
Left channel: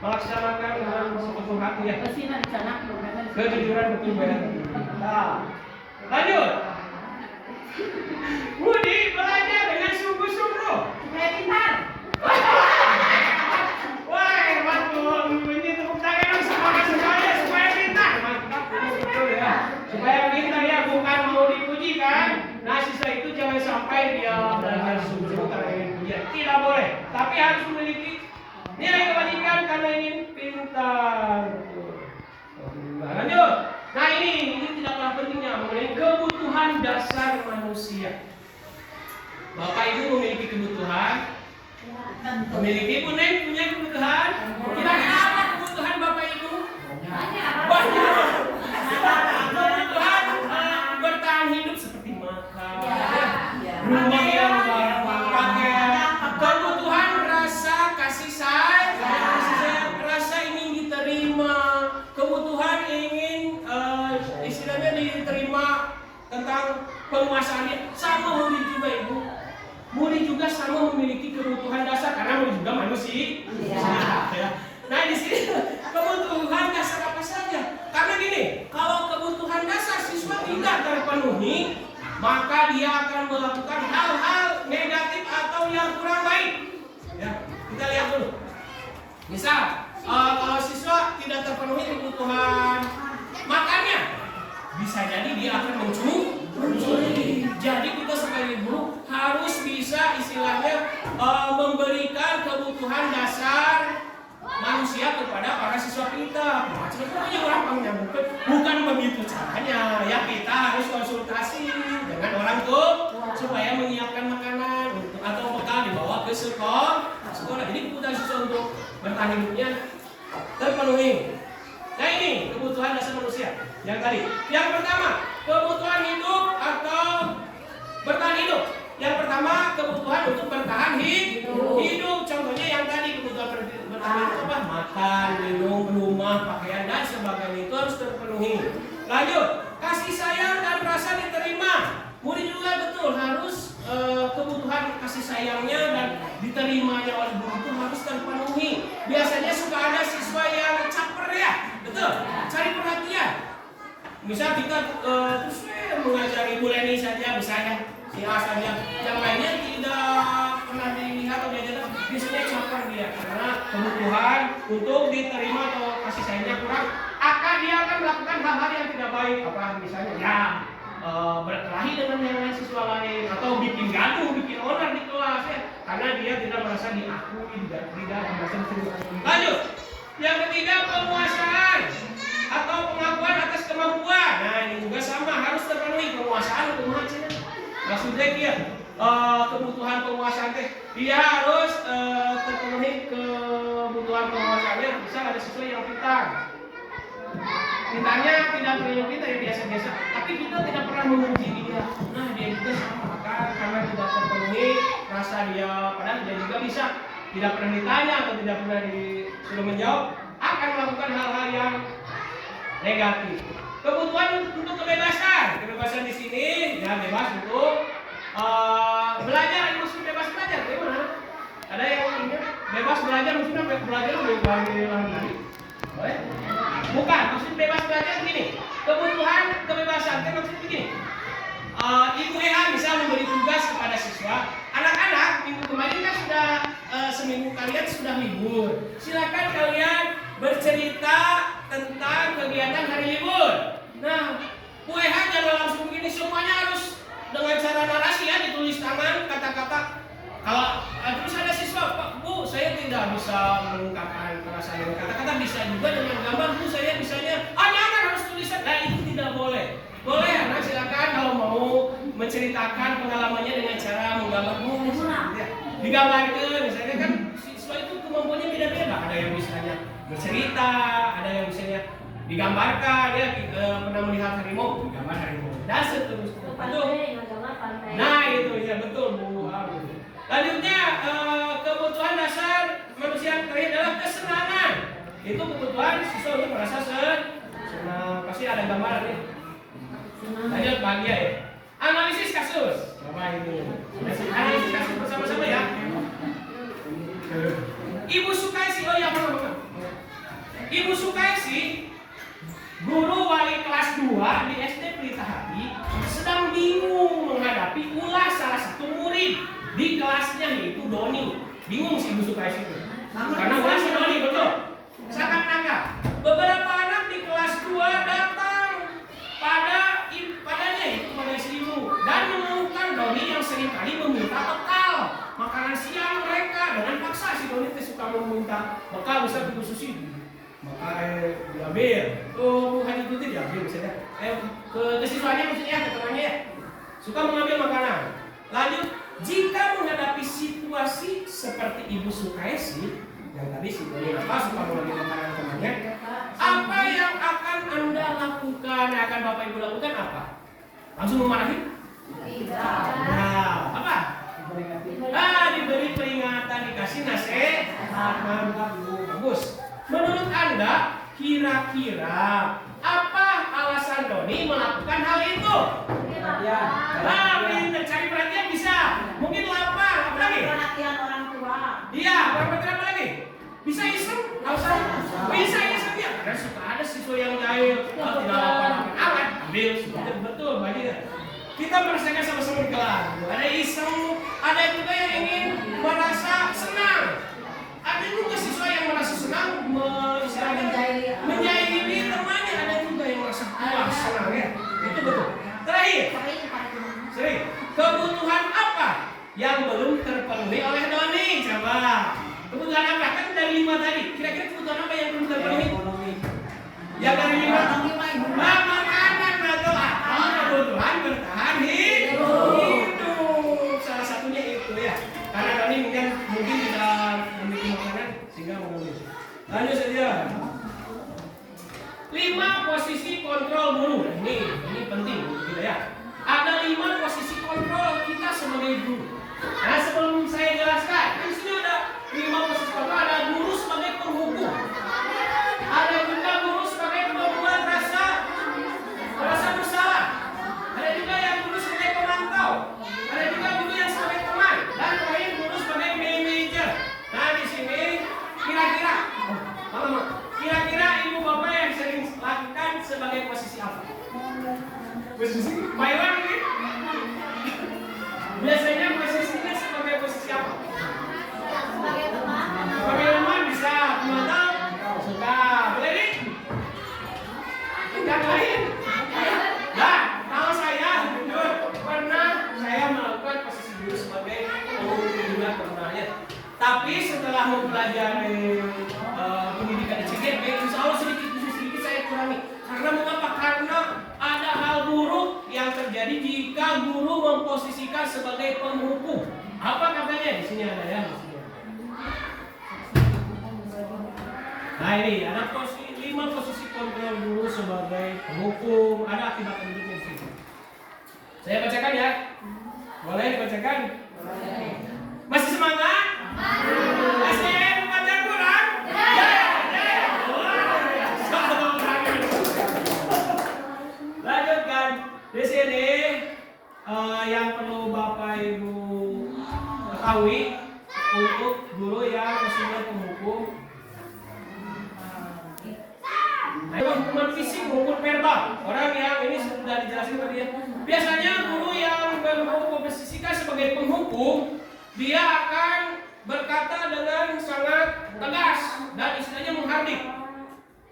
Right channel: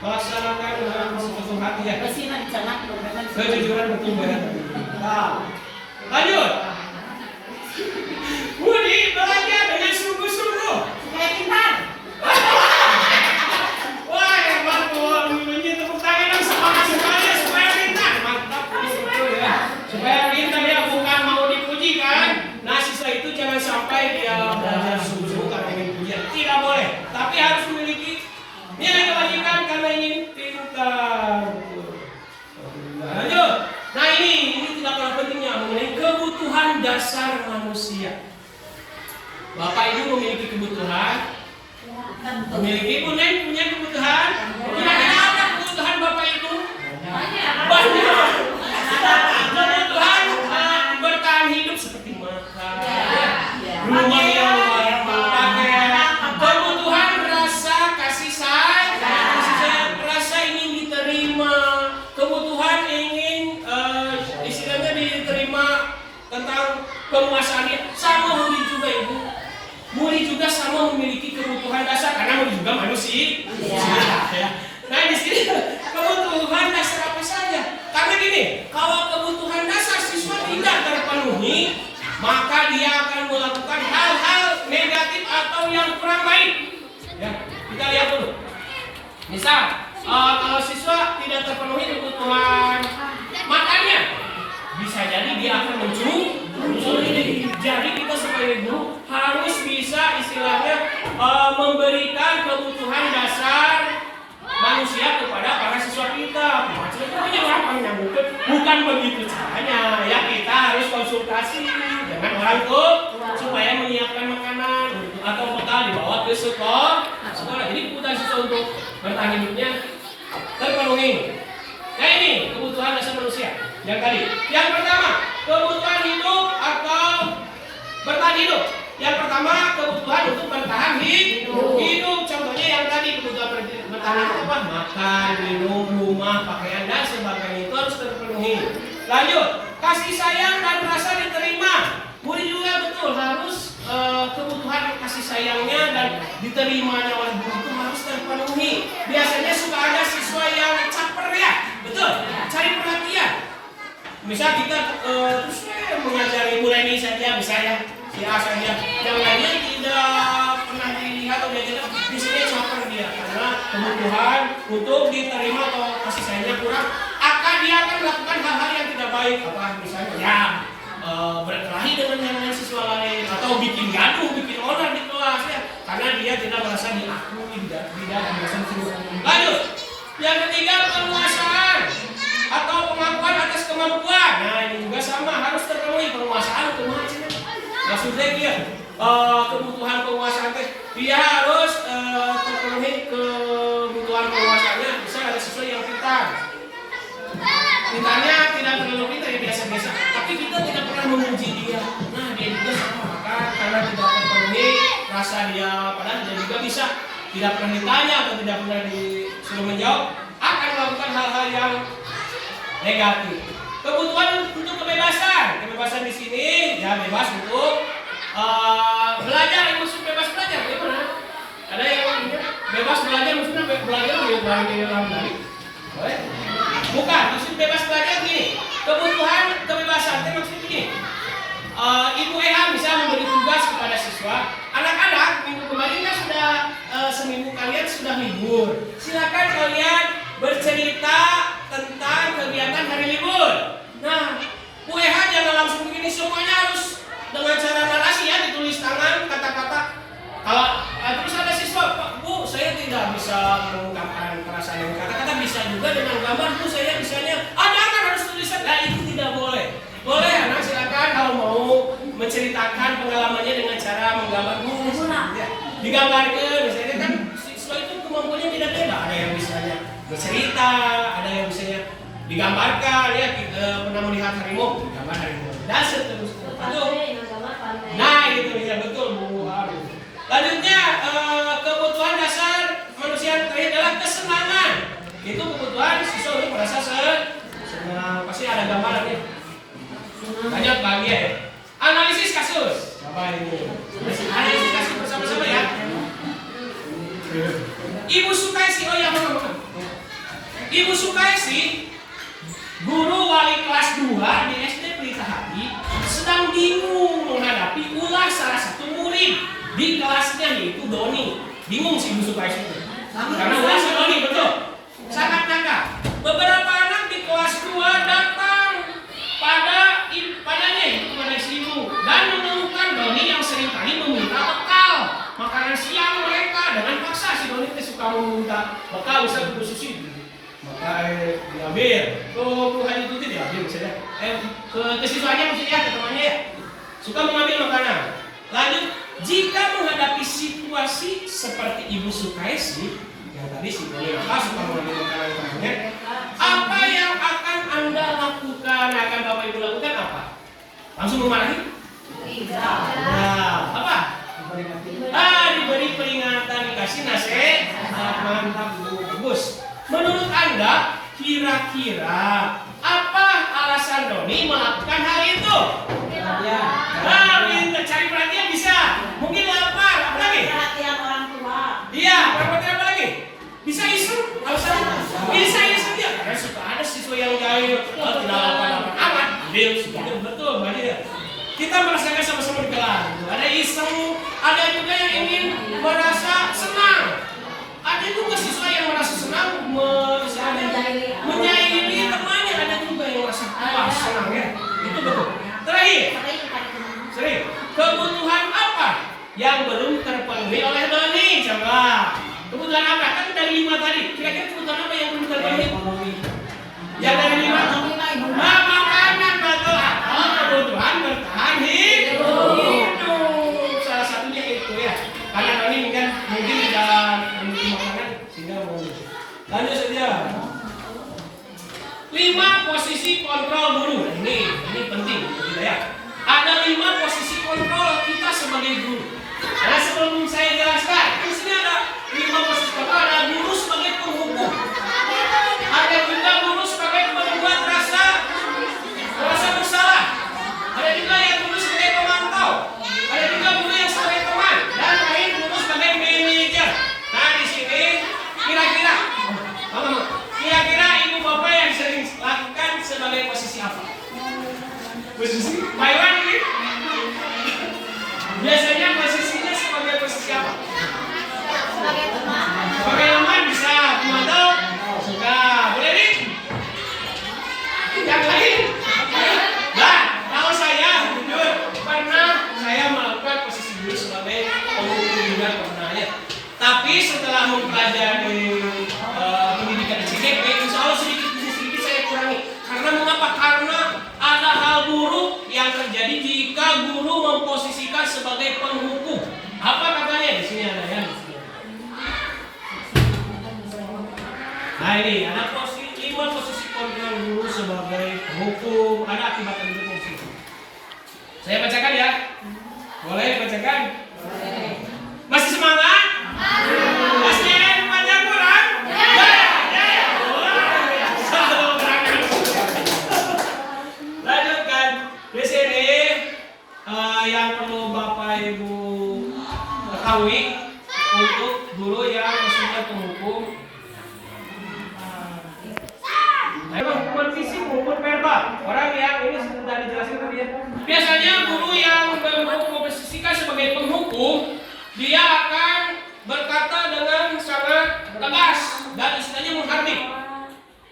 melaksanakan dengan sepenuh hati ya. Bersihlah di sana, dompetnya. Kejujuran betul ya. Nah, lanjut. Budi belajar dengan sungguh-sungguh. Supaya pintar. Wah, hebat tuh. Ini tepuk tangan yang semangat sekali supaya pintar. Mantap, betul ya. Supaya pintar ya, bukan mau dipuji kan? Nah, siswa itu jangan sampai dia belajar sungguh-sungguh karena ingin pujian. Tidak boleh. Tapi harus memiliki nilai kebajikan karena ingin pintar. Lanjut. Nah ini tidak kalah pentingnya mengenai kebutuhan dasar manusia. Bapak Ibu memiliki kebutuhan, memiliki punya kebutuhan. Kira-kira apa kebutuhan Bapak Ibu? Banyak. Kebutuhan bertahan hidup seperti makan, rumah yang layak pakai, kebutuhan rasa kasih sayang, rasa ingin diterima, kebutuhan ingin istilahnya diterima tentang penguasaannya. Sama murid juga ibu. Murid juga sama memiliki kebutuhan dasar karena murid juga manusia. Ya. Nah di sini kebutuhan dasar apa saja? Karena gini, kalau kebutuhan dasar siswa tidak terpenuhi, maka dia akan melakukan hal-hal negatif atau yang kurang baik. Ya, kita lihat dulu. Misal, kalau siswa tidak terpenuhi kebutuhan makannya, bisa jadi dia akan mencuri. Jadi kita sebagai guru harus bisa istilahnya memberikan kebutuhan dasar manusia kepada para siswa kita. Maksudnya orang menyambutkan bukan begitu caranya. Ya kita harus konsultasi dengan orang tua supaya menyiapkan makanan atau bekal dibawa ke sekolah. Jadi kebutuhan siswa untuk bertahan hidupnya terpenuhi. Nah ini kebutuhan dasar manusia. Yang tadi. Yang pertama kebutuhan hidup atau bertahan hidup. Yang pertama kebutuhan untuk bertahan hidup. Contohnya yang tadi kebutuhan bertahan hidup apa? Makan, minum, rumah, pakaian dan sebagainya itu harus terpenuhi. Lanjut, kasih sayang dan rasa diterima. Murid juga betul harus kebutuhan kasih sayangnya dan diterimanya oleh guru itu harus terpenuhi. Biasanya suka ada siswa yang caper ya, betul? Cari perhatian. Misal kita terus mengajari mulai ini saja misalnya. Ya saja, yang lainnya tidak pernah dilihat atau diajarkan, biasanya caper dia karena kebutuhan untuk diterima atau kasih sayangnya kurang, dia akan melakukan hal-hal yang tidak baik, apa misalnya ya berkelahi dengan yang lain siswa lain atau bikin gaduh, bikin onar di kelas ya, karena dia tidak merasa diakui, tidak merasa diterima. Lanjut, yang ketiga penguasaan atau pengakuan atas kemampuan. Nah ini juga sama harus terpenuhi penguasaan untuk mengajarkan. Maksudnya dia kebutuhan penguasaan dia harus terpenuhi kebutuhan penguasaannya. Bisa ada siswa yang pintar, pintarnya tidak terlalu pintar ya biasa-biasa, tapi kita tidak pernah memuji dia. Nah dia juga sama, maka karena tidak terpenuhi rasa dia padahal dia juga bisa, tidak pernah ditanya atau tidak pernah disuruh menjawab, akan melakukan hal-hal yang negatif. Kebutuhan untuk kebebasan di sini ya bebas untuk belajar. Maksud bebas belajar bagaimana? Ada yang bebas belajar maksudnya belajar lagi? Bukan, maksud bebas belajar begini. Kebutuhan kebebasan maksudnya begini. Ibu EA bisa memberi tugas kepada siswa. Anak-anak minggu kemarin kan sudah seminggu kalian sudah libur. Silakan kalian bercerita tentang kegiatan hari libur. Nah, UEH jangan langsung begini, semuanya harus dengan cara narasi ya, ditulis tangan kata-kata. Kalau terus ada siswa, Pak, Bu, saya tidak bisa mengungkapkan perasaan dengan kata-kata, bisa juga dengan gambar, Bu, saya bisanya, jangan harus tulisan. Nah, itu tidak boleh. Boleh anak silakan kalau mau menceritakan pengalamannya dengan cara menggambar, Bu, ya. Digambarkan, misalnya kan siswa itu kemampuannya beda-beda. Ada yang bisanya bercerita, ada yang bisanya digambarkan ya, kita pernah melihat harimau, gambar harimau dan seterusnya. Nah itu bisa betul Bu. Lanjutnya kebutuhan dasar manusia yang terakhir adalah kesenangan. Itu kebutuhan siswa untuk merasa senang. Pasti ada gambarannya. Banyak bahagia ya. Analisis kasus. Coba ini. Analisis kasus bersama-sama ya. Ibu Sukaisi, oh ya mana? Ibu Sukaisi, guru wali kelas 2 di SD Pelita Hati, sedang bingung menghadapi ulah salah satu murid di kelasnya, yaitu Doni. Bingung si Ibu Sukaisi itu karena ulah si Doni, betul. Sangat kakak. Beberapa anak di kelas 2 datang padanya itu kepada si ibu dan menemukan Doni yang seringkali meminta bekal makanan siang mereka dengan paksa. Si Doni suka meminta bekal, bisa Bu Susi, maka diambil. Tuh Haji Tuti diambil misalnya. Ke siswanya maksudnya, ke temannya ya. Suka mengambil makanan. Lanjut, jika menghadapi situasi seperti Ibu Sukaisi yang tadi si Doni suka mengambil makanan temannya, apa yang akan Anda lakukan? Akan Bapak Ibu lakukan apa? Langsung memarahi? Nah, apa? Diberi peringatan, dikasih nasihat. Mantap Bu, bagus. Menurut Anda, kira-kira apa alasan Doni melakukan hal itu? Pintar, cari perhatian bisa. Mungkin lapar, apa lagi? Perhatian orang tua. Iya, perhatian apa lagi? Bisa iseng, nggak usah. Bisa iseng dia. Karena suka ada siswa yang jahil, tidak lapar amat. Betul, banyak ya. Kita merasakan sama-sama di kelas. Ada iseng, ada juga yang ingin merasa senang. Ada juga siswa yang merasa senang menjahili temannya. Ada juga yang merasa puas, senang ya. Itu betul. Terakhir, sering. Kebutuhan apa yang belum terpenuhi oleh Doni? Coba. Kebutuhan apa? Kan dari 5 tadi. Kira-kira kebutuhan apa yang belum terpenuhi? Yang dari 5. Makanan betul. Kebutuhan bertahan hidup. Salah satunya itu ya. Karena Doni mungkin tidak memiliki makanan sehingga mau. Lanjut saja. 5 posisi kontrol guru. Ini penting kita ya. Ada 5 posisi kontrol kita sebagai guru. Nah, sebelum saya jelaskan, di sini ada 5 posisi kontrol. Ada guru sebagai penghukum. Ada juga guru sebagai pembuat rasa bersalah. Ada juga yang guru sebagai pemantau. Ada juga guru yang sebagai teman. Dan terakhir guru sebagai manajer. Nah, di sini kira-kira ibu bapak yang sering lakukan sebagai posisi apa? Posisi Maiwan ini? Biasanya posisinya sebagai posisi apa? Sebagai teman. Sebagai teman bisa, pemantau suka. Boleh nih? Yang lain? Nah, kalau saya jujur pernah saya melakukan posisi dulu sebagai penghukum juga pernahnya. Tapi setelah mempelajari pendidikan di CGP, insya Allah sedikit saya kurangi. Karena mengapa? Karena ada hal buruk yang terjadi jika guru memposisikan sebagai penghukum. Apa katanya? Di sini ada ya. Nah ini ada 5 posisi kontrol guru sebagai penghukum. Ada akibat dari posisi. Saya bacakan ya. Boleh dibacakan? Masih semangat? Masih baca Quran? Lanjutkan. Di sini yang perlu Bapak Ibu ketahui untuk guru yang posisinya penghukum. Hukuman fisik maupun verbal. Orang yang ini sudah dijelaskan tadi ya. Biasanya guru yang memposisikan sebagai penghukum, dia akan berkata dengan sangat tegas dan istilahnya menghardik.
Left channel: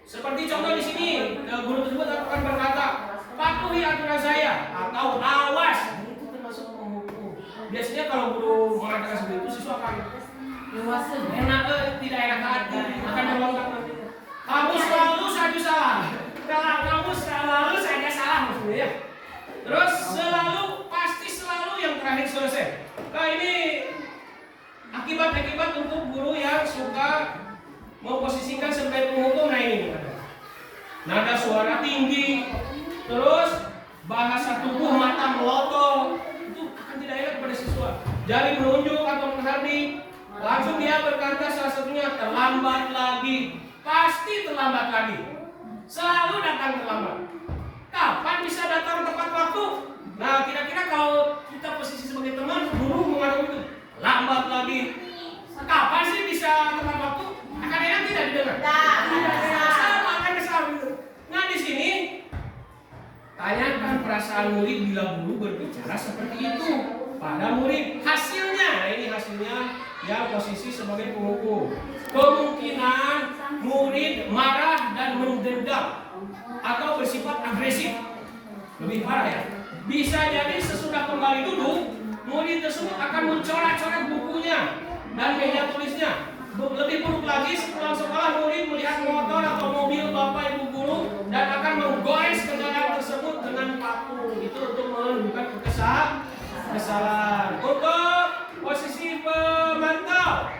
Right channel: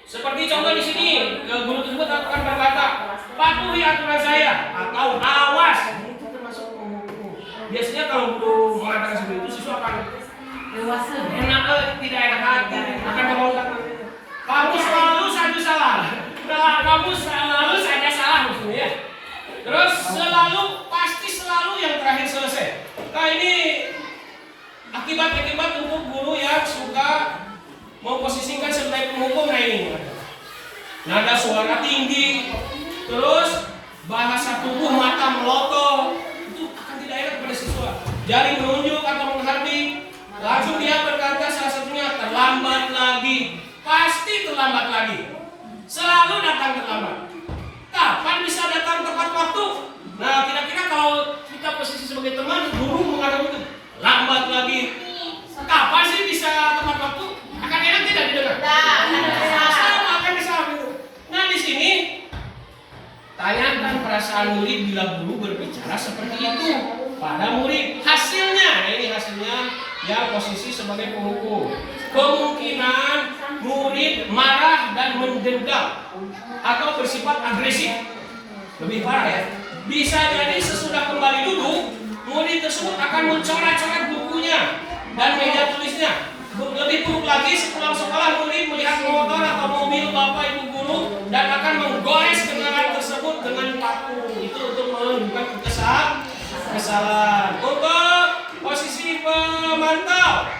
Seperti contoh di sini, guru tersebut akan berkata, patuhi aturan saya atau awas. Itu termasuk penghukum. Biasanya kalau guru mengatakan seperti itu, siswa akan tidak enak hati, akan menolak. Kamu selalu saja salah. Kamu selalu saja salah maksudnya. Terus pasti selalu yang terakhir selesai. Nah ini akibat-akibat untuk guru yang suka memposisikan sebagai penghukum. Nah ini nada suara tinggi, terus bahasa tubuh mata melotot, itu akan tidak enak pada siswa. Jari menunjuk atau menghardik, langsung dia berkata salah satunya terlambat lagi. Pasti terlambat lagi. Selalu datang terlambat. Kapan bisa datang tepat waktu? Nah, kira-kira kalau kita posisi sebagai teman, guru menghadapi itu lambat lagi. Kapan sih bisa tepat waktu? Akan enak tidak didengar? Sama akan sama itu. Nah, di sini tanyakan perasaan murid bila guru berbicara seperti itu pada murid. Hasilnya, nah ini hasilnya yang posisi sebagai penghukum. Kemungkinan murid marah dan mendendam atau bersifat agresif. Lebih parah ya. Bisa jadi sesudah kembali duduk, murid tersebut akan mencoret-coret bukunya dan meja tulisnya. Lebih buruk lagi, sepulang sekolah murid melihat motor atau mobil bapak ibu guru dan akan menggores kendaraan tersebut dengan paku. Itu untuk menunjukkan kesalahan. Untuk posisi pemantau.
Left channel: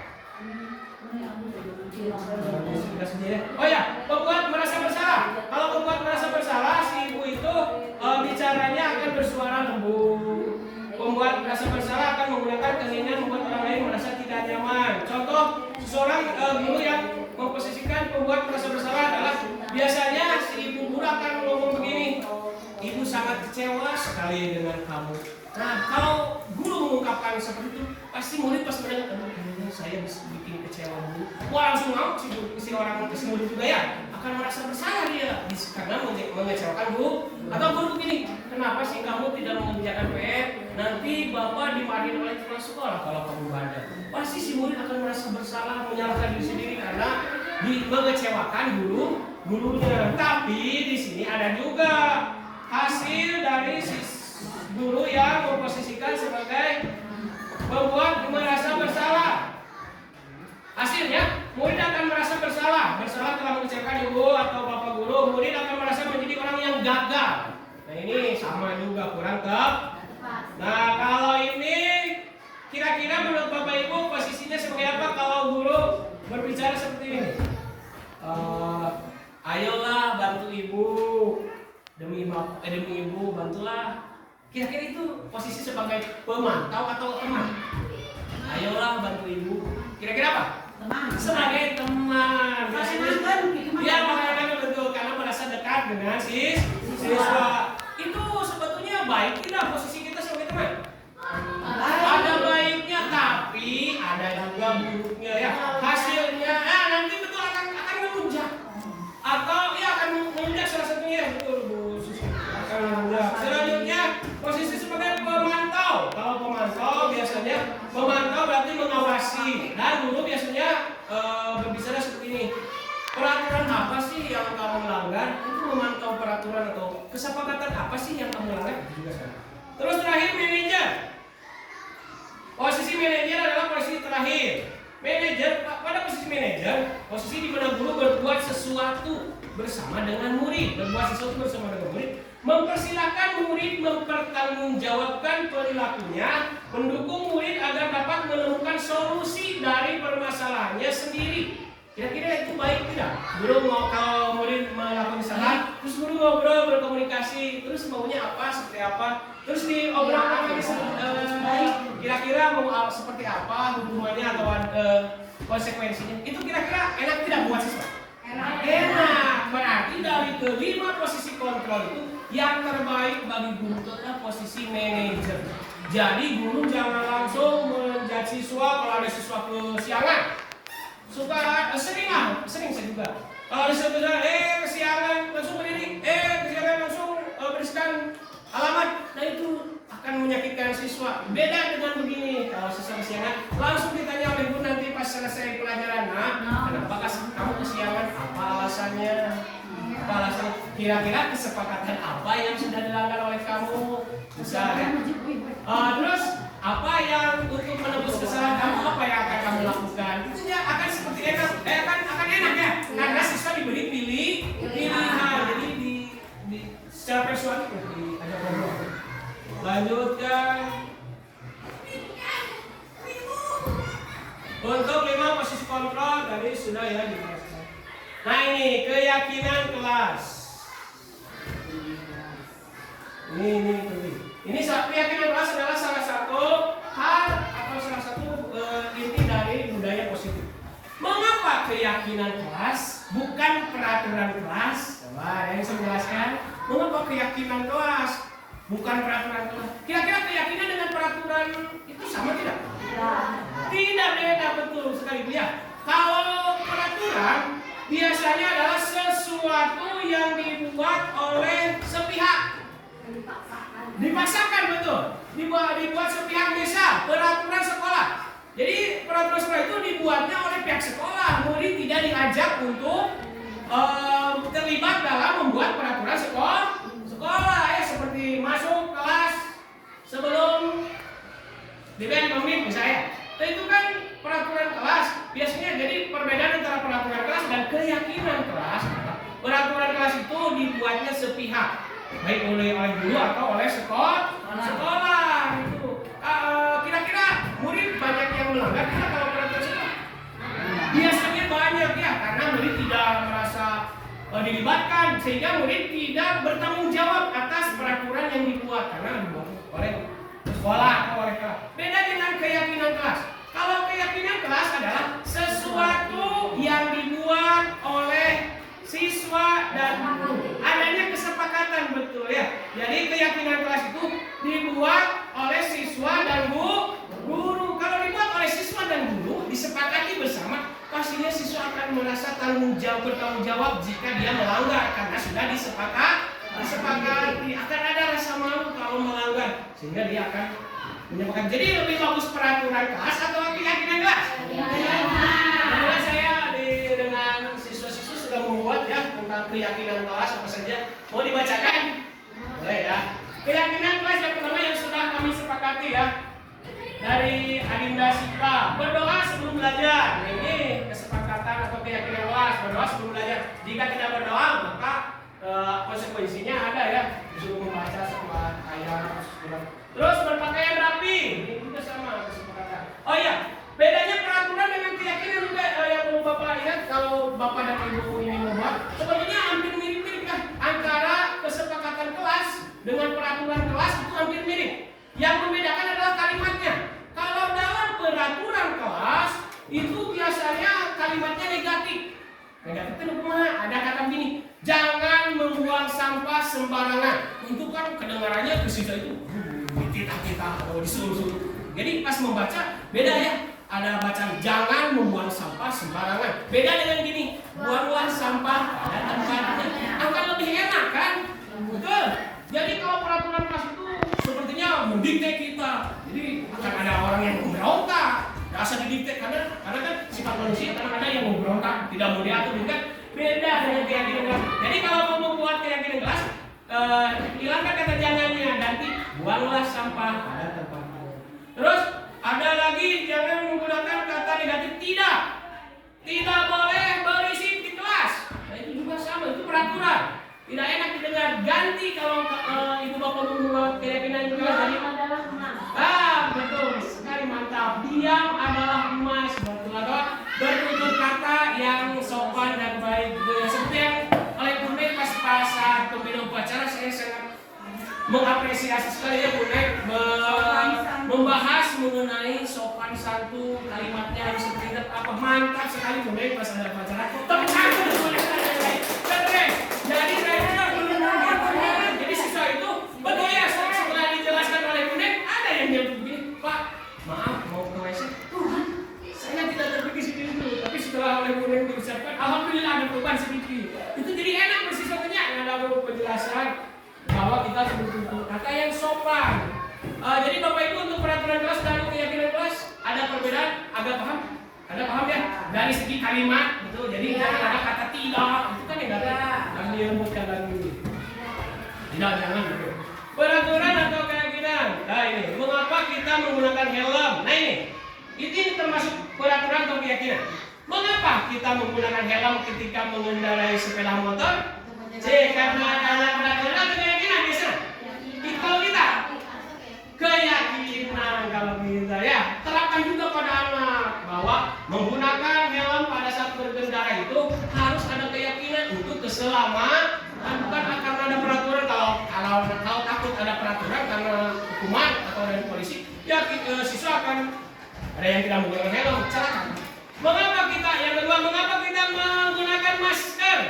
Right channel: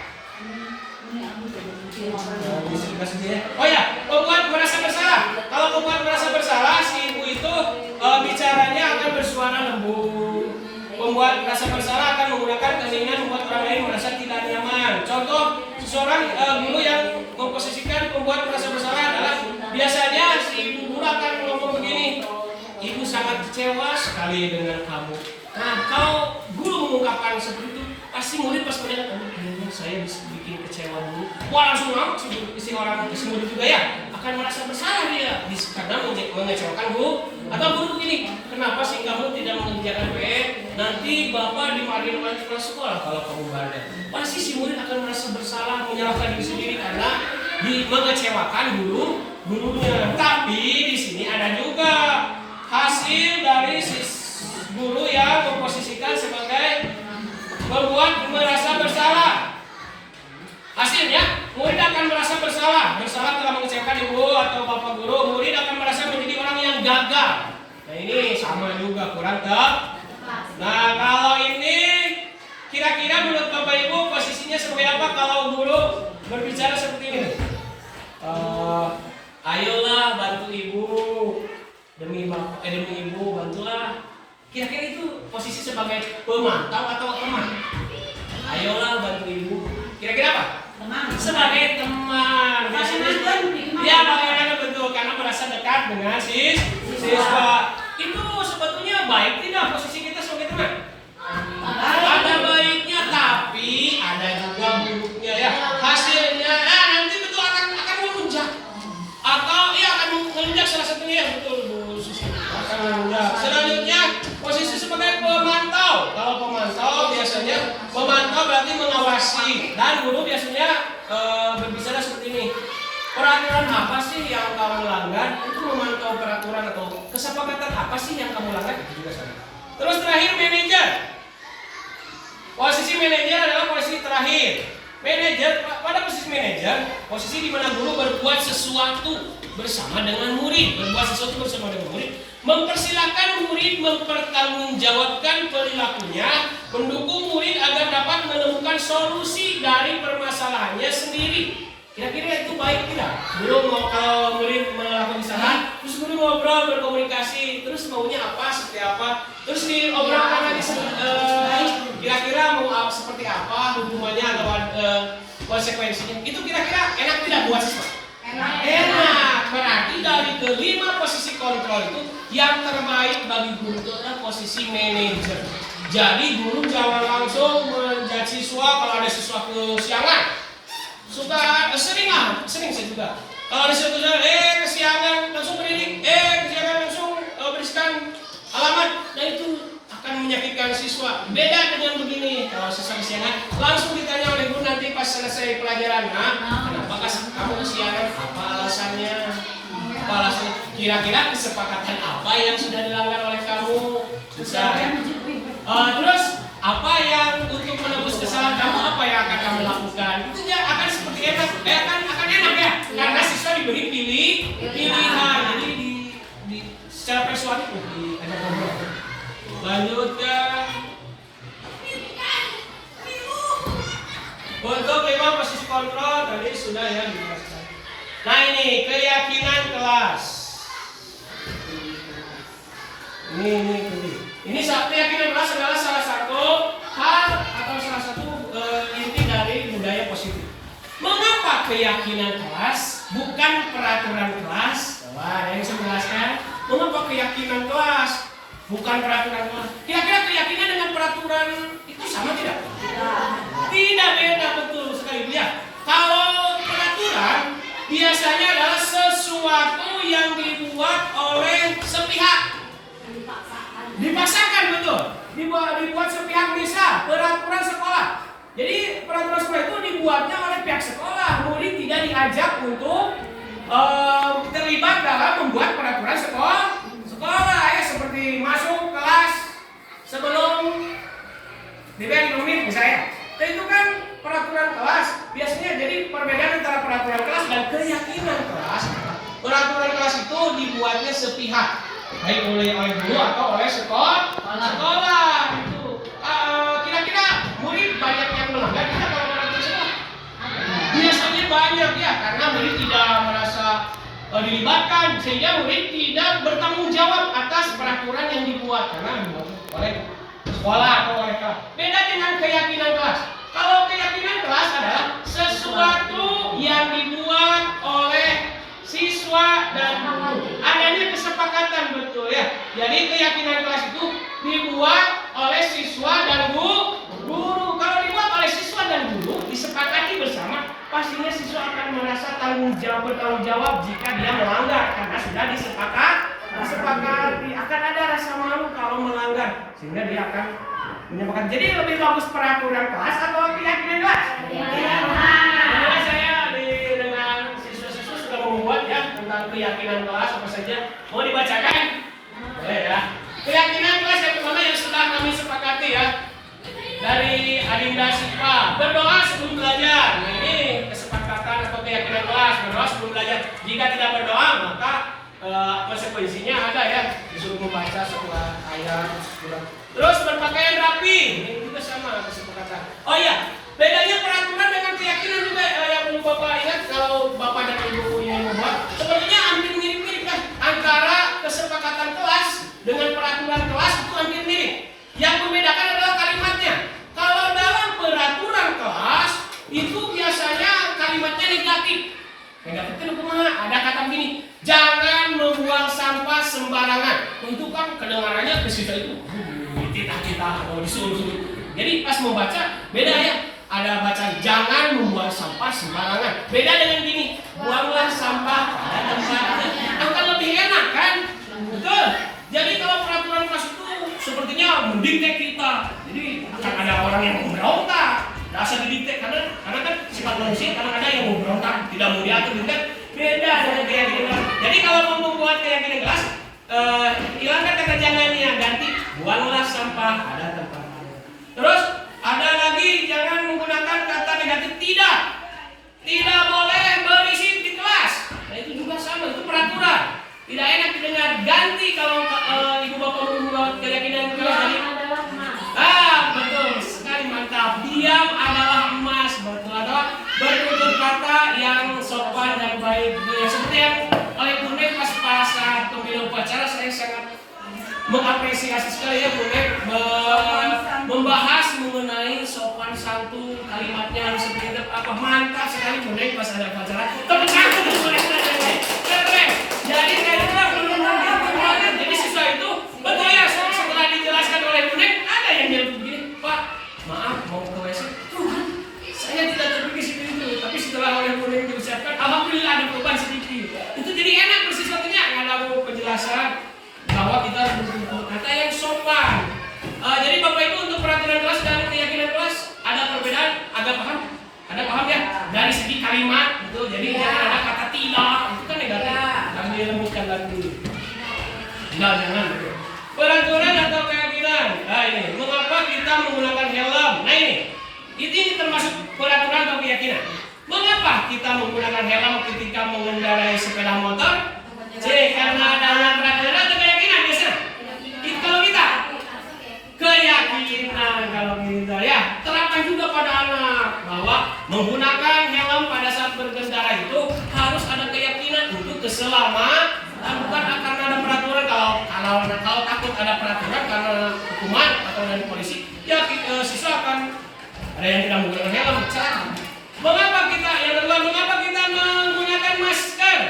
Oh ya, pembuat merasa bersalah. Kalau pembuat merasa bersalah, si ibu itu bicaranya akan bersuara lembut. Pembuat merasa bersalah akan menggunakan keheningan membuat orang lain merasa tidak nyaman. Contoh, seseorang guru yang memposisikan pembuat merasa bersalah adalah biasanya si ibu guru akan ngomong begini, ibu sangat kecewa sekali dengan kamu. Nah, kalau guru mengungkapkan seperti itu, pasti murid pas mendengar, kayaknya saya bisa bikin kecewa dulu. Wah, langsung mau si murid juga ya akan merasa bersalah dia karena mengecewakan guru. Atau guru begini, kenapa sih kamu tidak mengerjakan PR? Nanti bapak dimarahin oleh kepala sekolah kalau kamu bandel. Pasti si murid akan merasa bersalah, menyalahkan diri sendiri karena mengecewakan gurunya. Tapi di sini ada juga hasil dari guru yang memposisikan sebagai membuat merasa bersalah. Hasilnya, murid akan merasa bersalah telah mengecewakan ibu atau bapak guru. Murid akan merasa menjadi orang yang gagal. Nah ini sama juga kurang tepat. Nah kalau ini kira-kira menurut bapak ibu posisinya sebagai apa kalau guru berbicara seperti ini? Ayolah bantu ibu, demi ibu bantulah. Kira-kira itu posisi sebagai pemantau atau teman? Ayolah bantu ibu. Kira-kira apa? Teman. Sebagai teman. Ya bagaimana betul karena merasa dekat dengan siswa. Itu sebetulnya baik tidak posisi kita sebagai teman? Ada baiknya tapi ada juga buruknya ya. Hasilnya nanti betul akan melunjak. Atau akan melunjak salah satunya betul Bu Susi. Akan melunjak. Selanjutnya posisi sebagai pemantau. Kalau pemantau biasanya memantau berarti mengawasi dan guru biasanya berbicara seperti ini. Peraturan apa sih yang kamu langgar? Itu memantau peraturan atau kesepakatan apa sih yang kamu langgar? Itu juga sama. Terus terakhir manajer. Posisi manajer adalah posisi terakhir. Manajer pada posisi manajer, posisi di mana guru berbuat sesuatu bersama dengan murid, mempersilahkan murid mempertanggungjawabkan perilakunya, mendukung murid agar dapat menemukan solusi dari permasalahannya sendiri. Kira-kira itu baik tidak? Guru mau kalau murid melakukan kesalahan, terus guru ngobrol berkomunikasi, terus maunya apa, seperti apa, terus diobrolkan lagi kira-kira mau seperti apa hukumannya atau konsekuensinya. Itu kira-kira enak tidak buat siswa? Enak. Berarti dari kelima posisi kontrol itu yang terbaik bagi guru itu adalah posisi manajer. Jadi guru jangan langsung menjudge siswa kalau ada siswa kesiangan. Sering saya juga. Kalau ada siswa kesiangan langsung berdiri, kesiangan langsung beriskan alamat. Nah itu akan menyakitkan siswa. Beda dengan begini, kalau siswa kesiangan langsung ditanya oleh guru nanti pas selesai pelajaran. Kenapa kamu kesiangan? Apa alasannya? Kira-kira kesepakatan apa yang sudah dilanggar oleh kamu? Besar ya. Terus apa yang untuk menebus kesalahan kamu, apa yang akan kamu lakukan? Itu akan seperti akan enak ya, karena siswa diberi pilihan. Jadi secara persuasif diajak ngobrol. Lanjutkan. Untuk 5 posisi kontrol tadi sudah ya dijelaskan. Nah ini keyakinan kelas. Ini keyakinan kelas adalah salah satu hal atau salah satu inti dari budaya positif. Mengapa keyakinan kelas bukan peraturan kelas? Coba yang bisa menjelaskan. Mengapa keyakinan kelas bukan peraturan kelas? Kira-kira keyakinan dengan peraturan itu sama tidak? Tidak, beda betul sekali ya. Kalau peraturan biasanya adalah sesuatu yang dibuat oleh sepihak. Dipaksakan betul. Dibuat sepihak, misal peraturan sekolah. Jadi peraturan sekolah itu dibuatnya oleh pihak sekolah. Murid tidak diajak untuk terlibat dalam membuat peraturan sekolah ya, seperti masuk kelas sebelum diberi menit misalnya. Itu kan peraturan kelas. Biasanya jadi perbedaan antara peraturan kelas dan keyakinan kelas. Peraturan kelas itu dibuatnya sepihak, baik oleh guru atau oleh sekolah. Itu kira-kira murid banyak yang melanggar tidak kalau peraturan sekolah? Biasanya banyak ya, karena murid tidak merasa dilibatkan, sehingga murid tidak bertanggung jawab atas peraturan yang dibuat karena dibuat oleh sekolah atau oleh kelas. Beda dengan keyakinan kelas. Kalau keyakinan kelas adalah sesuatu yang dibuat oleh siswa dan adanya kesepakatan betul ya. Jadi keyakinan kelas itu dibuat oleh siswa dan guru. Kalau dibuat oleh siswa dan guru, disepakati bersama, pastinya siswa akan merasa bertanggung jawab jika dia melanggar karena sudah disepakati. Akan ada rasa malu kalau melanggar, sehingga dia akan menyepakati. Jadi lebih bagus peraturan kelas atau keyakinan kelas? Karena saya dengan siswa-siswa sudah membuat ya tentang keyakinan kelas apa saja. Mau dibacakan? Boleh ya. Keyakinan kelas yang pertama yang sudah kami sepakati ya, dari Adinda Sipa, berdoa sebelum belajar. Ini kesepakatan atau keyakinan kelas, berdoa sebelum belajar. Jika tidak berdoa maka konsekuensinya ada ya, disuruh membaca setelah ayat surat. Terus berpakaian rapi, ini juga sama kesepakatan. Oh iya, bedanya peraturan dengan keyakinan juga yang perlu Bapak ingat kalau Bapak dan Ibu ini membuat. Sebenarnya hampir mirip-mirip kan, antara kesepakatan kelas dengan peraturan kelas itu hampir mirip. Yang membedakan adalah kalimatnya. Kalau dalam peraturan kelas itu biasanya kalimatnya negatif. Negatif itu kumaha? Ada kata begini, jangan membuang sampah sembarangan. Itu kan kedengarannya ke siswa itu kita atau disuruh-suruh. Jadi pas membaca beda ya. Ada bacaan jangan membuang sampah sembarangan. Beda dengan gini, buanglah sampah pada tempatnya. Akan lebih enak kan? Betul. Jadi kalau peraturan kelas itu sepertinya mendikte kita. Jadi akan ada orang yang memberontak. Dasar didikte karena kan sifat manusia kadang ada yang memberontak, tidak mau diatur, kan beda dengan keyakinan kelas. Jadi kalau mau membuat keyakinan kelas, hilangkan kata jangannya, ganti buanglah sampah pada tempatnya. Terus ada lagi jangan menggunakan kata negatif tidak boleh berisik di kelas. Nah itu juga sama, itu peraturan. Tidak enak didengar. Ganti kalau ibu bapak membuat keyakinan kelas tadi. Betul sekali, mantap. Diam adalah emas, betul atau bertutur kata yang sopan dan baik. Seperti yang oleh Bu Nek pas saat pemilihan upacara saya sangat mengapresiasi sekali ya Bu Nek membahas mengenai sopan santun, kalimatnya harus seperti apa. Mantap sekali Bu Nek pas ada upacara. Tepuk tangan Bu Nek. Keren. Jadi jadi siswa itu betul ya, setelah dijelaskan oleh Bu Nek ada yang bilang begini, Pak, maaf mau ke WC. Tuhan, saya tidak terpikir seperti itu. Tapi setelah oleh Bu Nek diucapkan, alhamdulillah ada perubahan sedikit. Itu jadi enak bersiswanya, nggak ada penjelasan bahwa kita harus bertutur kata yang sopan. Jadi Bapak Ibu untuk peraturan kelas dan keyakinan kelas ada perbedaan, agak paham? Ada paham ya? Dari segi kalimat gitu. Jadi jangan ada kata tidak, itu kan negatif. Jangan dilembutkan lagi. Tidak, jangan. Peraturan atau keyakinan. Nah ini, mengapa kita menggunakan helm? Nah ini termasuk peraturan atau keyakinan. Mengapa kita menggunakan helm ketika mengendarai sepeda motor? Karena ada peraturan atau keyakinan biasa. Kalau kita keyakinan, kalau kita ya terapkan juga pada anak bahwa menggunakan helm pada saat berkendara itu harus ada keyakinan untuk keselamatan, bukan karena ada peraturan. Kalau takut ada peraturan karena hukuman atau dari polisi, ya siswa akan ada yang tidak menggunakan helm, celaka. Mengapa kita menggunakan masker?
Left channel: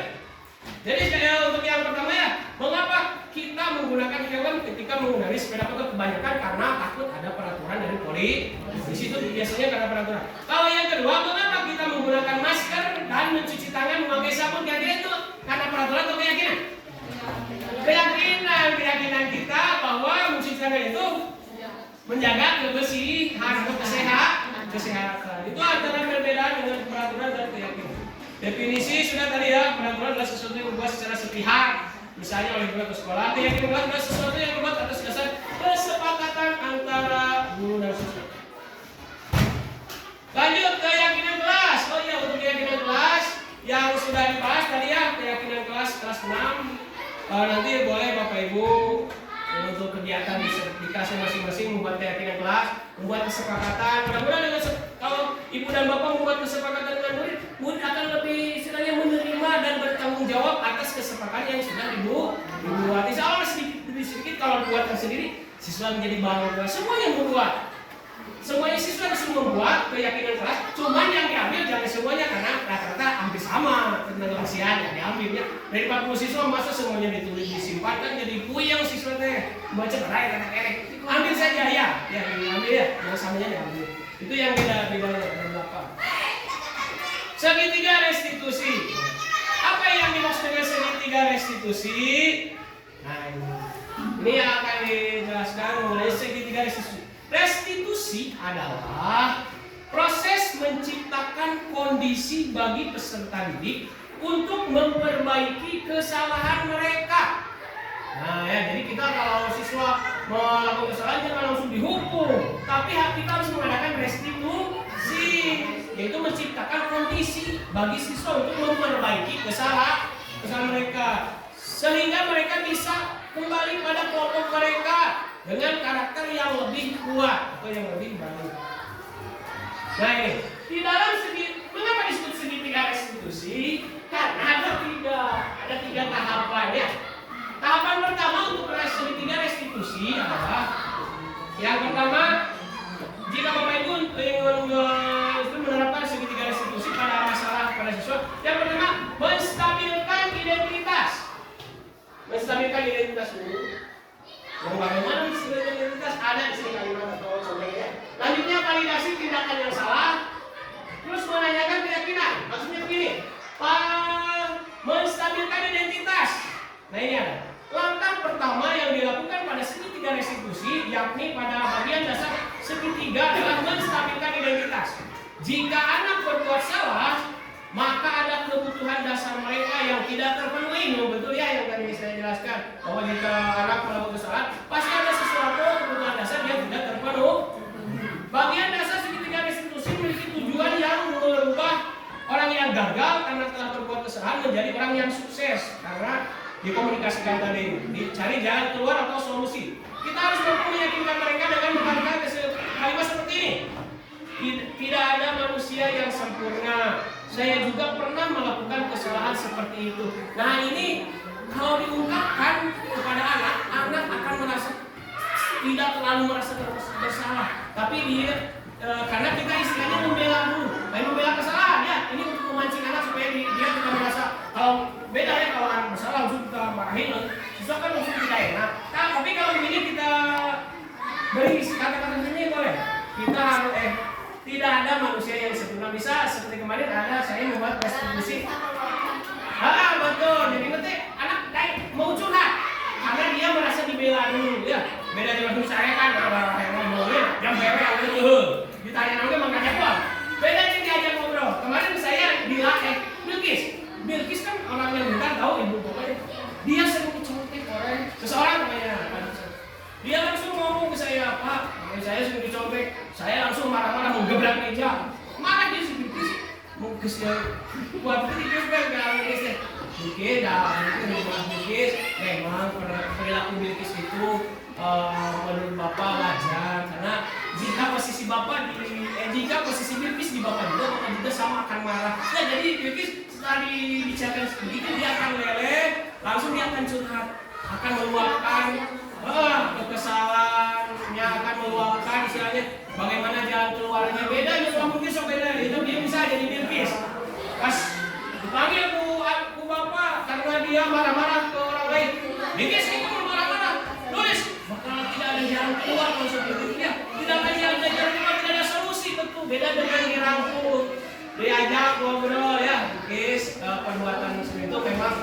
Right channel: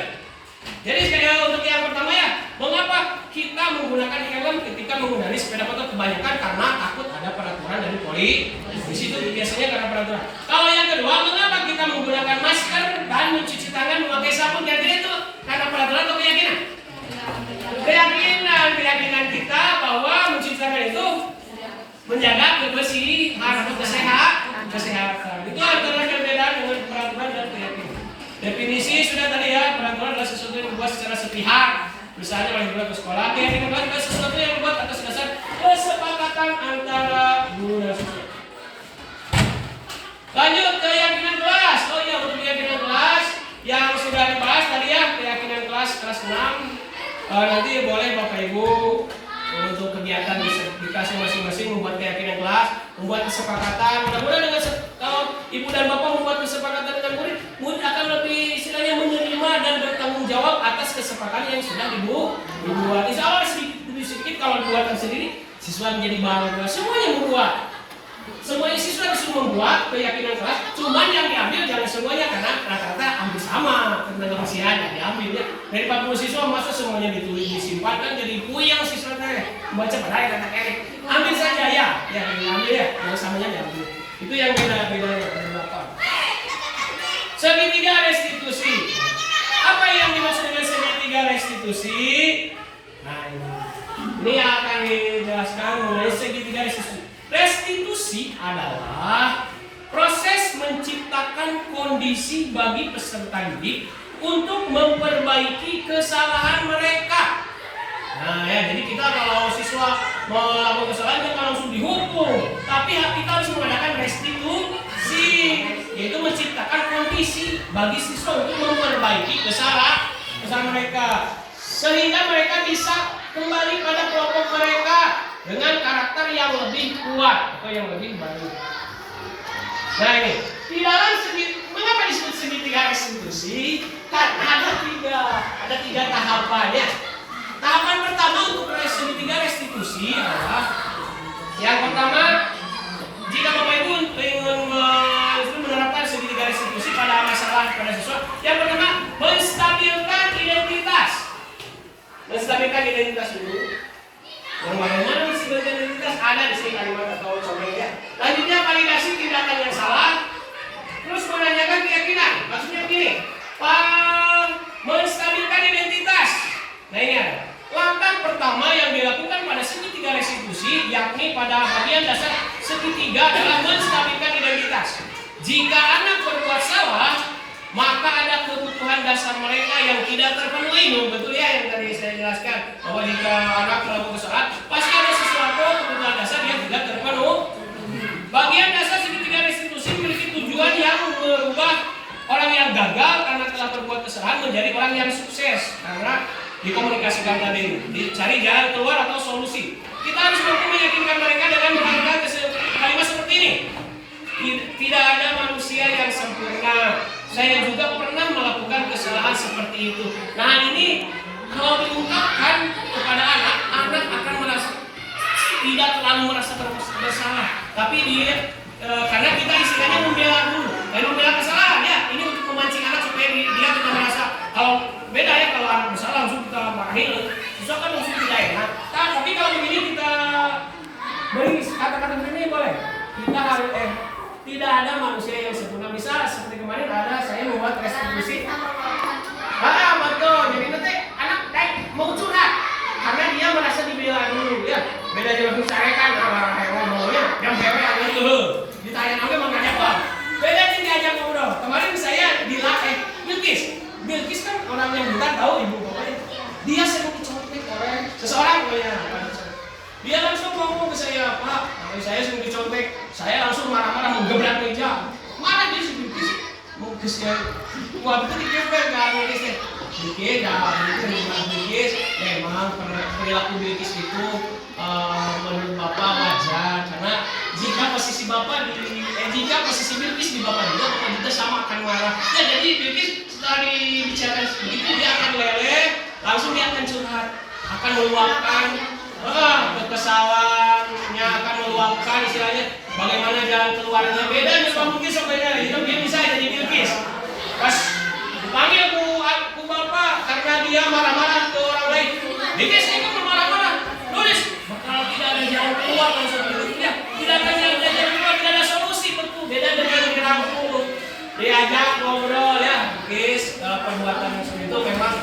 Jadi untuk yang pertama ya, mengapa kita menggunakan helm ketika mengendarai sepeda motor? Kebanyakan karena takut ada peraturan dari polisi. Itu biasanya karena peraturan. Kalau yang kedua, mengapa kita menggunakan masker dan mencuci tangan memakai sabun? Kira-kira itu karena peraturan atau keyakinan? Keyakinan kita bahwa mencuci tangan itu menjaga kebersihan atau kesehatan. Itu antara perbedaan dengan peraturan dan keyakinan. Definisi sudah tadi ya, peraturan adalah sesuatu yang dibuat secara sepihak, misalnya oleh guru atau sekolah. Keyakinan adalah sesuatu yang dibuat atas dasar kesepakatan antara guru dan siswa. Lanjut keyakinan kelas. Oh iya, untuk keyakinan kelas yang sudah dibahas tadi ya, keyakinan kelas 6. Nanti boleh Bapak Ibu untuk kegiatan di kelasnya masing-masing membuat keyakinan kelas, membuat kesepakatan. Mudah-mudahan dengan kalau Ibu dan Bapak membuat kesepakatan dengan murid akan lebih istilahnya menerima dan bertanggung jawab atas kesepakatan yang sudah dibuat. Insya Allah sedikit demi sedikit kalau buatan sendiri, siswa menjadi bangga. Semua yang membuat. Semuanya siswa disuruh membuat keyakinan kelas, cuman yang diambil jangan semuanya karena rata-rata hampir sama tentang usia yang diambil ya. Dari 40 siswa masa semuanya ditulis disimpan kan jadi puyeng siswa teh baca pada kata kerek. Ambil saja ya diambil ya, yang samanya diambil. Itu yang beda berapa. Segitiga restitusi. Apa yang dimaksud dengan segitiga restitusi? Nah, ini akan dijelaskan mengenai segitiga restitusi. Restitusi adalah proses menciptakan kondisi bagi peserta didik untuk memperbaiki kesalahan mereka. Nah ya, jadi kita kalau siswa melakukan kesalahan kita langsung dihukum, tapi kita harus mengadakan restitusi, yaitu menciptakan kondisi bagi siswa untuk memperbaiki kesalahan mereka, sehingga mereka bisa kembali pada kelompok mereka dengan karakter yang lebih kuat atau yang lebih baik. Nah ini di dalam mengapa disebut segitiga restitusi? Karena ada tiga tahapannya. Tahapan pertama untuk segitiga restitusi adalah yang pertama, jika Bapak Ibu ingin menerapkan segitiga restitusi pada masalah pada siswa, yang pertama menstabilkan identitas. Menstabilkan identitas dulu. Yang bagaimana menstabilkan identitas ada di sini kalimat atau contohnya. Lanjutnya validasi tindakan yang salah. Terus menanyakan keyakinan. Maksudnya begini, menstabilkan identitas. Nah ini ada. Langkah pertama yang dilakukan pada segitiga restitusi, yakni pada bagian dasar segitiga adalah menstabilkan identitas. Jika anak berbuat salah, maka ada kebutuhan dasar mereka yang tidak terpenuhi. Betul ya yang tadi saya jelaskan, bahwa jika anak melakukan kesalahan, pasti ada sesuatu kebutuhan dasar yang tidak terpenuhi. Bagian dasar segitiga restitusi memiliki tujuan yang merubah orang yang gagal karena telah berbuat kesalahan menjadi orang yang sukses, karena dikomunikasikan tadi, dicari jalan keluar atau solusi. Kita harus mampu meyakinkan mereka dengan mengatakan kalimat seperti ini. Tidak ada manusia yang sempurna. Saya juga pernah melakukan kesalahan seperti itu. Nah ini kalau diungkapkan kepada anak akan merasa tidak terlalu merasa bersalah. Tapi dia karena kita istilahnya membela dulu, membela kesalahan ya. Ini untuk memancing anak supaya dia tidak merasa, kalau beda ya kalau anak bersalah langsung kita marahin, susah kan langsung tidak enak. Nah, tapi kalau begini kita beri kata-kata begini boleh. Kita harus tidak ada manusia yang sempurna. Bisa seperti kemarin ada saya membuat restitusi. Betul. Jadi nanti anak mau curhat karena dia merasa dibela dulu ya. Beda dengan saya kan yang ngomongnya yang bewek yang itu ditanya nanti makanya apa? Beda sih diajak ngobrol. Kemarin saya dilatih Bilkis kan orang yang bentar tahu ibu bapaknya. Dia sering dicontek oleh seseorang pokoknya. Dia langsung ngomong ke saya, Pak, saya sering dicontek. Saya langsung marah-marah menggebrak meja. Marah dia si Bilkis. Mau ke saya, wah betul dikepek nggak Bilkis deh. Bilkis, memang perilaku Bilkis itu menurut Bapak wajar, karena jika posisi Bilkis di Bapak juga, Bapak juga sama akan marah. Ya jadi Bilkis setelah dibicarakan begitu dia akan leleh, langsung dia akan curhat, akan meluapkan kekesalannya, akan meluapkan istilahnya bagaimana jalan keluarnya. Beda dengan Bilkis sebenarnya itu dia bisa jadi Bilkis. Pas dipanggil ku Bapak karena dia marah-marah ke orang lain. Bilkis itu marah-marah. Nulis bakal tidak ada jalan keluar kalau seperti itu ya. Tidak ada jalan keluar, tidak ada solusi, betul. Beda dengan dirangkul, diajak ngobrol ya. Bilkis perbuatan seperti itu memang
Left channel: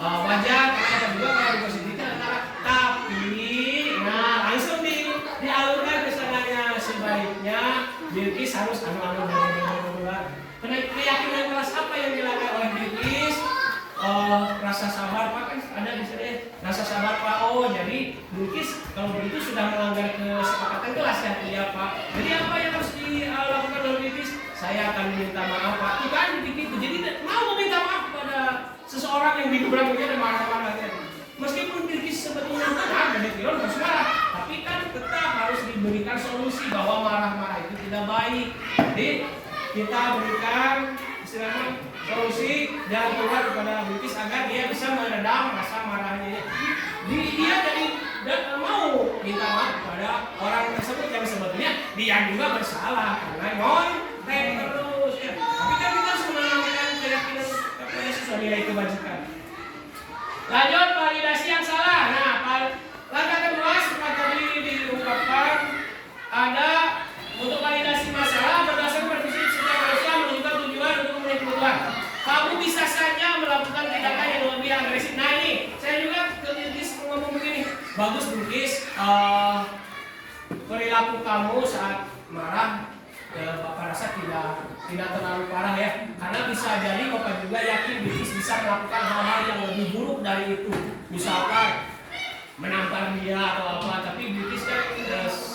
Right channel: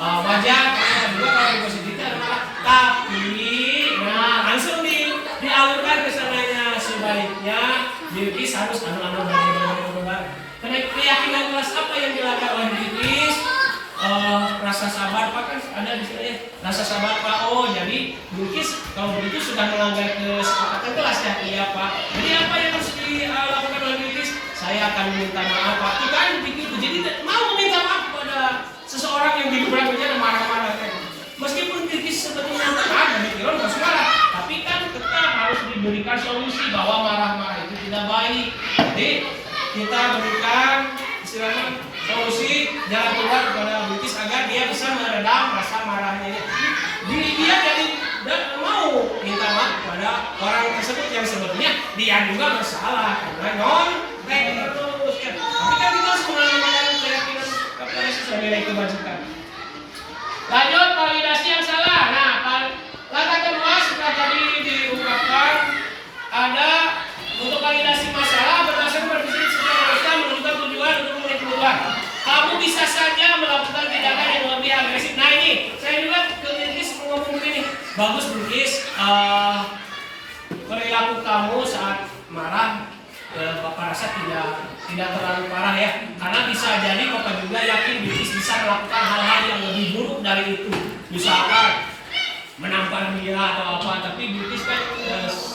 wajar. Karena juga kalau positifnya adalah tapi langsung dialurkan ke sananya. Sebaiknya Bilkis harus anu-anu karena keyakinan kelas apa yang dilakukan oleh Bilkis, rasa sabar Pak kan ada di sini. Rasa sabar Pak, jadi Bilkis kalau begitu sudah melanggar kesepakatan kelas ya, iya Pak. Jadi apa yang harus dilakukan oleh Bilkis? Saya akan meminta maaf Pak. Itu kan begitu. Jadi mau meminta maaf pada seseorang yang digebrak aja dan marah-marah. Meskipun Bilkis sebetulnya ada pikiran harus marah, tapi kan tetap harus diberikan solusi bahwa marah-marah itu tidak baik. Jadi kita berikan istilahnya solusi jalan keluar kepada Bilkis agar dia bisa meredam rasa marahnya. Dia jadi mau minta maaf kepada orang tersebut yang sebenarnya dia juga bersalah karena nyontek terus ya. Tapi kan kita harus menanamkan keyakinan kepada sesuatu nilai kebajikan. Lanjut validasi yang salah. Nah, langkah kedua sudah tadi diungkapkan ada untuk validasi masalah berdasarkan prinsip setiap manusia menentukan tujuan untuk memenuhi kebutuhan. Kamu bisa saja melakukan tindakan yang lebih agresif. Nah ini, saya juga ke Bilkis ngomong begini. Bagus Bilkis, perilaku kamu saat marah, Bapak rasa tidak terlalu parah ya. Karena bisa jadi Bapak juga yakin Bilkis bisa melakukan hal-hal yang lebih buruk dari itu. Misalkan menampar dia atau apa, tapi Bilkis kan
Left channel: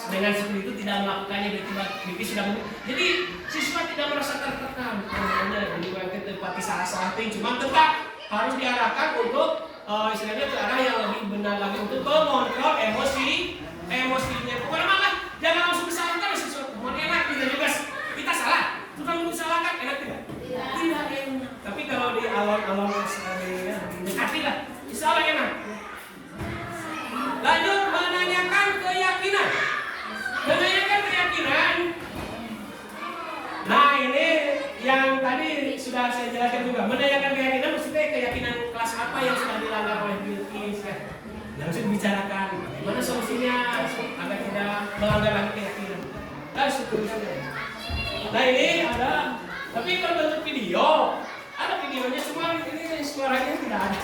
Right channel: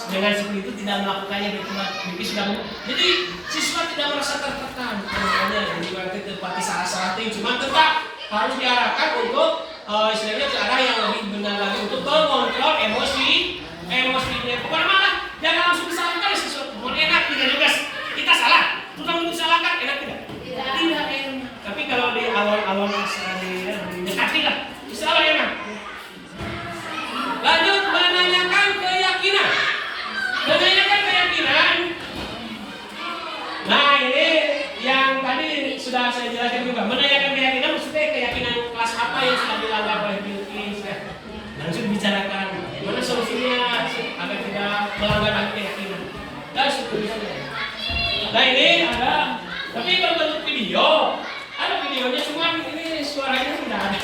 dengan seperti itu tidak melakukannya, Bilkis sudah jadi siswa tidak merasa tertekan namanya, jadi ke tempati salah-salah ting, cuma tetap harus diarahkan untuk istilahnya ke arah yang lebih benar lagi untuk mengontrol emosinya. Pokoknya malah jangan langsung disalahkan siswa, mau enak tidak juga kita salah, sudah disalahkan enak tidak? Tidak enak. Tapi kalau di awal-awal sekali dekati lah, insya Allah enak. Lanjut menanyakan keyakinan. Menanyakan keyakinan. Nah ini yang tadi sudah saya jelaskan juga. Menanyakan keyakinan maksudnya keyakinan kelas apa yang sudah dilanggar oleh Bilkis ya. Langsung dibicarakan bagaimana solusinya agar tidak melanggar lagi keyakinan. Dan seterusnya. Nah ini ada, tapi berbentuk video. Ada videonya cuma ini suaranya tidak ada.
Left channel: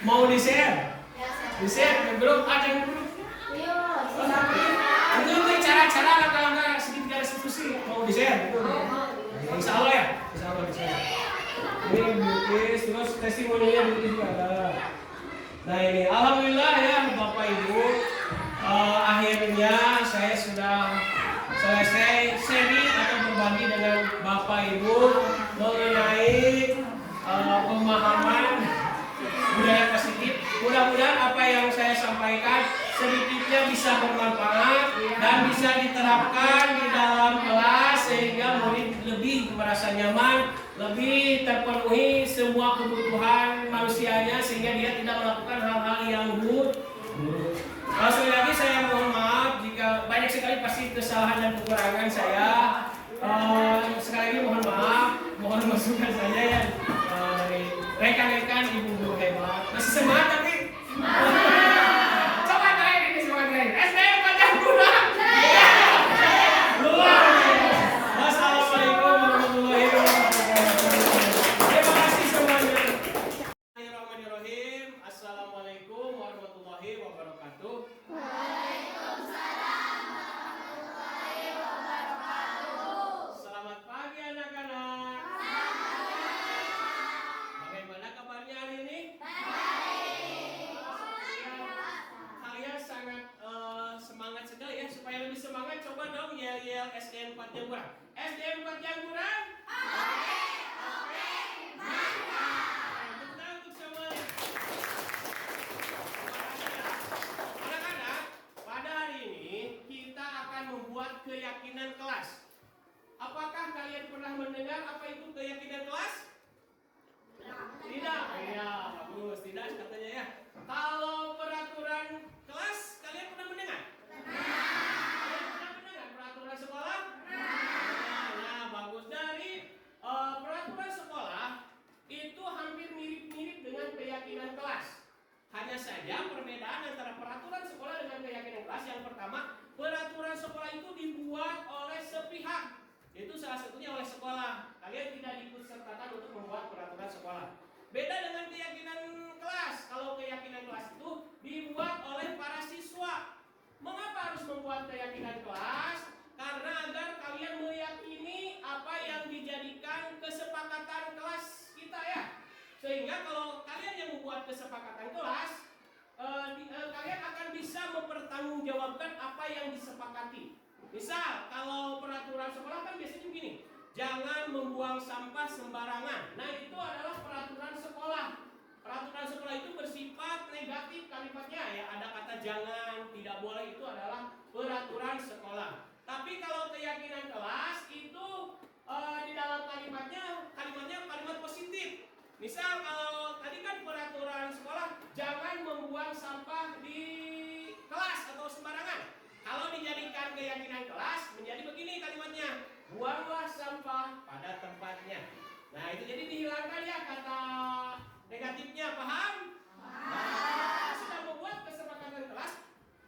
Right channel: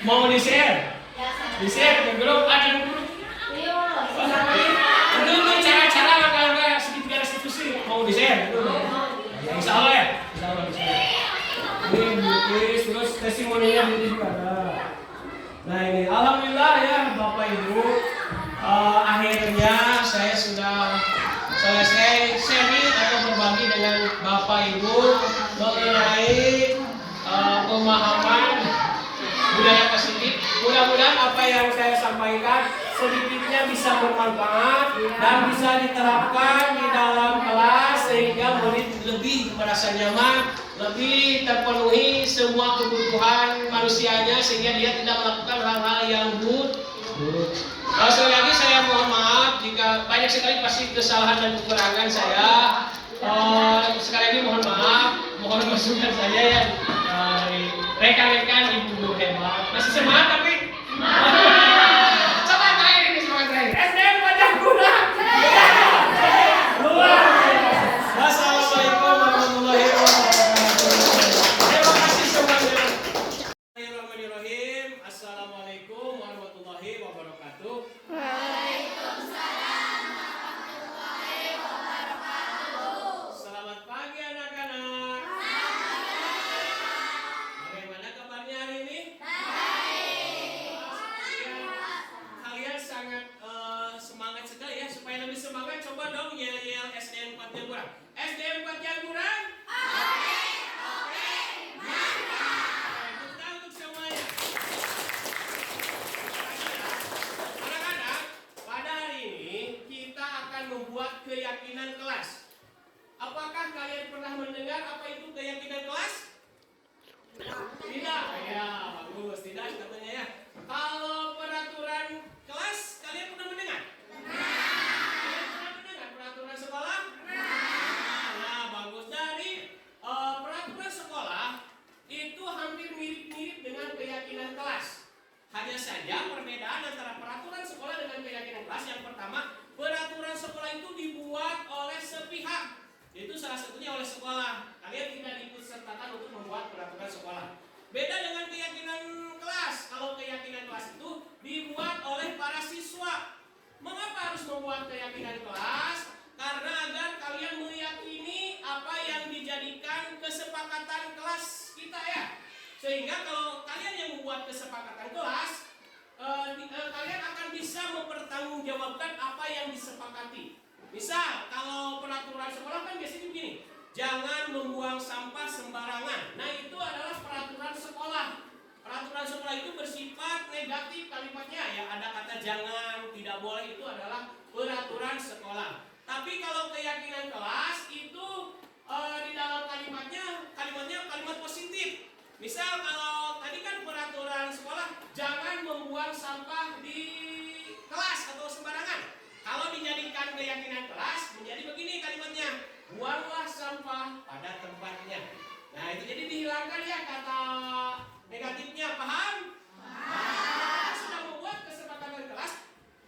Mau di-share? Di-share ke grup, ada grup. Itu cara-cara langkah-langkah segitiga restitusi mau di-share gitu. Ya, insya Allah ya, insya Allah di-share. Ini Bilkis, terus testimoninya Bilkis juga ada. Nah ini, alhamdulillah ya Bapak Ibu, akhirnya saya sudah selesai sharing atau berbagi dengan Bapak Ibu mengenai pemahaman budaya positif. Mudah-mudahan apa yang saya sampaikan sedikitnya bisa bermanfaat dan bisa diterapkan di dalam kelas sehingga murid lebih merasa nyaman, lebih terpenuhi semua kebutuhan manusianya sehingga dia tidak melakukan hal-hal yang buruk. Sekali lagi saya mohon maaf jika banyak sekali pasti kesalahan dan kekurangan saya. Sekali lagi mohon maaf, mohon masukan saya ya dari rekan-rekan ibu guru hebat. Masih semangat tapi coba terakhir ini semangat terakhir. SDM Pajak Guna. Luar biasa. Wassalamualaikum warahmatullahi wabarakatuh. Terima kasih semuanya. Bismillahirrahmanirrahim. Assalamualaikum warahmatullahi wabarakatuh. Waalaikumsalam warahmatullahi wabarakatuh. Selamat pagi anak-anak. Bagaimana kabarnya hari ini? Kalian sangat semangat sekali ya. Supaya lebih semangat coba dong yel-yel SDM 4 Jangguran. SDM 4 Jangguran. Oke, mantap. Tepuk tangan untuk semuanya. Anak-anak, pada hari ini kita akan membuat keyakinan kelas. Apakah kalian pernah mendengar apa itu keyakinan kelas? Tidak, ya bagus, tidak katanya ya. Kalau peraturan kelas, kalian pernah mendengar? Kalian pernah mendengar peraturan sekolah? Nah, bagus. Dari peraturan sekolah itu hampir mirip-mirip dengan keyakinan kelas. Hanya saja perbedaan antara peraturan sekolah dengan keyakinan kelas yang pertama, peraturan sekolah itu dibuat oleh sepihak. Itu salah satunya oleh sekolah. Kalian tidak diikut sertakan untuk membuat peraturan sekolah. Beda dengan keyakinan kelas. Kalau keyakinan kelas itu dibuat oleh para siswa. Mengapa harus membuat keyakinan kelas? Karena agar kalian meyakini apa yang dijadikan kesepakatan kelas kita ya. Sehingga kalau kalian yang membuat kesepakatan kelas, kalian akan bisa mempertanggungjawabkan apa yang disepakati. Misal, kalau peraturan sekolah kan biasanya begini, jangan membuang sampah sembarangan. Nah itu adalah peraturan sekolah. Peraturan sekolah itu bersifat negatif kalimatnya ya. Ada kata jangan, tidak boleh, itu adalah peraturan sekolah. Tapi kalau keyakinan kelas itu di dalam kalimatnya kalimat positif. Misal kalau tadi kan peraturan sekolah jangan membuang sampah di kalau dijadikan keyakinan kelas menjadi begini kalimatnya. Buanglah sampah pada tempatnya. Nah, itu jadi dihilangkan ya kata negatifnya, paham? Nah, sudah membuat kesepakatan kelas,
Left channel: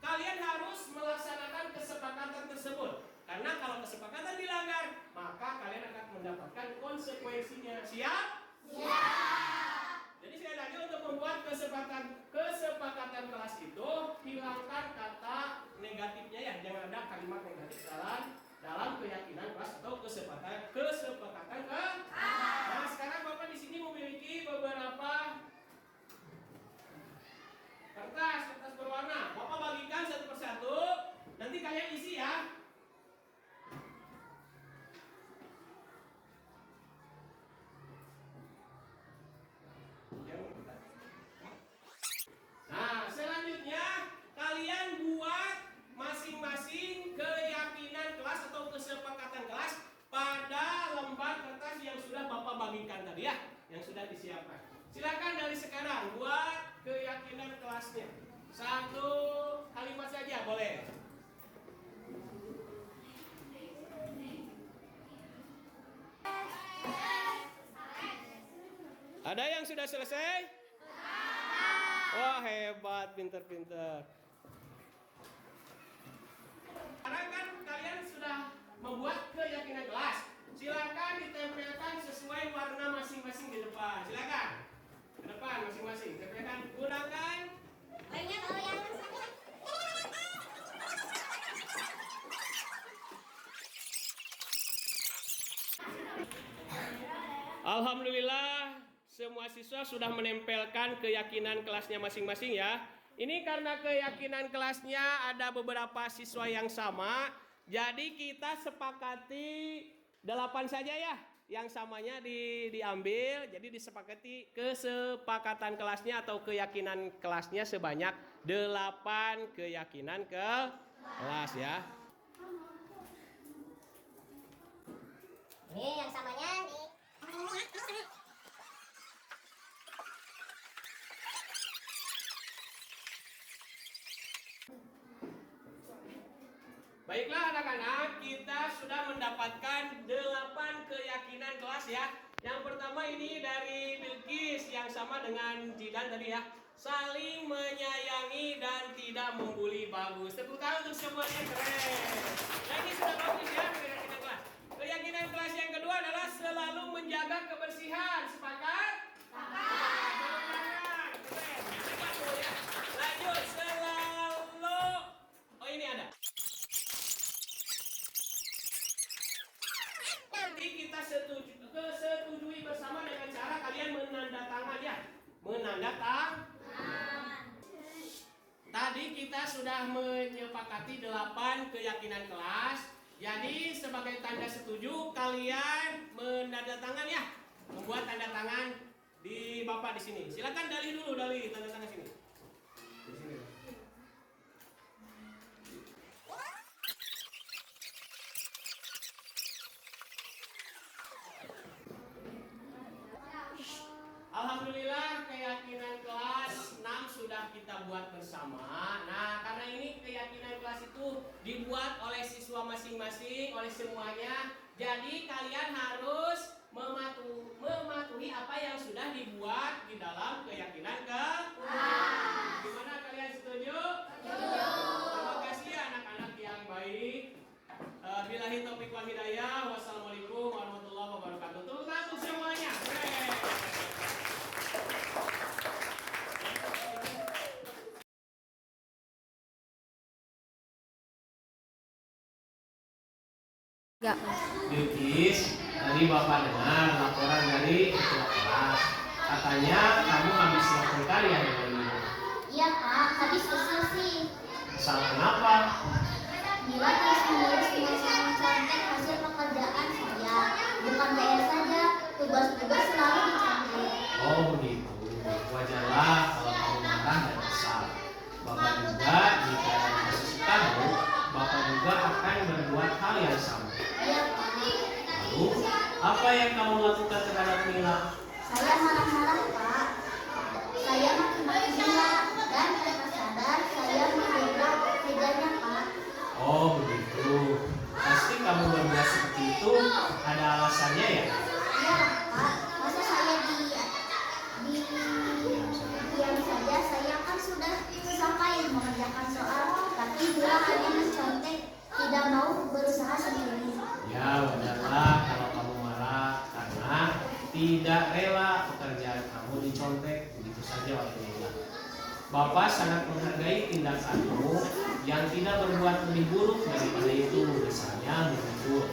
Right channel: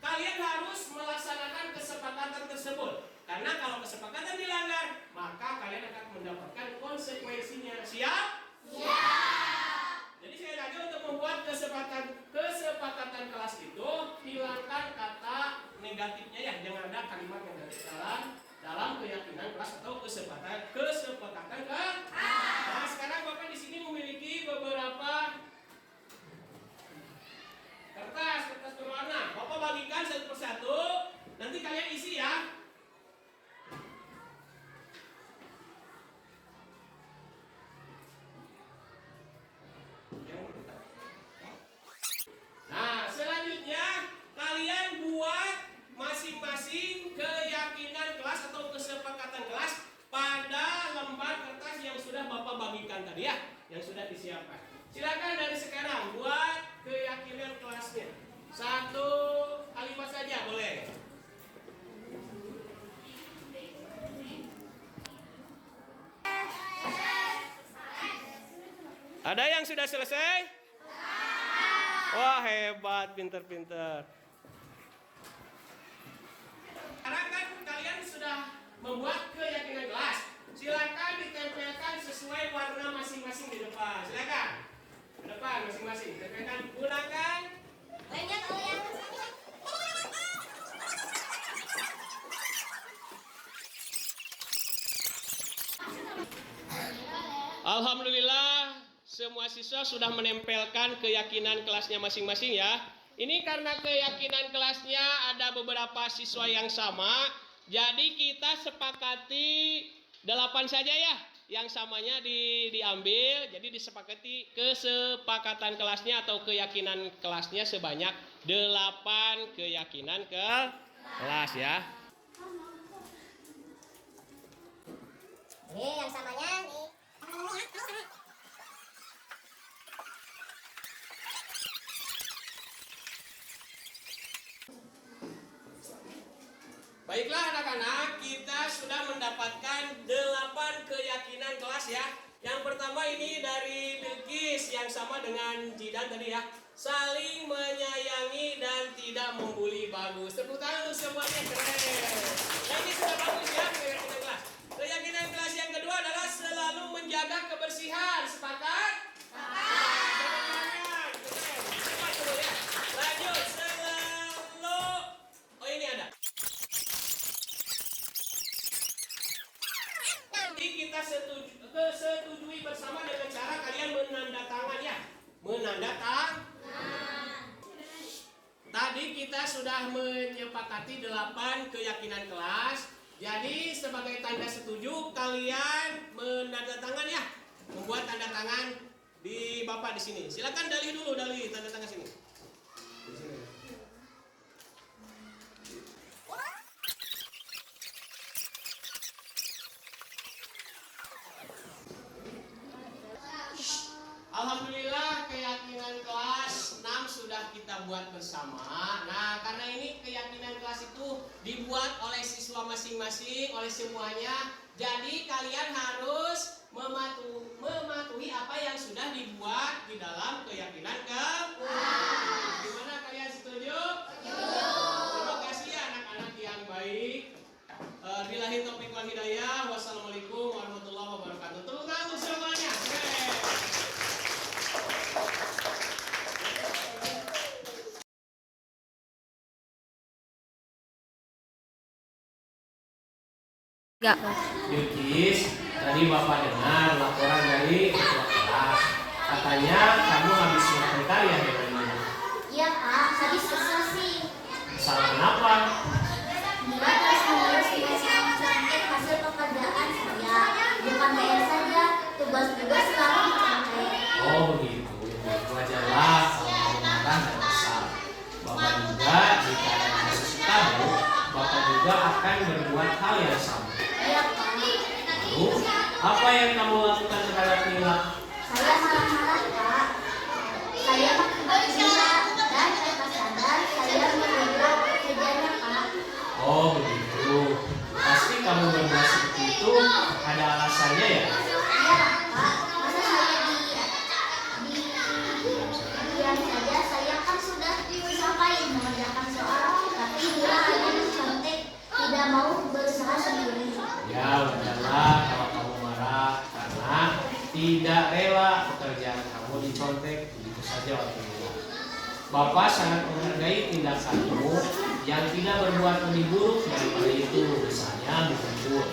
kalian harus melaksanakan kesepakatan tersebut. Karena kalau kesepakatan dilanggar, maka kalian akan mendapatkan konsekuensinya. Siap? Siap. Jadi saya tanya untuk membuat kesepakatan kelas itu, hilangkan kata negatifnya ya, jangan ada kalimat negatif dalam keyakinan kelas atau kesepakatan kelas. Nah, sekarang Bapak di sini memiliki beberapa kertas berwarna. Bapak bagikan satu persatu, nanti kalian isi ya. Nah, selanjutnya kalian buat masing-masing keyakinan kelas atau kesepakatan kelas pada lembar kertas yang sudah Bapak bagikan tadi ya, yang sudah disiapkan. Silakan dari sekarang buat keyakinan kelasnya. Satu kalimat saja boleh. Ada yang sudah selesai? Wah, hebat, pinter-pinter. Sekarang kan kalian sudah membuat keyakinan kelas. Silakan ditempelkan sesuai warna masing-masing di depan. Silakan. Di depan masing-masing. Tempelkan, gunakan. Banyak yang Alhamdulillah, semua siswa sudah menempelkan keyakinan kelasnya masing-masing ya. Ini karena keyakinan kelasnya ada beberapa siswa yang sama, jadi kita sepakati 8 saja ya. Yang samanya diambil, jadi disepakati kesepakatan kelasnya atau keyakinan kelasnya sebanyak 8 keyakinan kelas ya. ini yang samanya di Baiklah anak-anak, kita sudah mendapatkan 8 keyakinan kelas ya. Yang pertama ini dari Bilqis yang sama dengan Jidan tadi ya. Saling menyayangi dan tidak membuli, bagus. Tepuk tangan untuk semuanya, keren. Nah, ini sudah bagus ya keyakinan kelas. Keyakinan kelas yang kedua adalah selalu menjaga kebersihan. Sepakat? Sepakat. Tepuk tangan, keren. Coba ya. Lanjut, selalu. Oh, ini ada. Nanti kita setujui bersama dengan cara kalian menandatangan ya. Menandatangan. Tadi kita sudah menyepakati 8 keyakinan kelas. Jadi sebagai tanda setuju kalian menandatangan ya. Membuat tanda tangan di Bapak di sini. Silakan Dali dulu, Dali tanda tangan sini. Di sini. Alhamdulillah keyakinan kelas 6 sudah kita buat bersama. Nah, karena ini keyakinan kelas itu dibuat oleh siswa masing-masing, oleh semuanya. Jadi kalian harus mematuhi apa yang sudah dibuat di dalam keyakinan kelas. Gimana kalian setuju? Setuju. Terima kasih anak-anak yang baik. Billahi taufiq wal hidayah. Wassalamualaikum warahmatullahi wabarakatuh. Tepuk tangan untuk semuanya. Bilqis, tadi Bapak dengar laporan dari ketua kelas. Katanya kamu habis melakukan karya hari ini. Iya Pak, habis kesel sih. Kesal kenapa? Bila terus-menerus mencontek hasil pekerjaan saya. Bukan PR saja, tugas-tugas selalu dicontek. Oh begitu. Wajarlah kalau kamu marah dan kesal. Bapak juga jika ada kasus kamu, Bapak juga akan berbuat hal yang sama. Iya Pak. Lalu, apa yang kamu lakukan terhadap Mila? Saya marah-marah Pak. Saya maki-maki Mila dan tanpa sadar saya menabrak mejanya Pak. Oh begitu. Pasti kamu berbuat seperti itu ada alasannya ya? Iya Pak, masa saya diam saja, saya kan sudah sampaikan mengerjakan soal, tapi dia hanya mencontek, tidak mau berusaha sendiri. Ya udahlah kalau kamu marah karena tidak rela pekerjaan kamu dicontek begitu saja waktunya. Bapak sangat menghargai tindakanmu yang tidak berbuat lebih buruk daripada itu, misalnya mengumpul.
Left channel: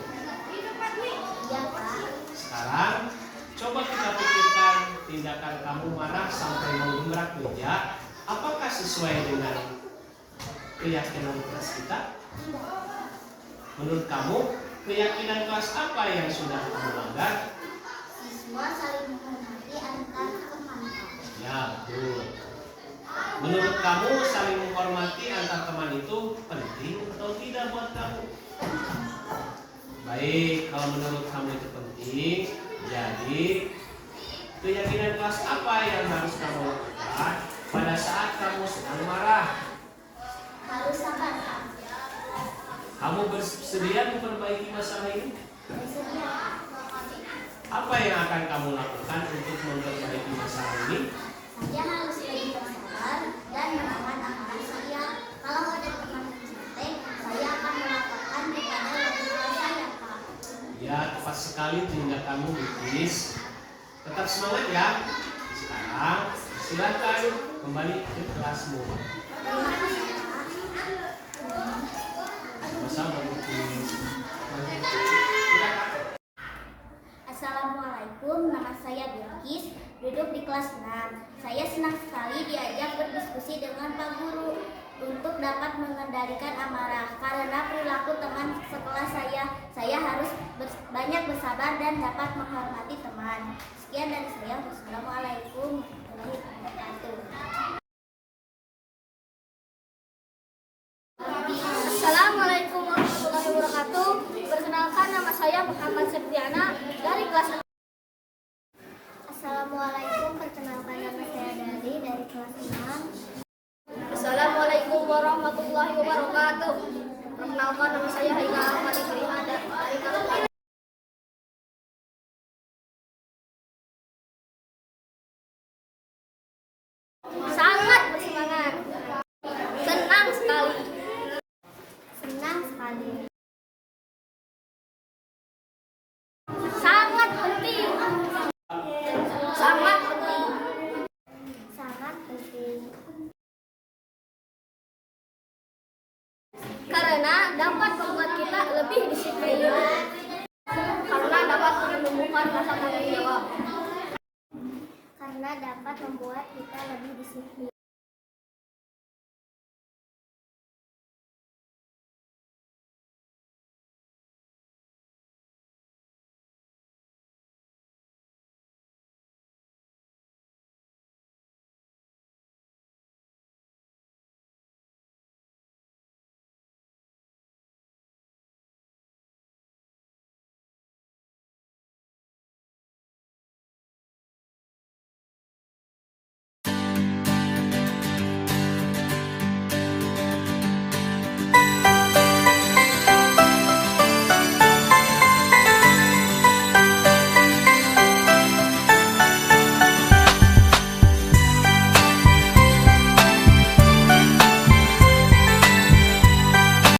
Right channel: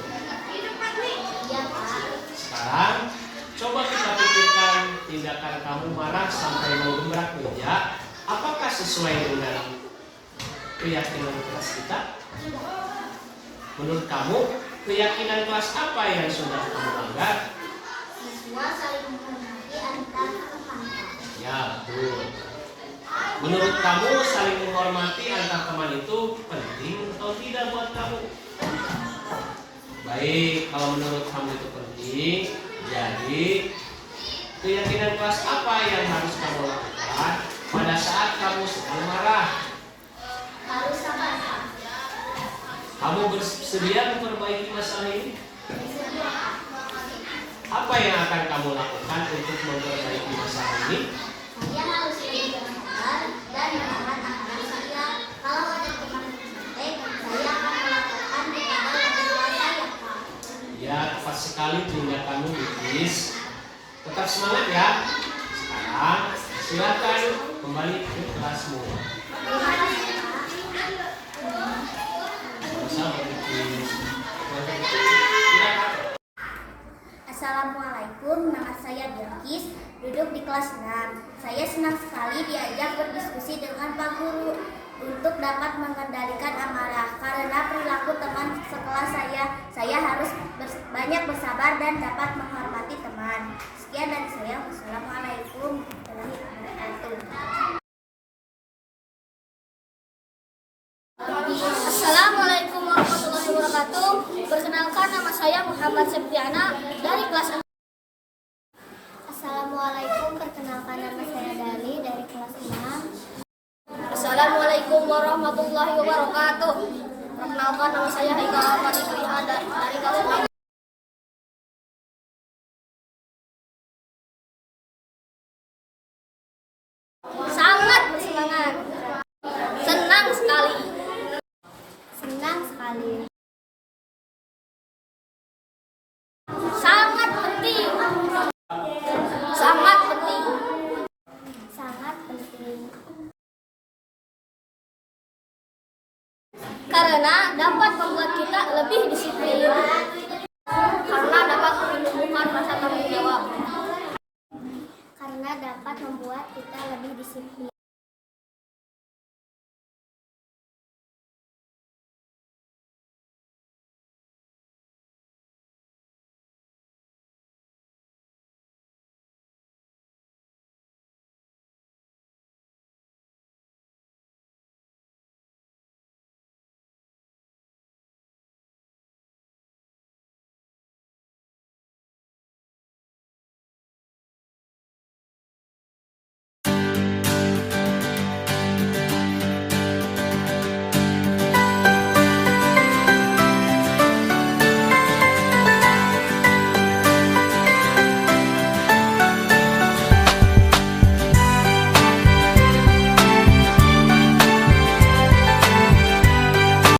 Iya Pak. Sekarang coba kita pikirkan tindakan kamu marah sampai menggebrak meja, apakah sesuai dengan keyakinan kelas kita? Menurut kamu, keyakinan kelas apa yang sudah kamu langgar? Siswa saling menghormati antar teman. Ya betul. Menurut kamu saling menghormati antar teman itu penting atau tidak buat kamu? Baik, kalau menurut kamu itu penting, jadi keyakinan kelas apa yang harus kamu lakukan pada saat kamu sedang marah? Harus sabar Pak. Kamu bersedia memperbaiki masalah ini? Bersedia Pak. Apa yang akan kamu lakukan untuk memperbaiki masalah ini? Saya harus lebih bersabar dan menahan amarah saya. Kalau ada teman mencontek, saya akan melaporkan kepada wali kelas saya Pak. Ya, tepat sekali tindakanmu, Bikis. Tetap semangat ya. Sekarang silakan kembali ke kelasmu. Terima kasih Pak. Sama-sama, Bikis. Silakan. Assalamualaikum, nama saya Bilkis, duduk di kelas 6. Saya senang sekali diajak berdiskusi dengan Pak Guru untuk dapat mengendalikan amarah. Karena perilaku teman sekelas saya harus banyak bersabar dan dapat menghormati teman. Sekian dari saya. Wassalamualaikum warahmatullahi wabarakatuh. Assalamualaikum warahmatullahi wabarakatuh. Perkenalkan, nama saya Muhammad Septiana dari kelas 6. Assalamualaikum, perkenalkan nama saya Dani dari kelas 6. Assalamualaikum warahmatullahi wabarakatuh. Perkenalkan, nama saya Haikal Fanikriha dari kelas 6. Sangat bersemangat. Senang sekali. Senang sekali. Sangat penting. Sangat penting. Sangat penting. Karena dapat membuat kita lebih disiplin. Karena dapat menumbuhkan rasa tanggung jawab. Karena dapat membuat kita lebih disiplin.